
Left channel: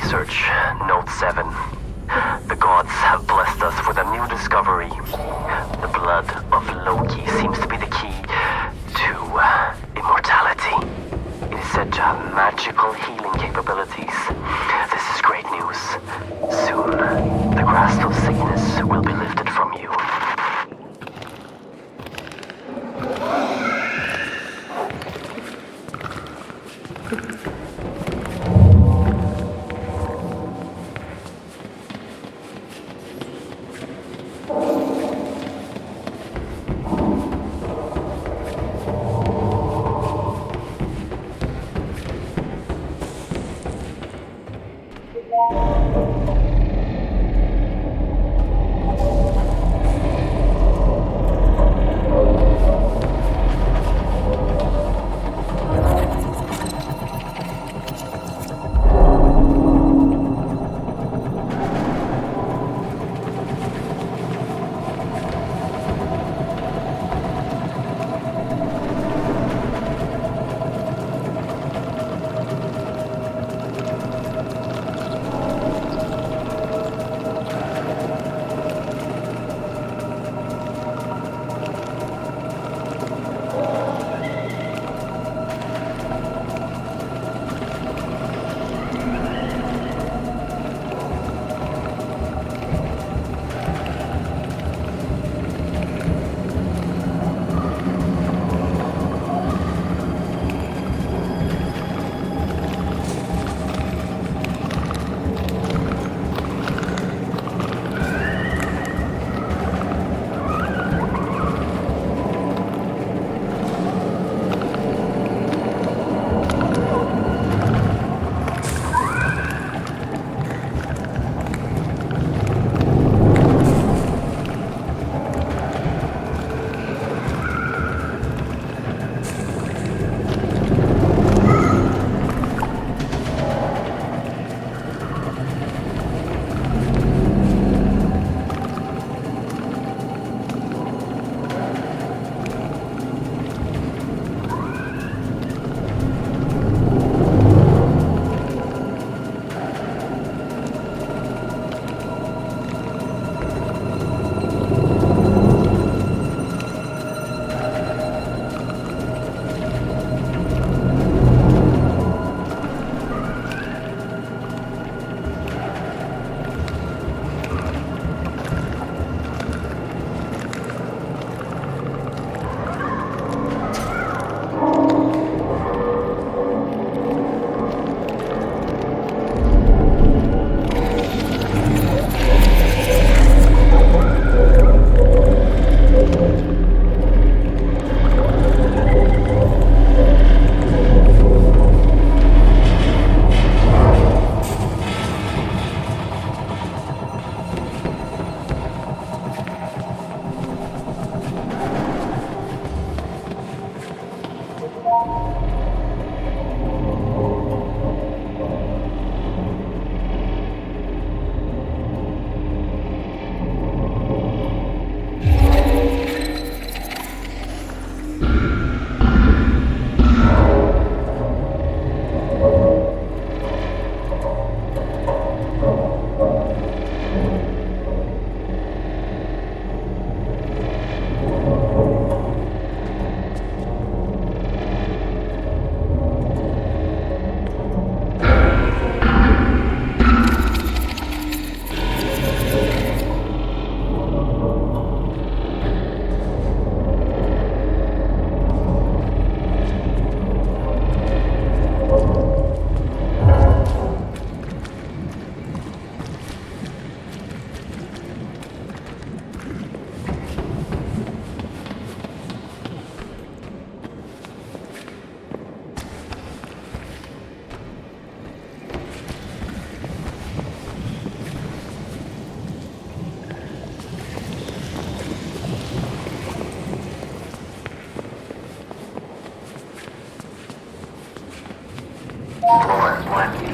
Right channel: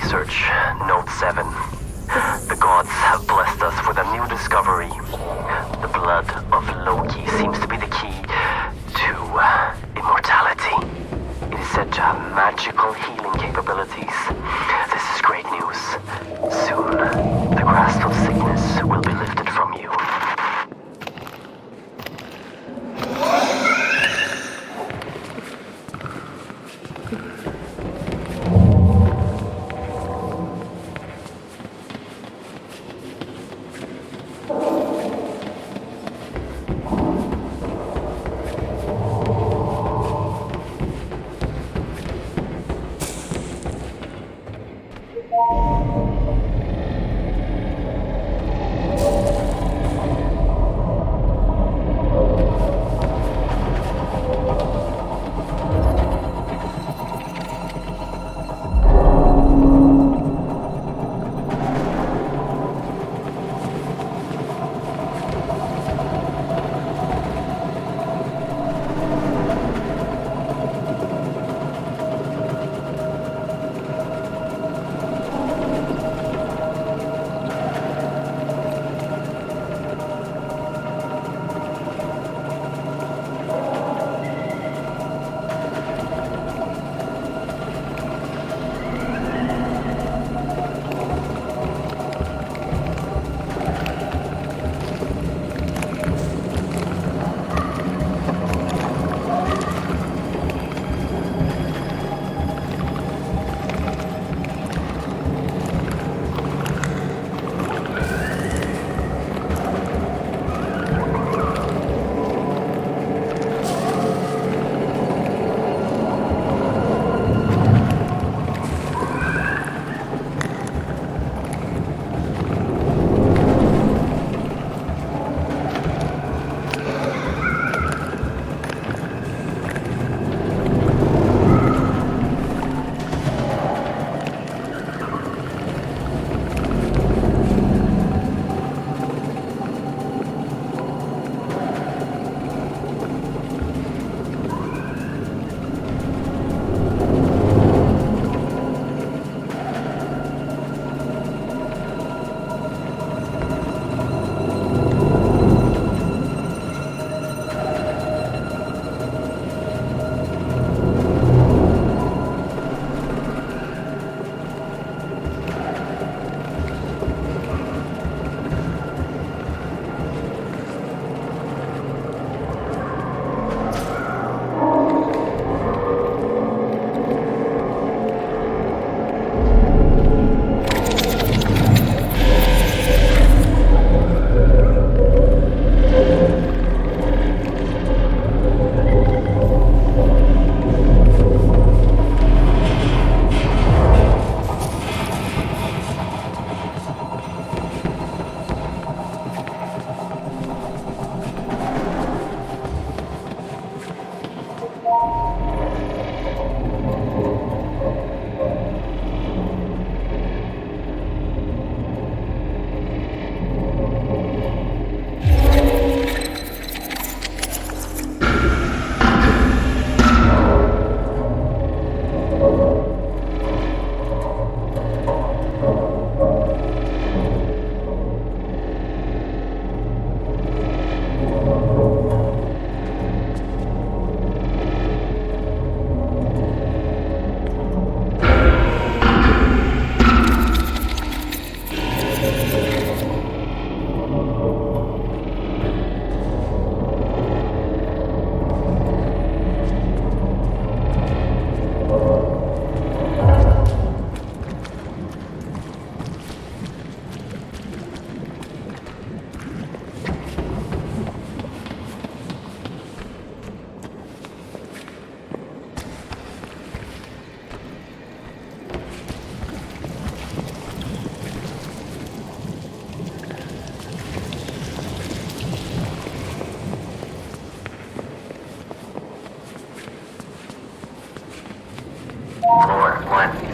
research, Note 7. The gods have blessed us with a new discovery. The blood of Loki seems to be the key to immortality. It is said to have magical healing capabilities. This is great news. Soon, the grasp of sickness will be lifted from you.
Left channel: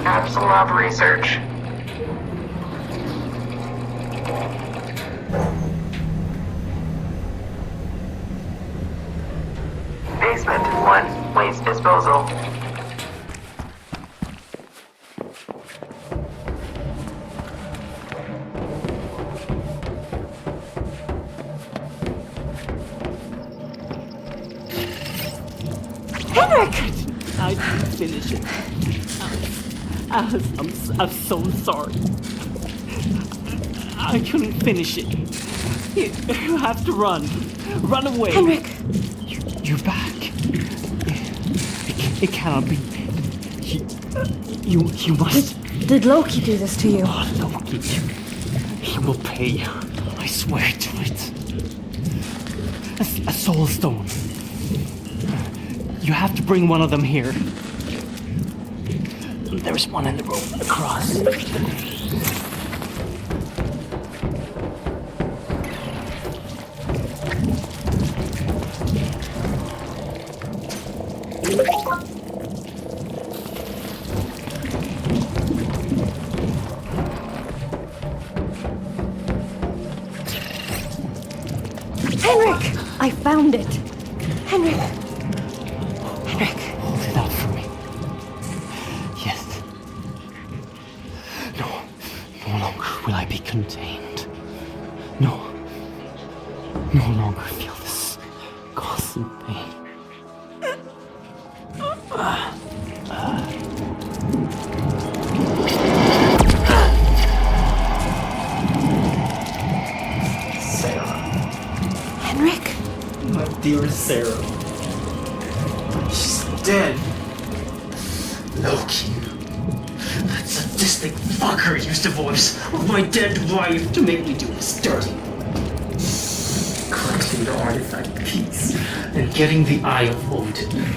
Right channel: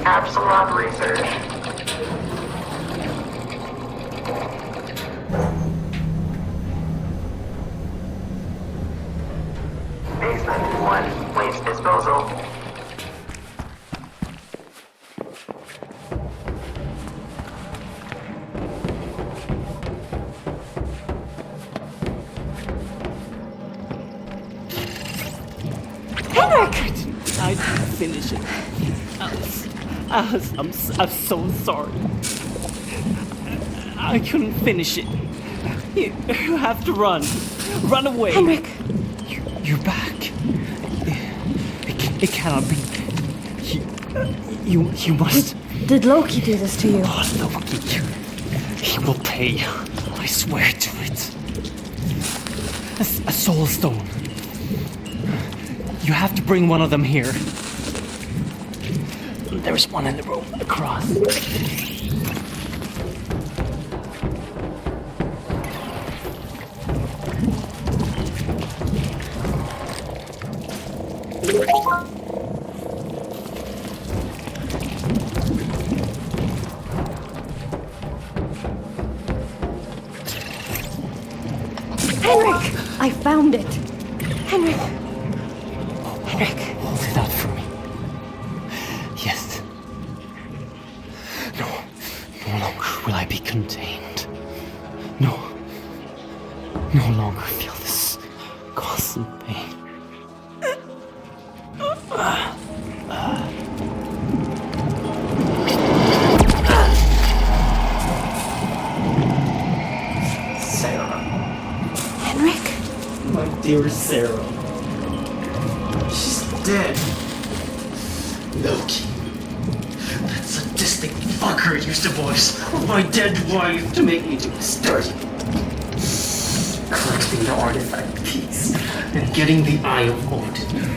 Apsulov research. Basement 1, waste disposal. finish it. Alice, I'm so sorry. I couldn't finish it. You have to run. Run away. Henrik! You're back. It cannot be. You must. Did Loki do this to you? Oh, Loki. He will pay. I swear to it. A soul stone. You have to bring one of them here. There's one in the room across. Henrik! I found it! Henrik! Henrik! Hold it out for me. Yes. No longer will I be contained. No longer feel this constant pain. Henrik? My dear Sarah. She's dead. Loki. That sadistic fucker used the voice of my dead wife to make me do this dirty. Collecting the artifact piece and getting the Eye of Odin.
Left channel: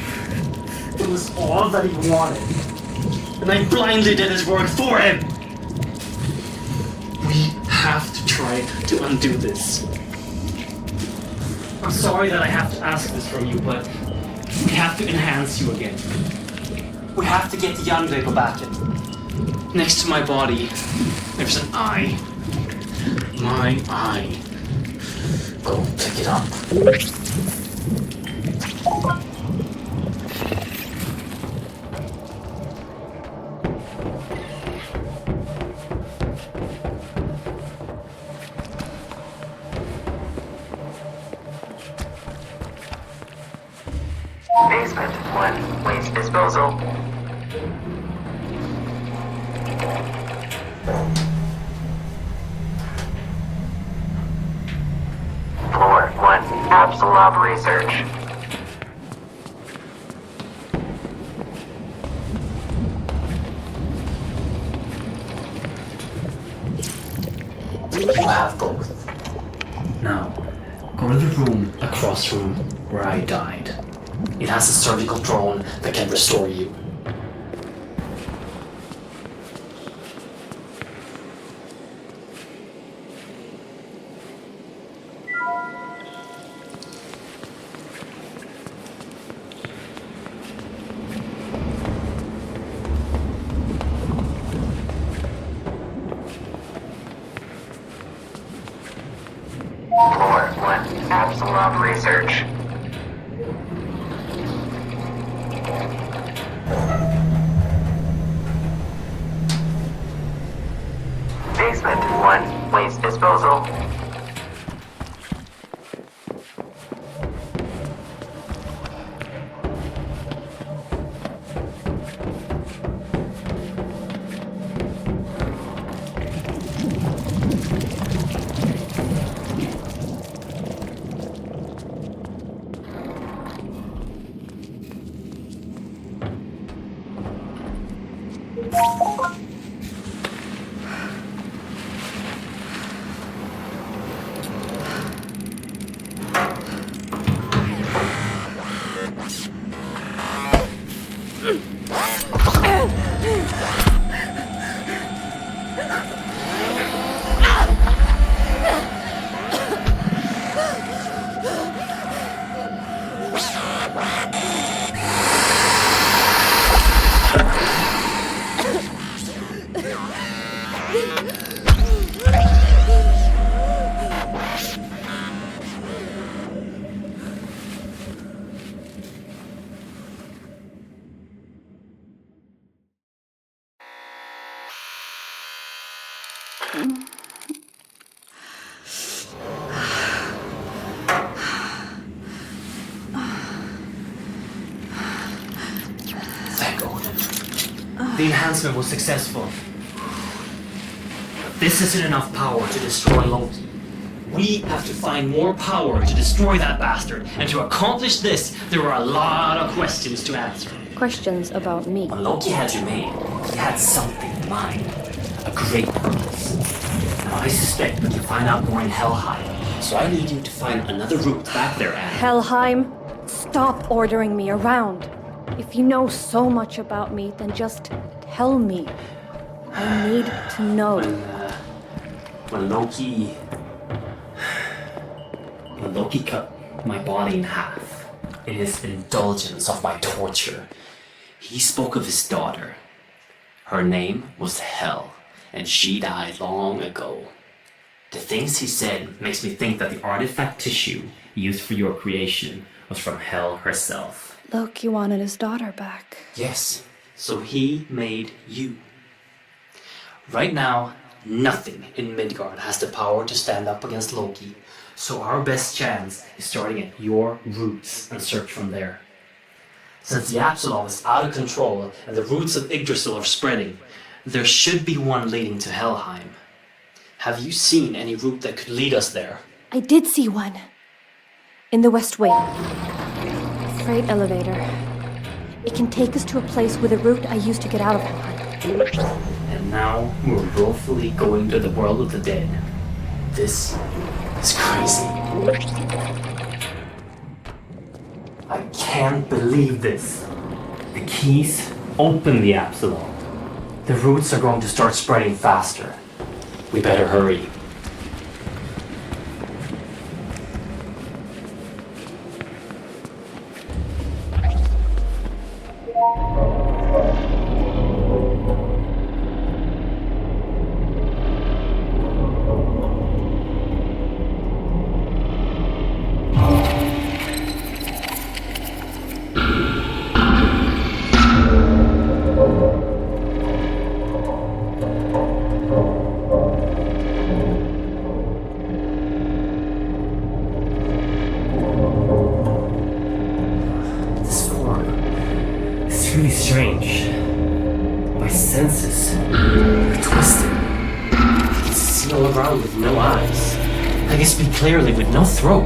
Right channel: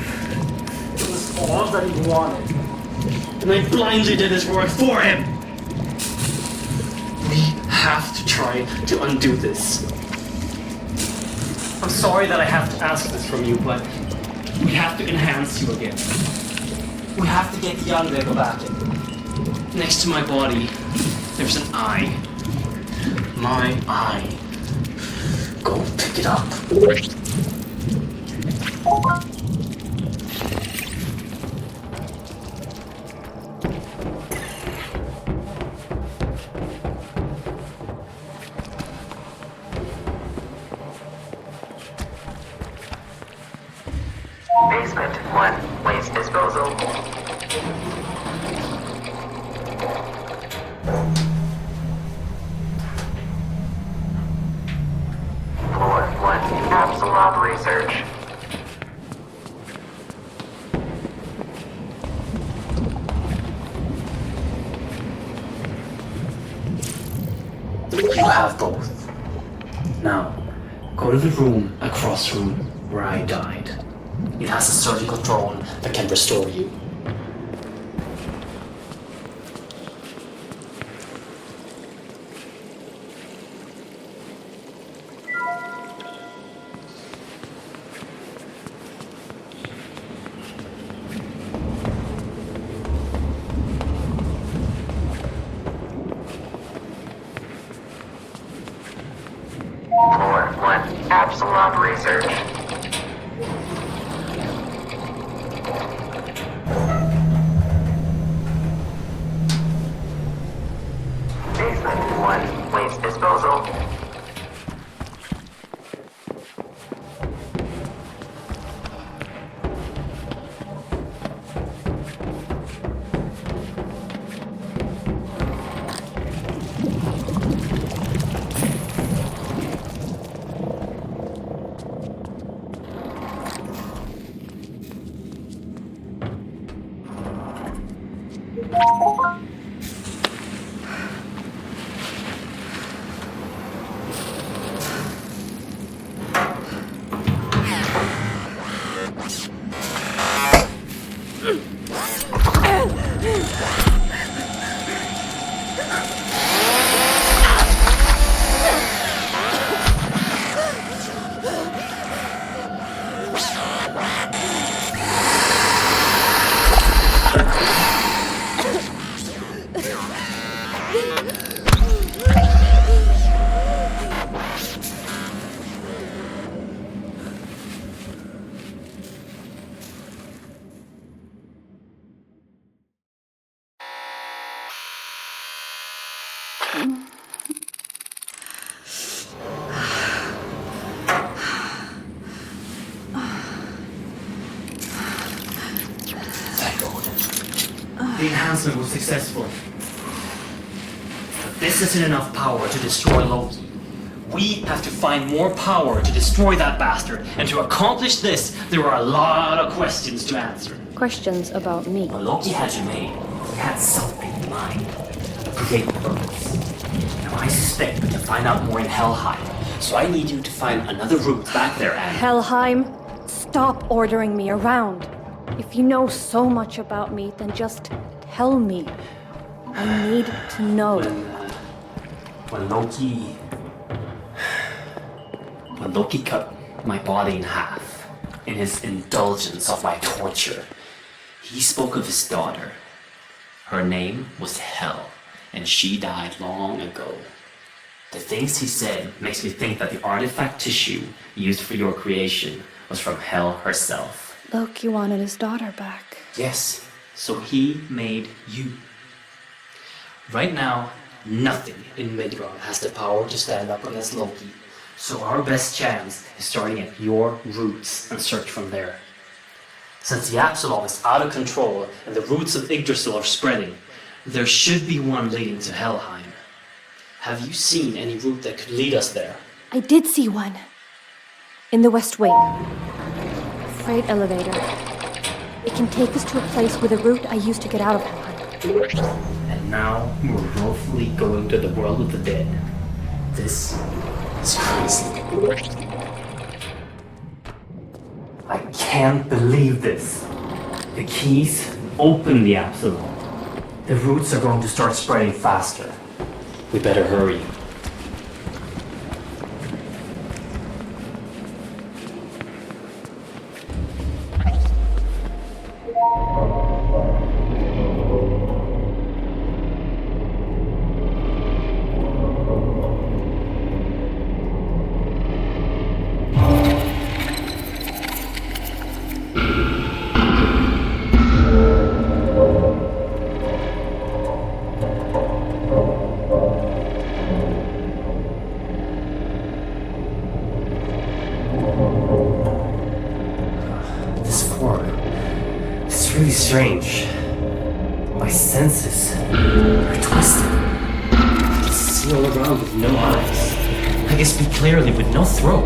It was all that he wanted. And I blindly did his work for him. We have to try to undo this. I'm sorry that I have to ask this from you, but we have to enhance you again. We have to get the Yggdrasil back in. Next to my body, there's an eye. My eye. Go pick it up. Basement 1, waste disposal. Floor 1, Apsulov research. You have both. Now, go to the room across from where I died. It has a surgical drone that can restore you. Floor 1, Apsulov research. Basement 1, waste disposal. Thank God. enhancement was successful. This isn't enough power to destroy Loki. We have to find more power to destroy that bastard. And to accomplish this, there are a lot of questions to answer. Questions about me. When Loki had you made, he had something in mind. A great purpose. Now I suspect that you'll find out more in Helheim. So I need you to find another route back there. Helheim, stop ordering me around. If you know so much about me, then just tell me. I need to know. When Loki cut my body in half, in his indulgence of my torture, he spoke of his daughter. Her name was Hel, and she died long ago. The things he said makes me think that the artifact tissue used for your creation was from Hel herself. Loki wanted his daughter back. Yes, so he made you. Right now, nothing in Midgard has the power to stand up against Loki, so our best chance is starting at your roots and search from there. Since the Apsulov is out of control and the roots of Yggdrasil are spreading, there should be one leading to Helheim. Have you seen any route that could lead us there? I did see one. In the West Wing. A freight elevator. It can take us to a place with a route I used to get out of Helheim. And now we're willfully going to the world of the dead. This is crazy. I can't believe this. The keys open the Apsulov. The roots are going to start spreading faster. We better hurry. Clearly with no throat.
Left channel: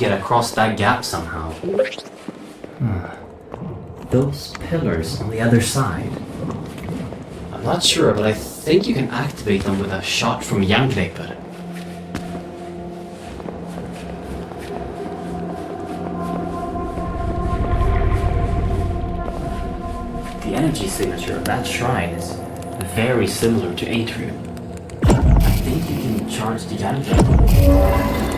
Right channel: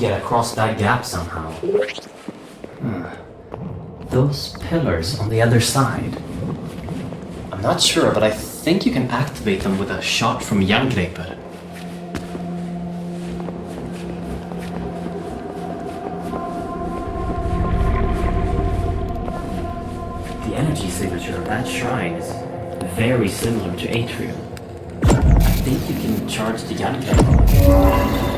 get across that gap somehow. Those pillars on the other side. I'm not sure, but I think you can activate them with a shot from Yggdrasil. The energy signature of that shrine is very similar to Atrium. I think you can charge the Yggdrasil.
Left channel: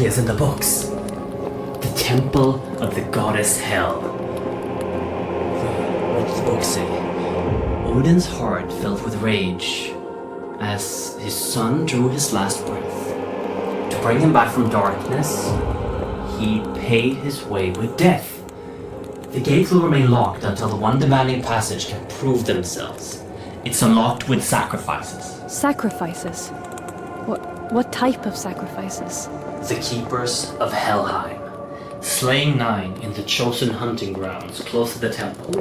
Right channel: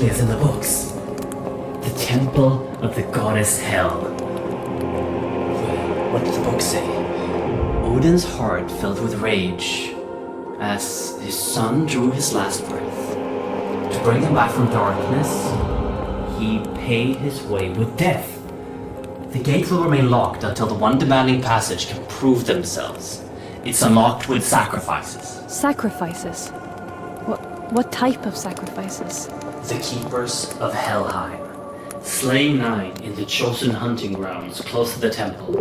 As in the books. The temple of the goddess Hel. What does the book say? Odin's heart filled with rage as his son drew his last breath. To bring him back from darkness, he paid his way with death. The gates will remain locked until the one demanding passage can prove themselves. It's unlocked with sacrifices. Sacrifices? What type of sacrifices? The keepers of Helheim, slaying 9 in the chosen hunting grounds close to the temple.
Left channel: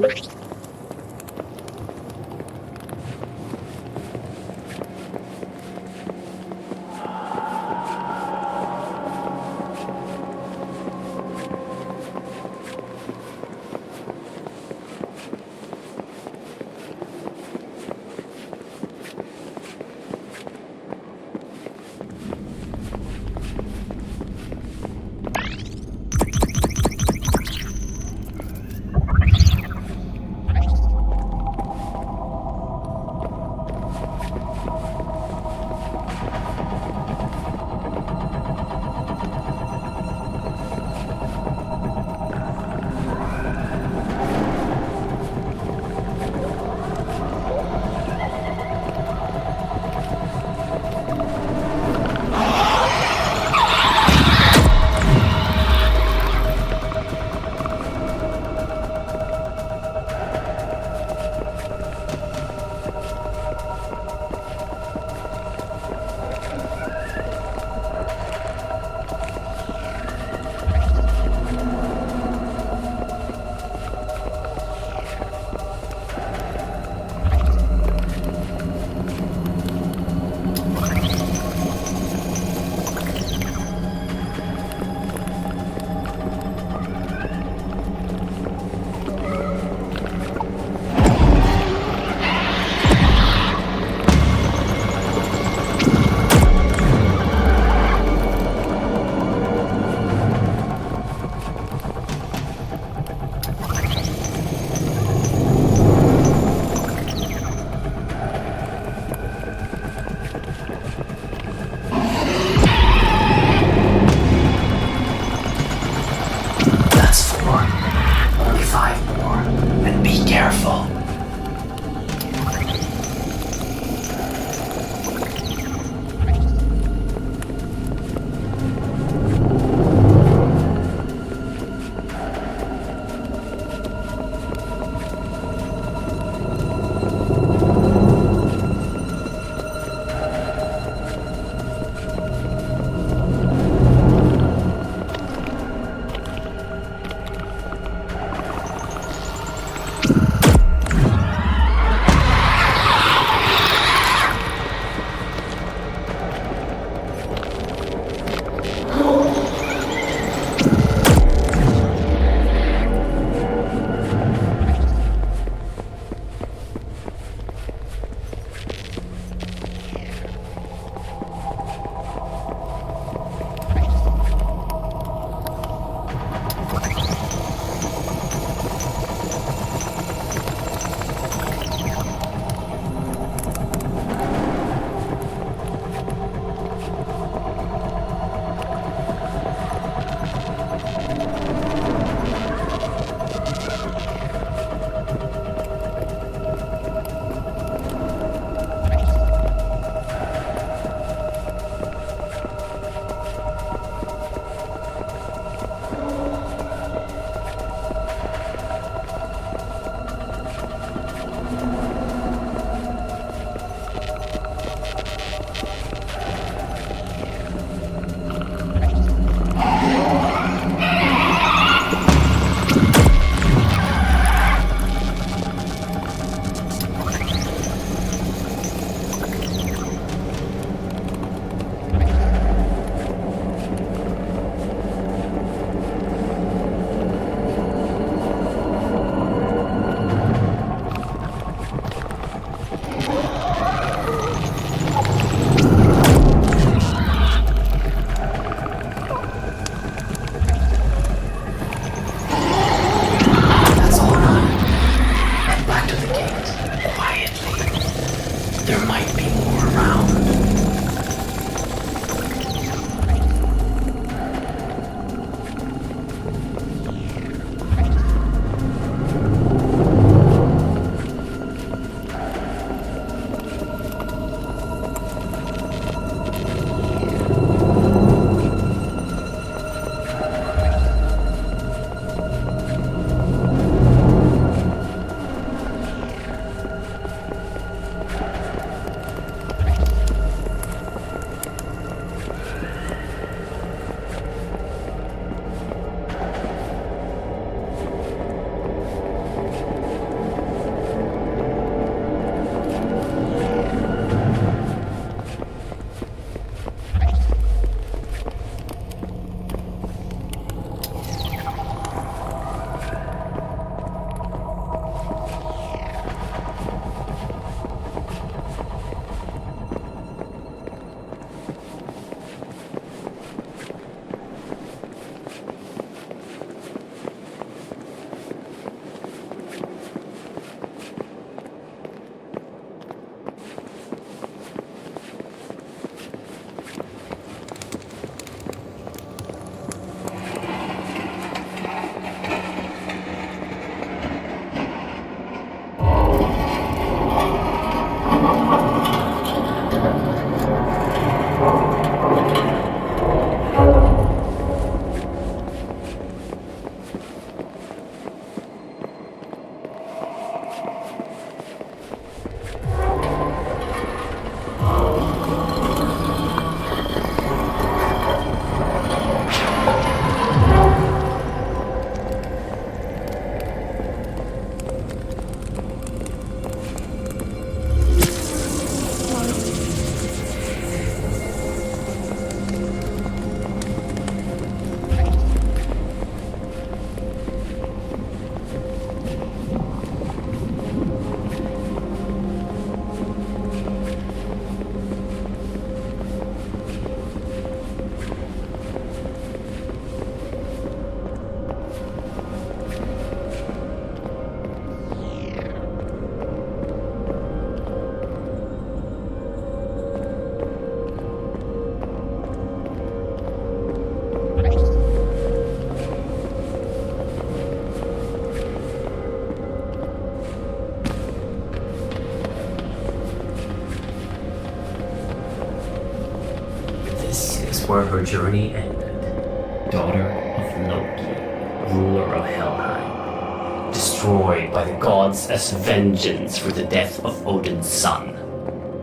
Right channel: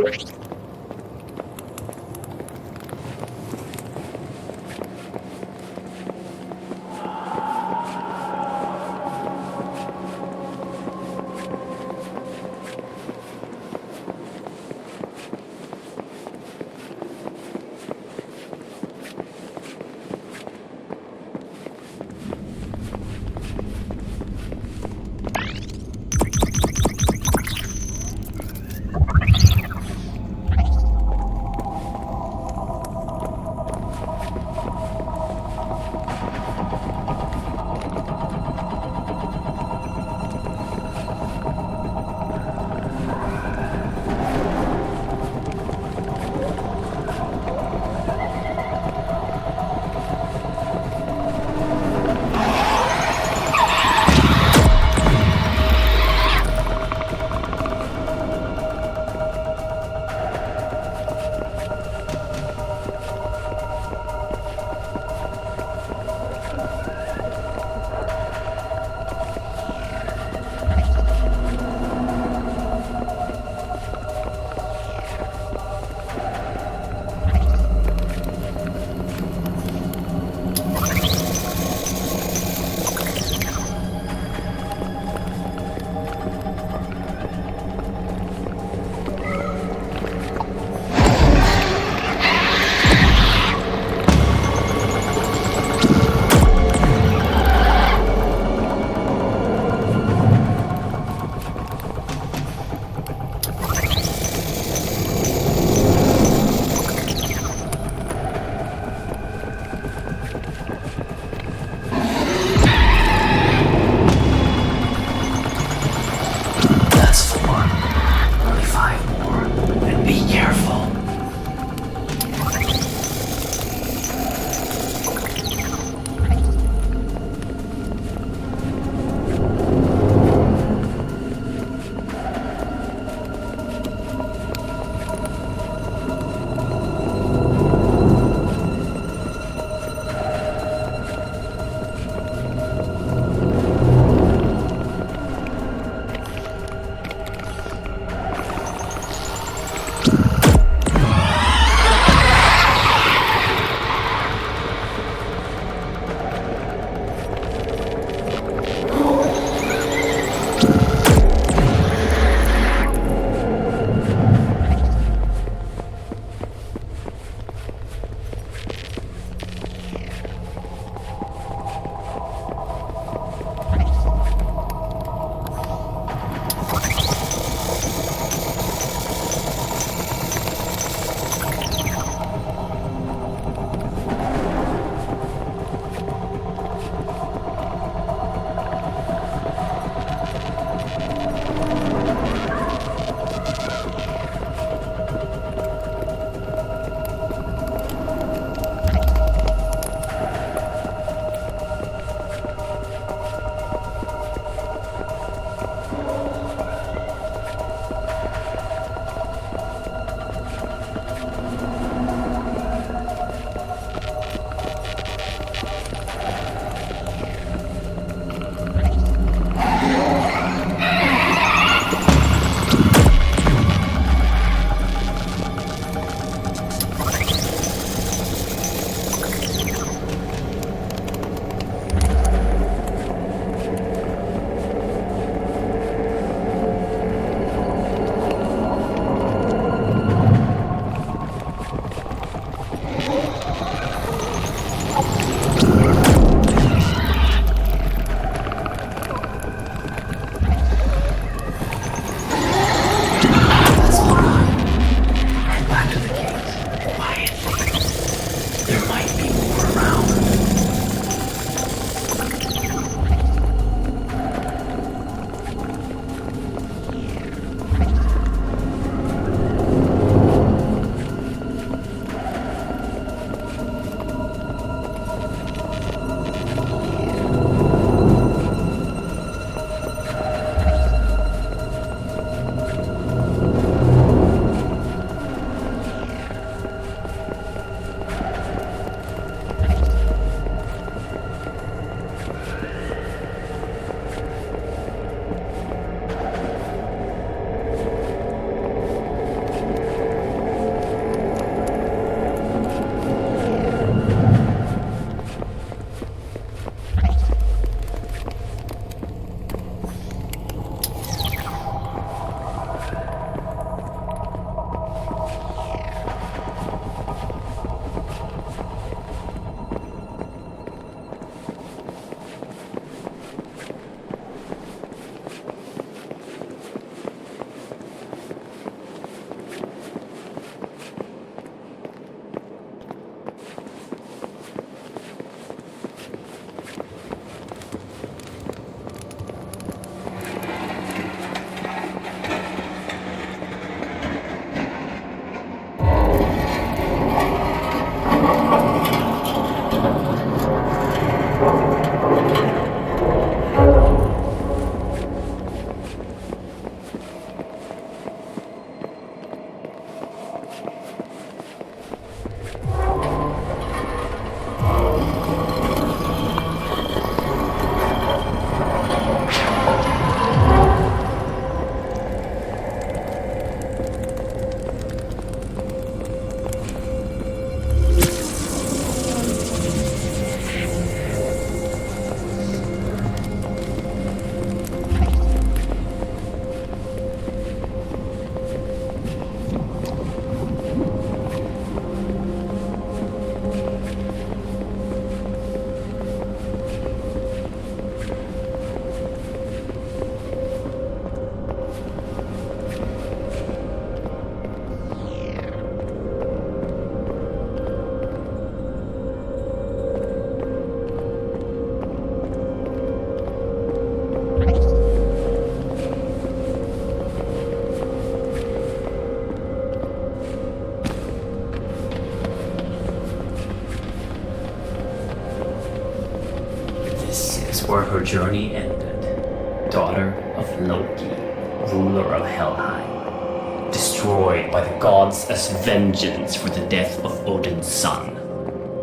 her journey ended, daughter of Loki, ruler of Helheim, destroyed by the gods as vengeance for the death of Odin's son.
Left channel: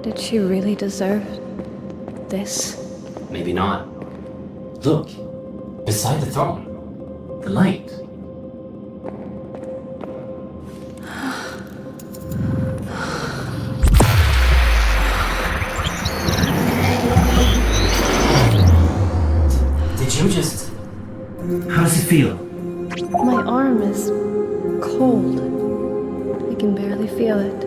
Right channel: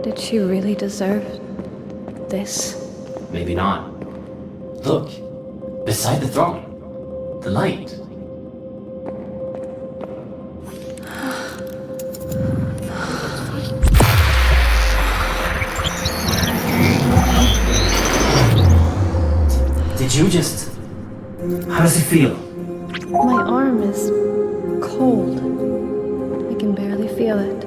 Did she really deserve this? Maybe not. Look, beside the throne, the light. Did you just... How does it feel? My arm is cold. I can barely feel it.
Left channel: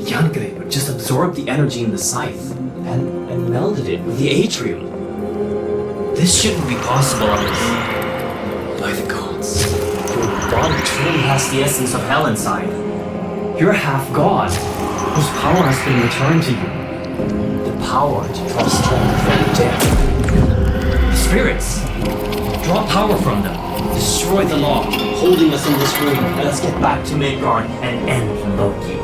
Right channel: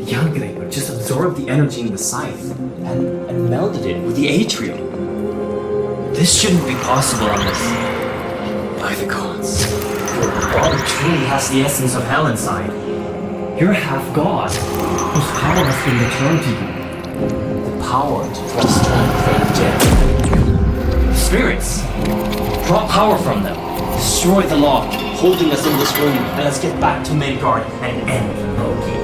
Yggdrasil just absorbed the energy in the scythe and melded it with the atrium. This shouldn't be possible unless... By the gods. Your body truly has the essence of hell inside. You're half god, whose power has been returned to you. The power to draw strength from the dead. The spirits. Draw power from them. Destroy the law, holding us in this room, and let's get back to Midgard and end Loki.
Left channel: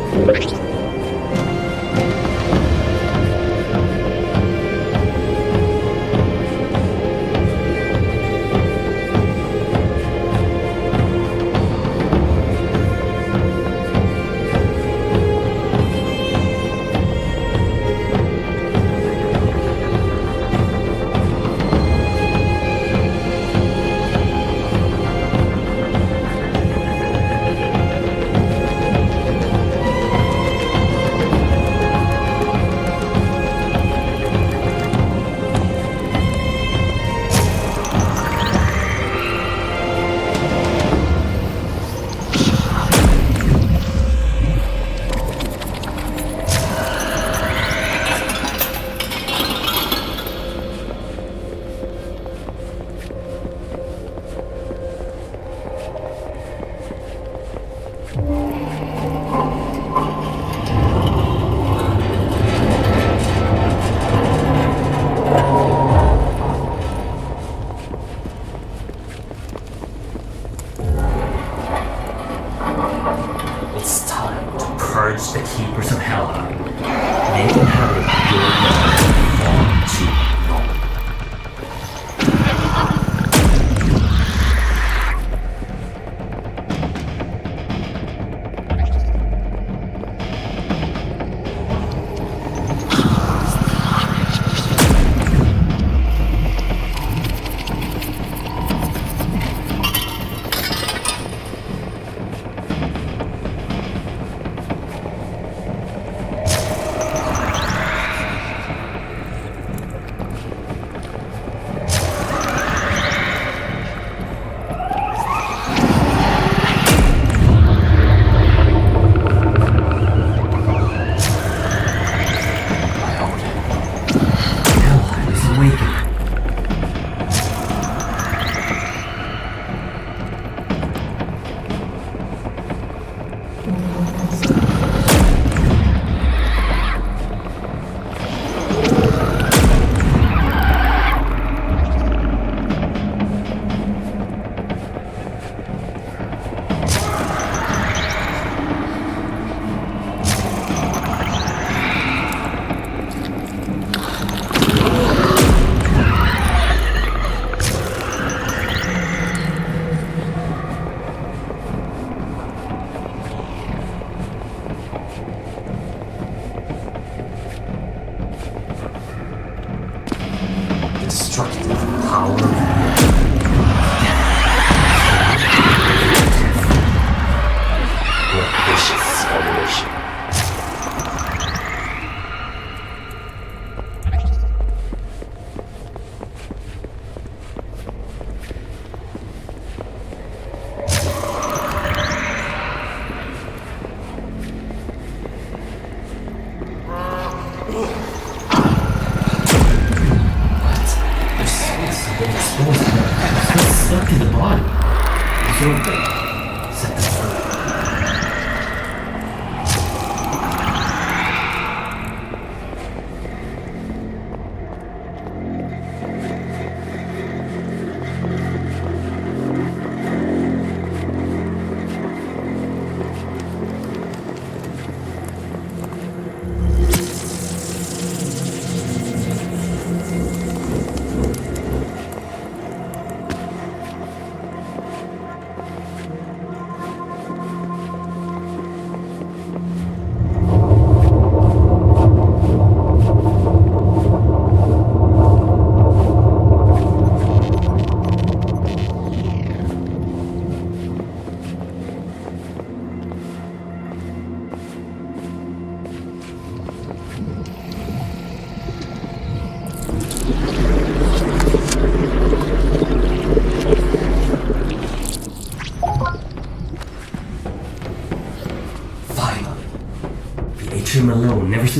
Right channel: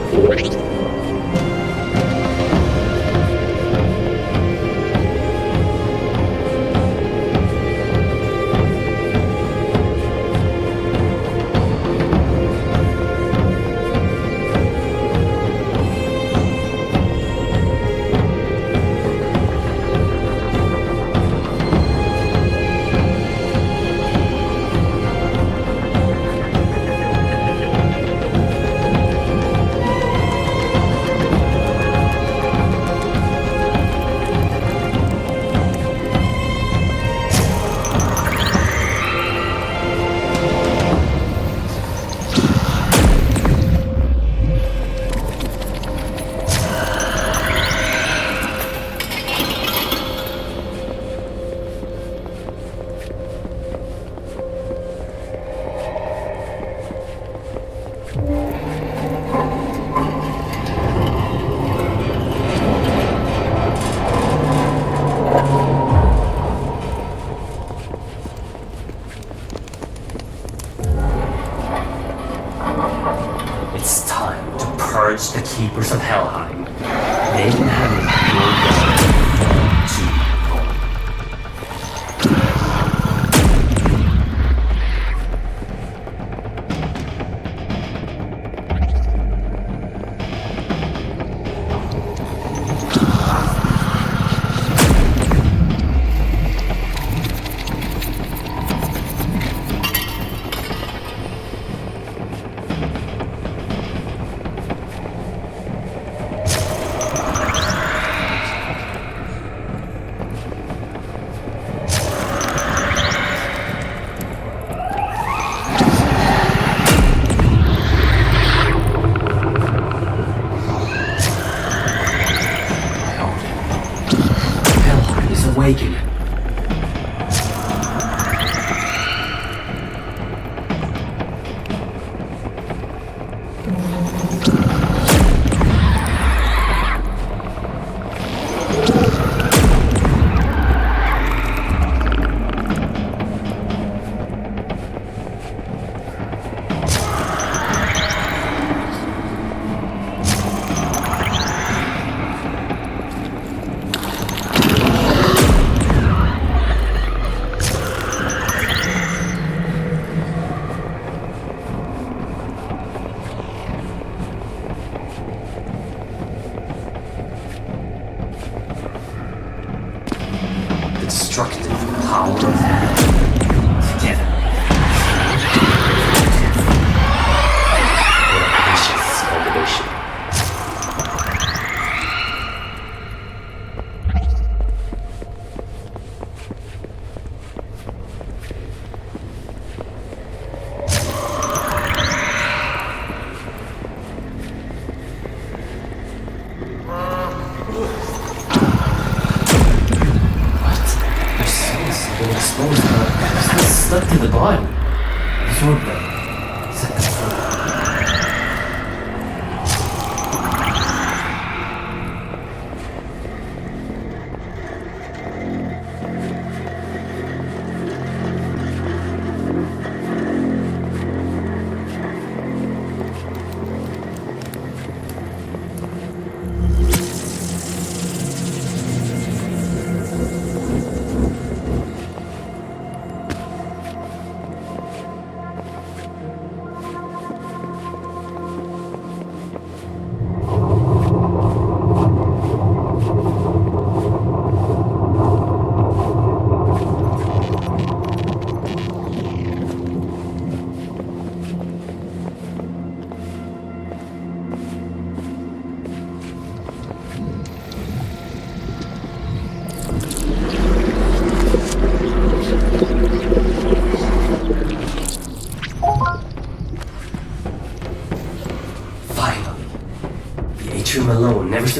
The keepers of Helheim. They inherit your God to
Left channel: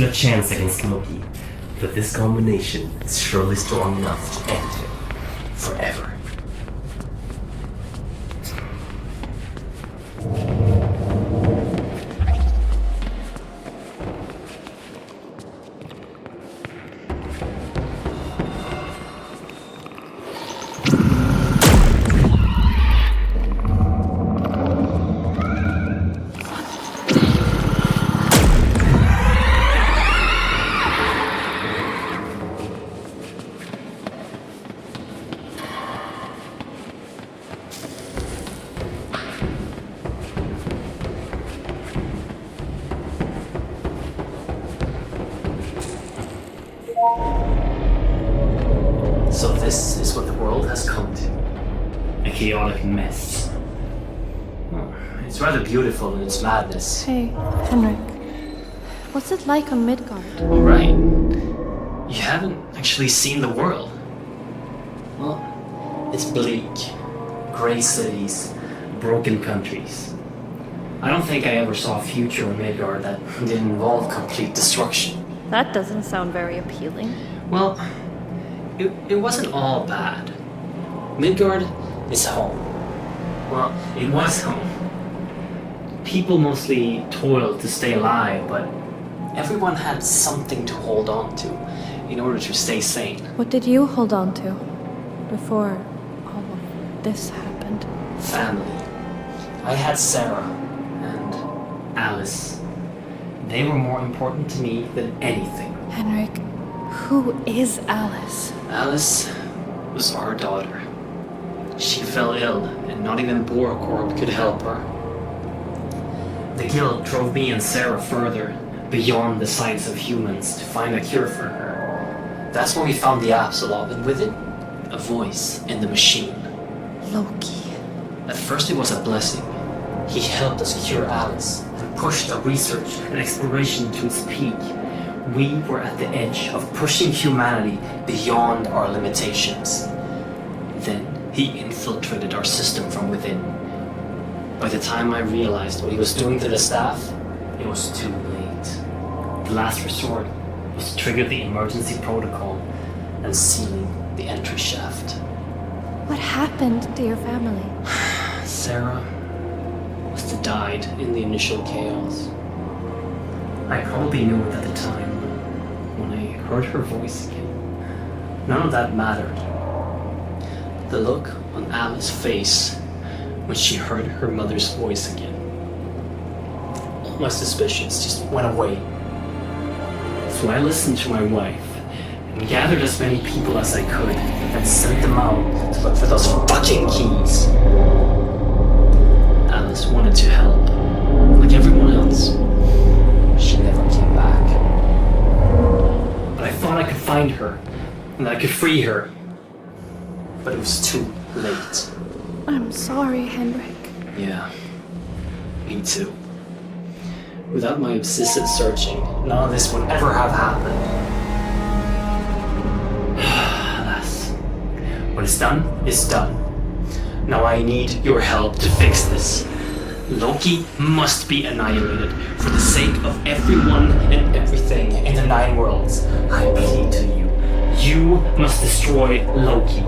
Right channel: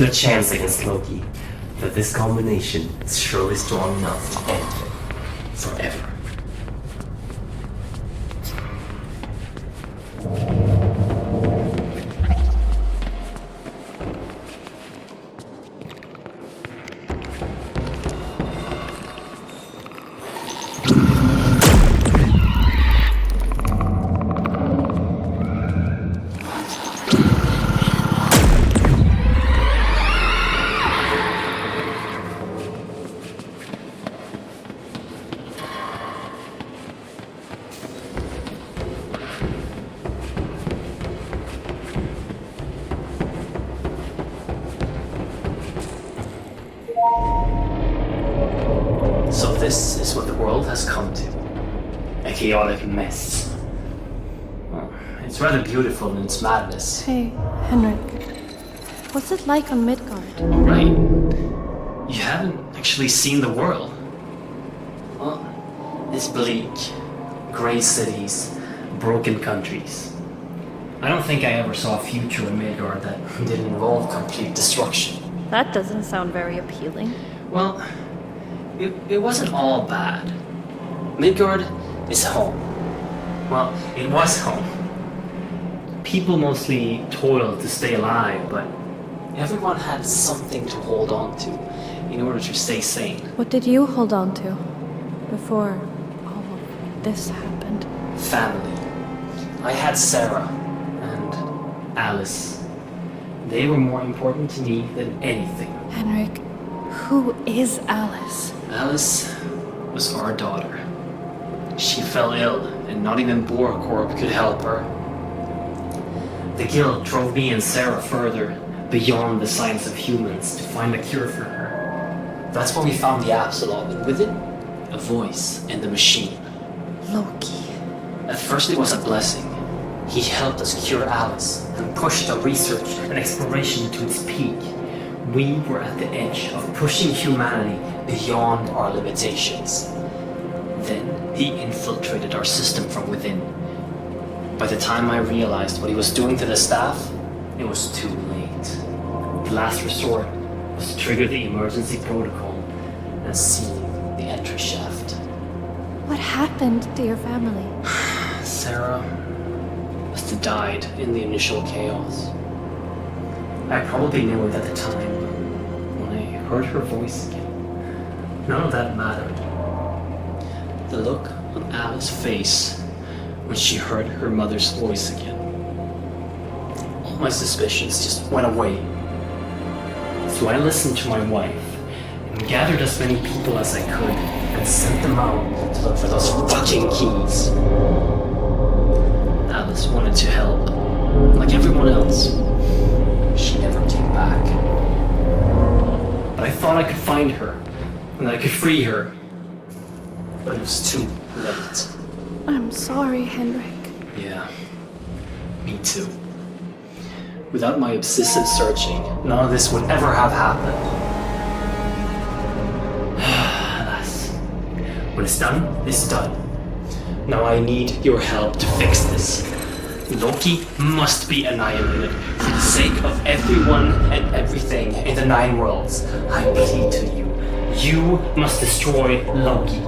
stood a chance against Loki, but this combination is surely strong enough to end him forever. So this is what the world has come to. A chaotic mess. Well, it's rather beautiful in its madness. Hey, Henrik. What's it like on Midgard? Oh, right. You haven't actually seen the world. Well, it's bleak. Grey cities, broken countries. I don't think I ever saw a future in Midgard that didn't involve complete destruction. That doesn't sound very appealing. Well, it wasn't all bad. Midgard is home. Well, it was home. People mostly toiled to stay alive, but everyone had something to hold on to in order to stay sane. What did you hold on to before all of this happened? Family. I had Sarah and Alice. They were more important to me than anything. Henrik, who is Alice? Alice was our daughter. She fell ill, and not even Borakorp could help her. The guild drove me and Sarah further, beyond the sights of humans, to find a cure for her. That's when we found the Apsulov, and with it, a voice in the machine. Loki. At first it was a blessing. He helped us cure Alice, and pushed the research and exploration to its peak. We were at the edge of pushing humanity beyond our limitations. Then he infiltrated our system from within. By the time I realized what he was doing to the staff, it was too late. The last resort was to trigger the emergency protocol and seal the entry shaft. What happened to your family? Sarah must have died in the initial chaos. I probably knew it at the time. When I heard her voice again, none of that mattered. The look on Alice's face when she heard her mother's voice again. All my suspicions just went away. So I listened to my wife and gathered as many people as I could and sent them out to look for those fucking keys. Alice wanted to help, like everyone else. She never came back. But I thought I could find her, and I could free her. But it was too late. I'm sorry, Henrik. Yeah, me too. Without my obsessive searching, none of this would ever have happened. Alas, when it's done, it's done. Now I need your help to fix this. Loki must be annihilated for the sake of everyone and everything in the 9 worlds. I plead to you. You must destroy Loki.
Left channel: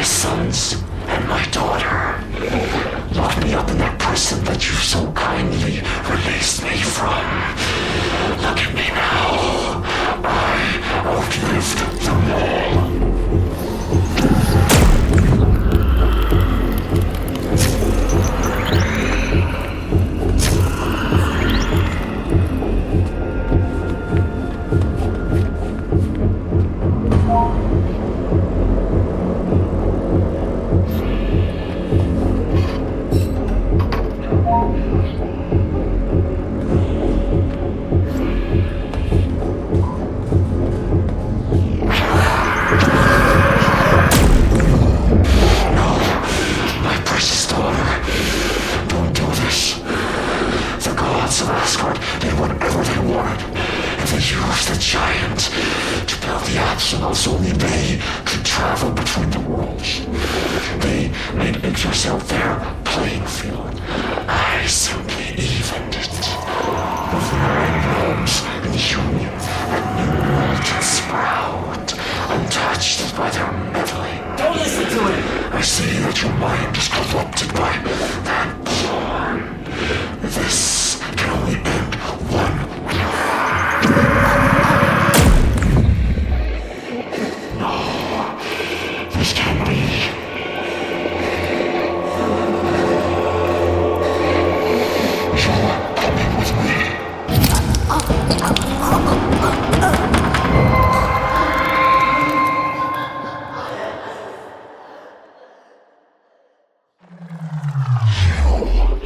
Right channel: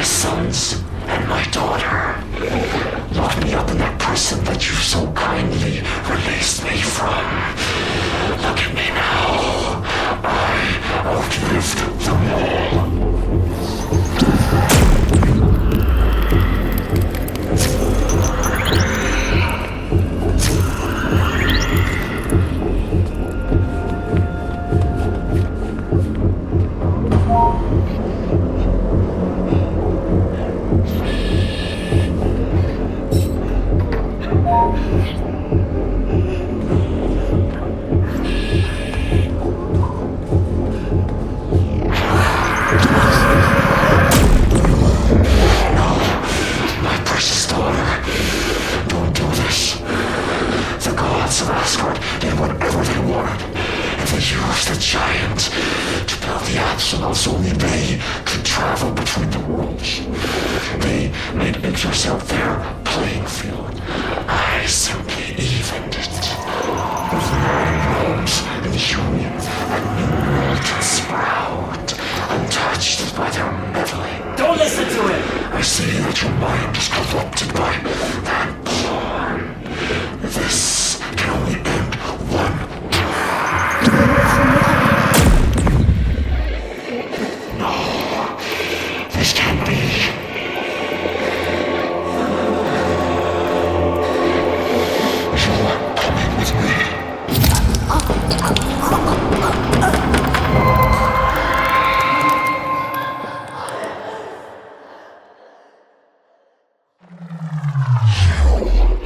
my sons and my daughter. Lock me up in that prison that you so kindly released me from. Look at me now. I outlived them all. Apsulovs, only they could travel between the worlds. They made Yggdrasil their playing field. I simply evened it. With 9 realms in union, a new world can sprout, untouched by their meddling. Don't listen to him! I see that your mind is corrupted by that porn. This can only end one This can't be. You're coming with me.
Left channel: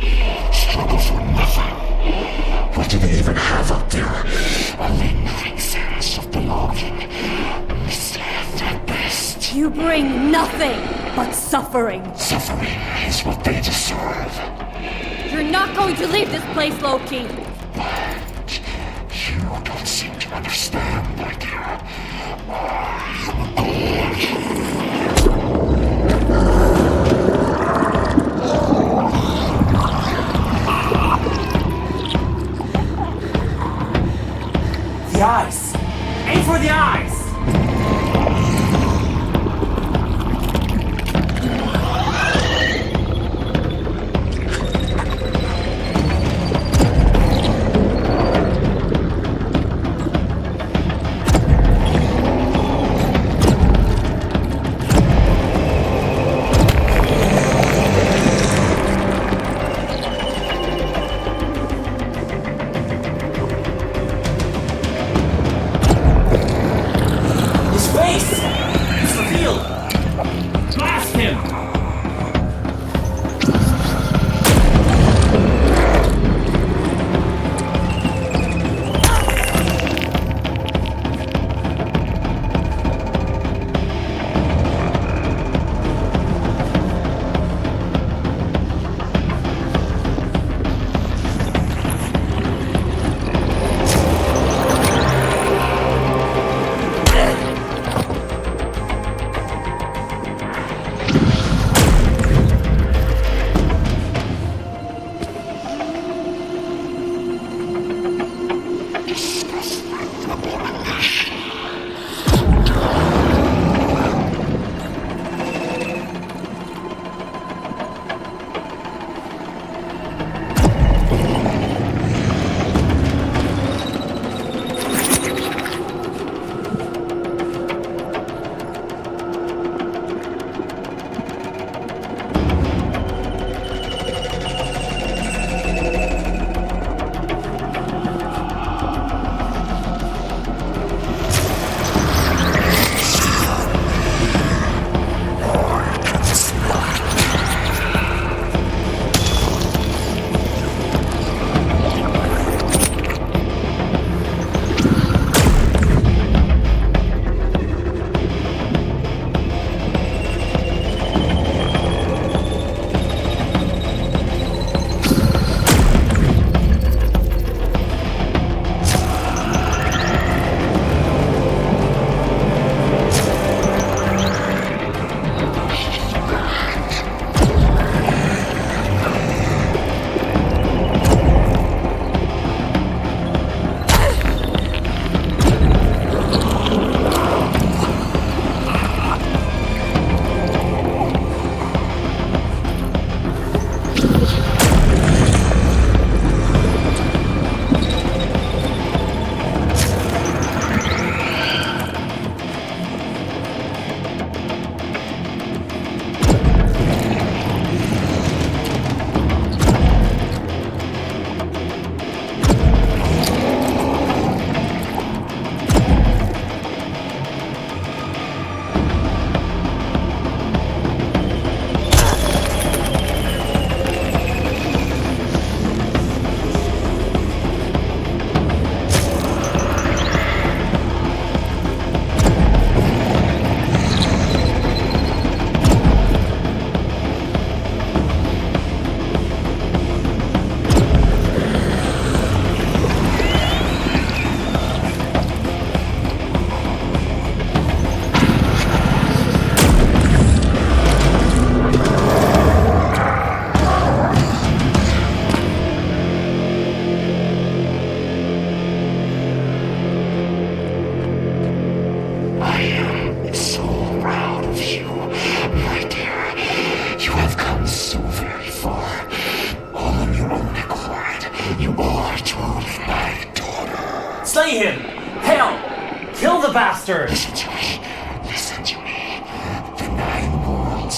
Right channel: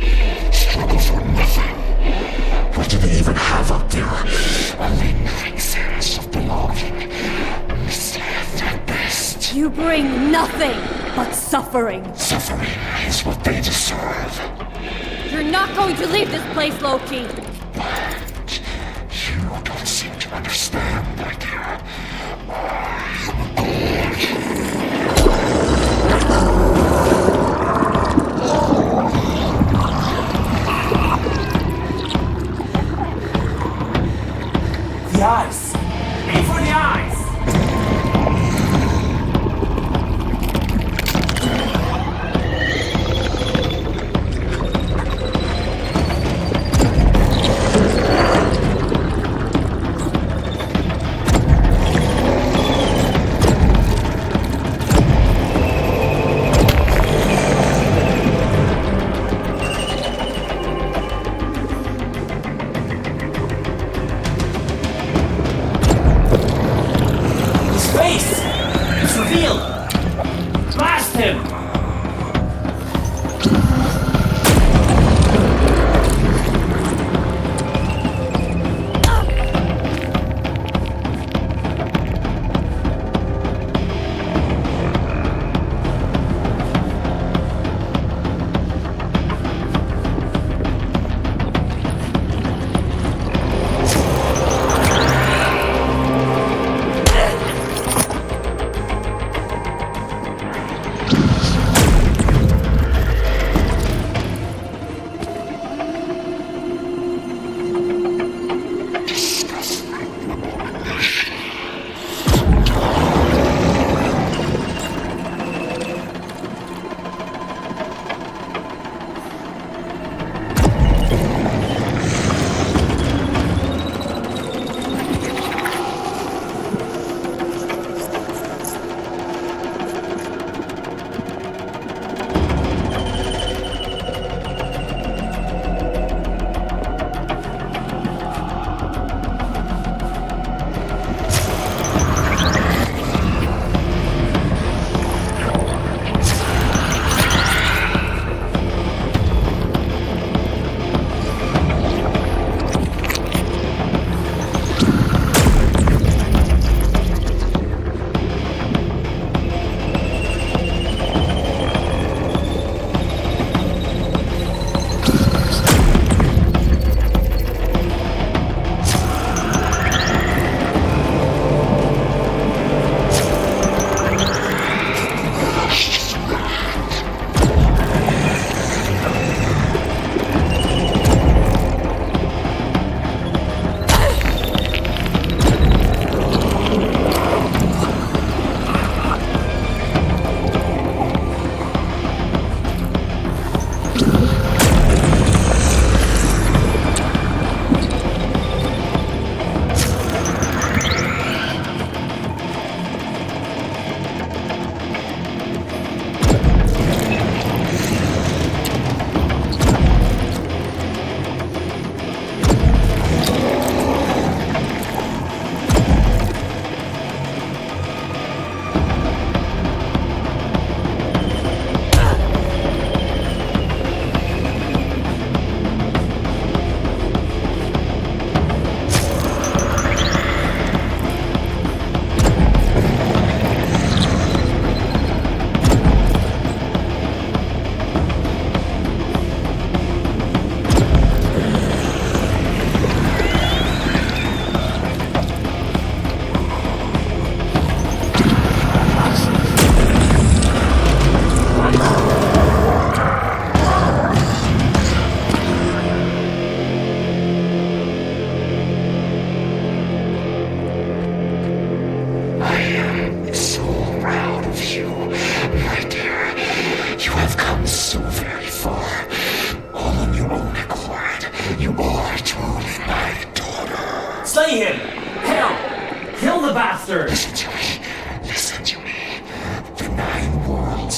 You struggle for nothing. What do they even have up there? A lingering sense of belonging. Misled at best. You bring nothing but suffering. Suffering is what they deserve. You're not going to leave this place, Loki. But you don't seem to understand, my dear. I'm The eyes! Aim for the eyes!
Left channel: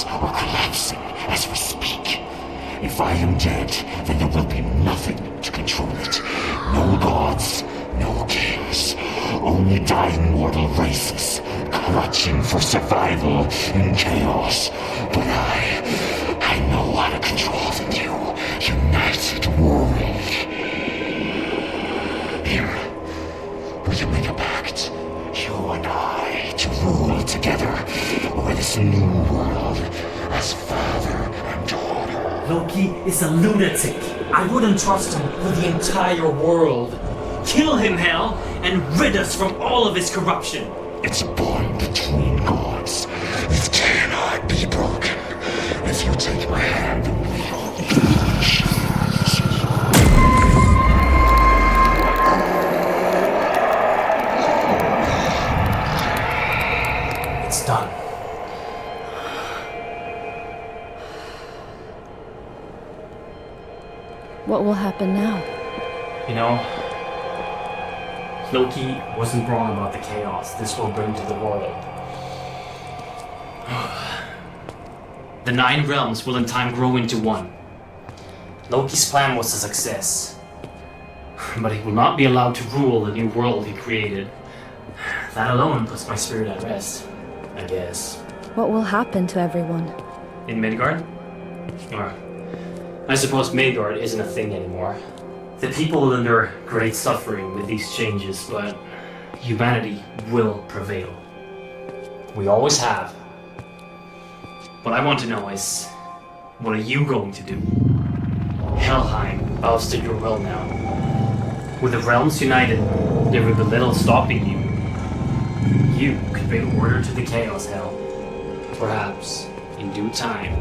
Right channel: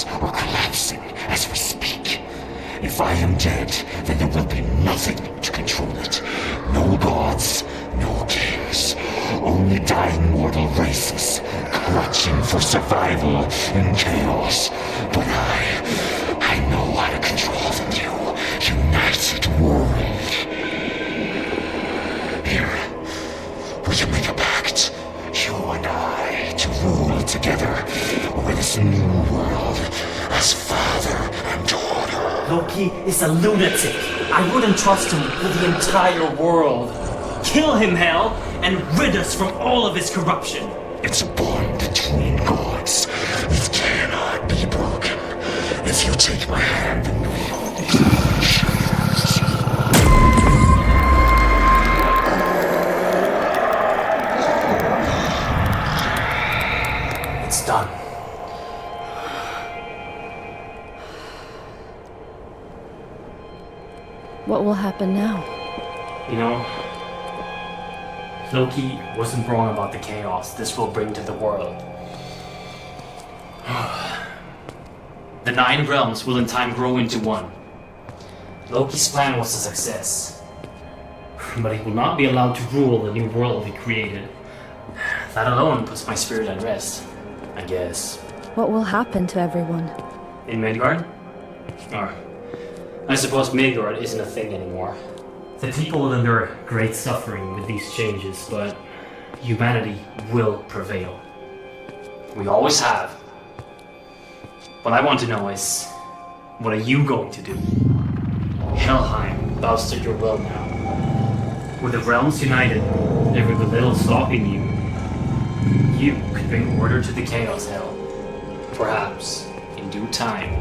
worlds are collapsing as we speak. If I am dead, then there will be nothing to control it. No gods, no kings. Only dying mortal races, clutching for survival in chaos. But I know how to control the new, united world. Here, we can make a pact. You and I to rule together over this new world as father and daughter. Loki is a lunatic. I wouldn't trust him with the entire world. Kill him, Hel, and rid us from all of his corruption. It's a bond between gods. It cannot be broken. If you take my hand and we will be shares. It's done. What will happen now? You know, Loki wasn't wrong about the chaos this will bring to the world. The 9 realms will in time grow into one. Loki's plan was a success. But he will not be allowed to rule the new world he created. That alone puts my spirit at rest, I guess. What will happen to everyone? In Midgard? Or, I suppose Midgard isn't a thing anymore. The people will endure great suffering with these changes, but humanity will prevail. We always have. What I want to know is, what are you going to do? Helheim bows to your will now. With the realms united, there will be little stopping you. You could bring order to the chaos now. Perhaps, in due time,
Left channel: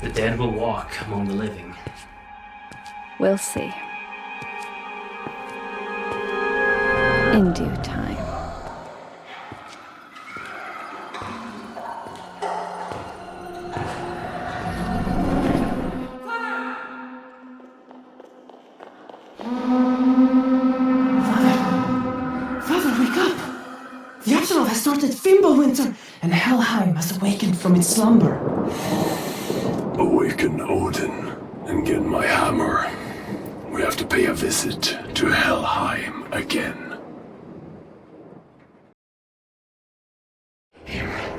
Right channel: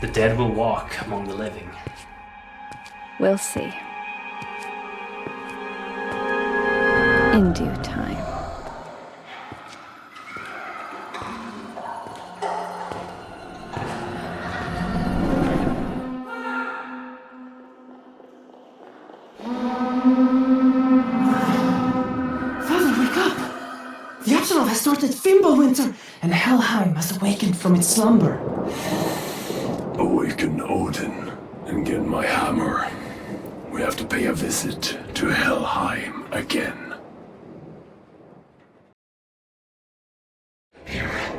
the dead will walk among the living. We'll see. In due time. Father, wake up! The Apsulov has started Fimbulwinter, and Helheim has awakened from its slumber. Awaken Odin and get my hammer. We have to pay a visit to Helheim again. Here,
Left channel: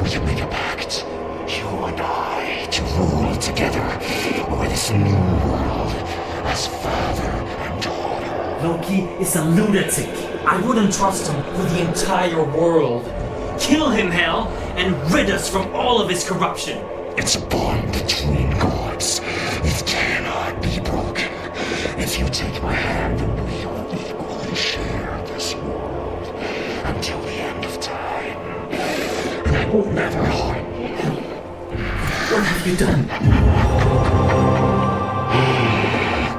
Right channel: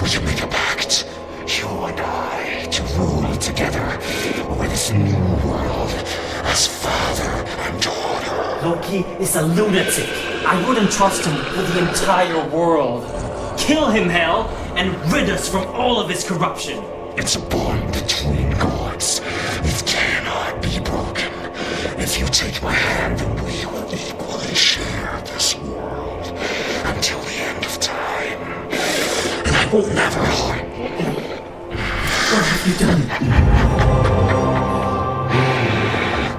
we can make a pact. You and I to rule together over this new world as father and daughter. Loki is a lunatic. I wouldn't trust him with the entire world. Kill him, Hel, and rid us from all of his corruption. It's a bond between gods. It cannot be broken. If you take my hand, then we will equally share this world until the end of time. And I will never harm you. What have you done?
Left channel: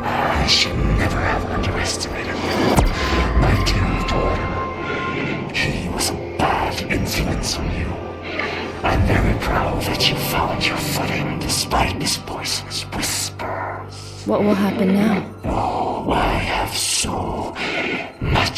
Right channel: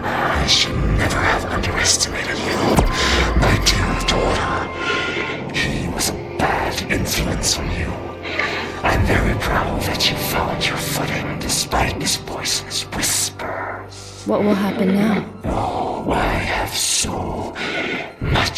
I should never have underestimated my dear daughter. He was a bad influence on you. I'm very proud that you found your footing despite his poisonous whispers. What will happen now? Oh, I have so much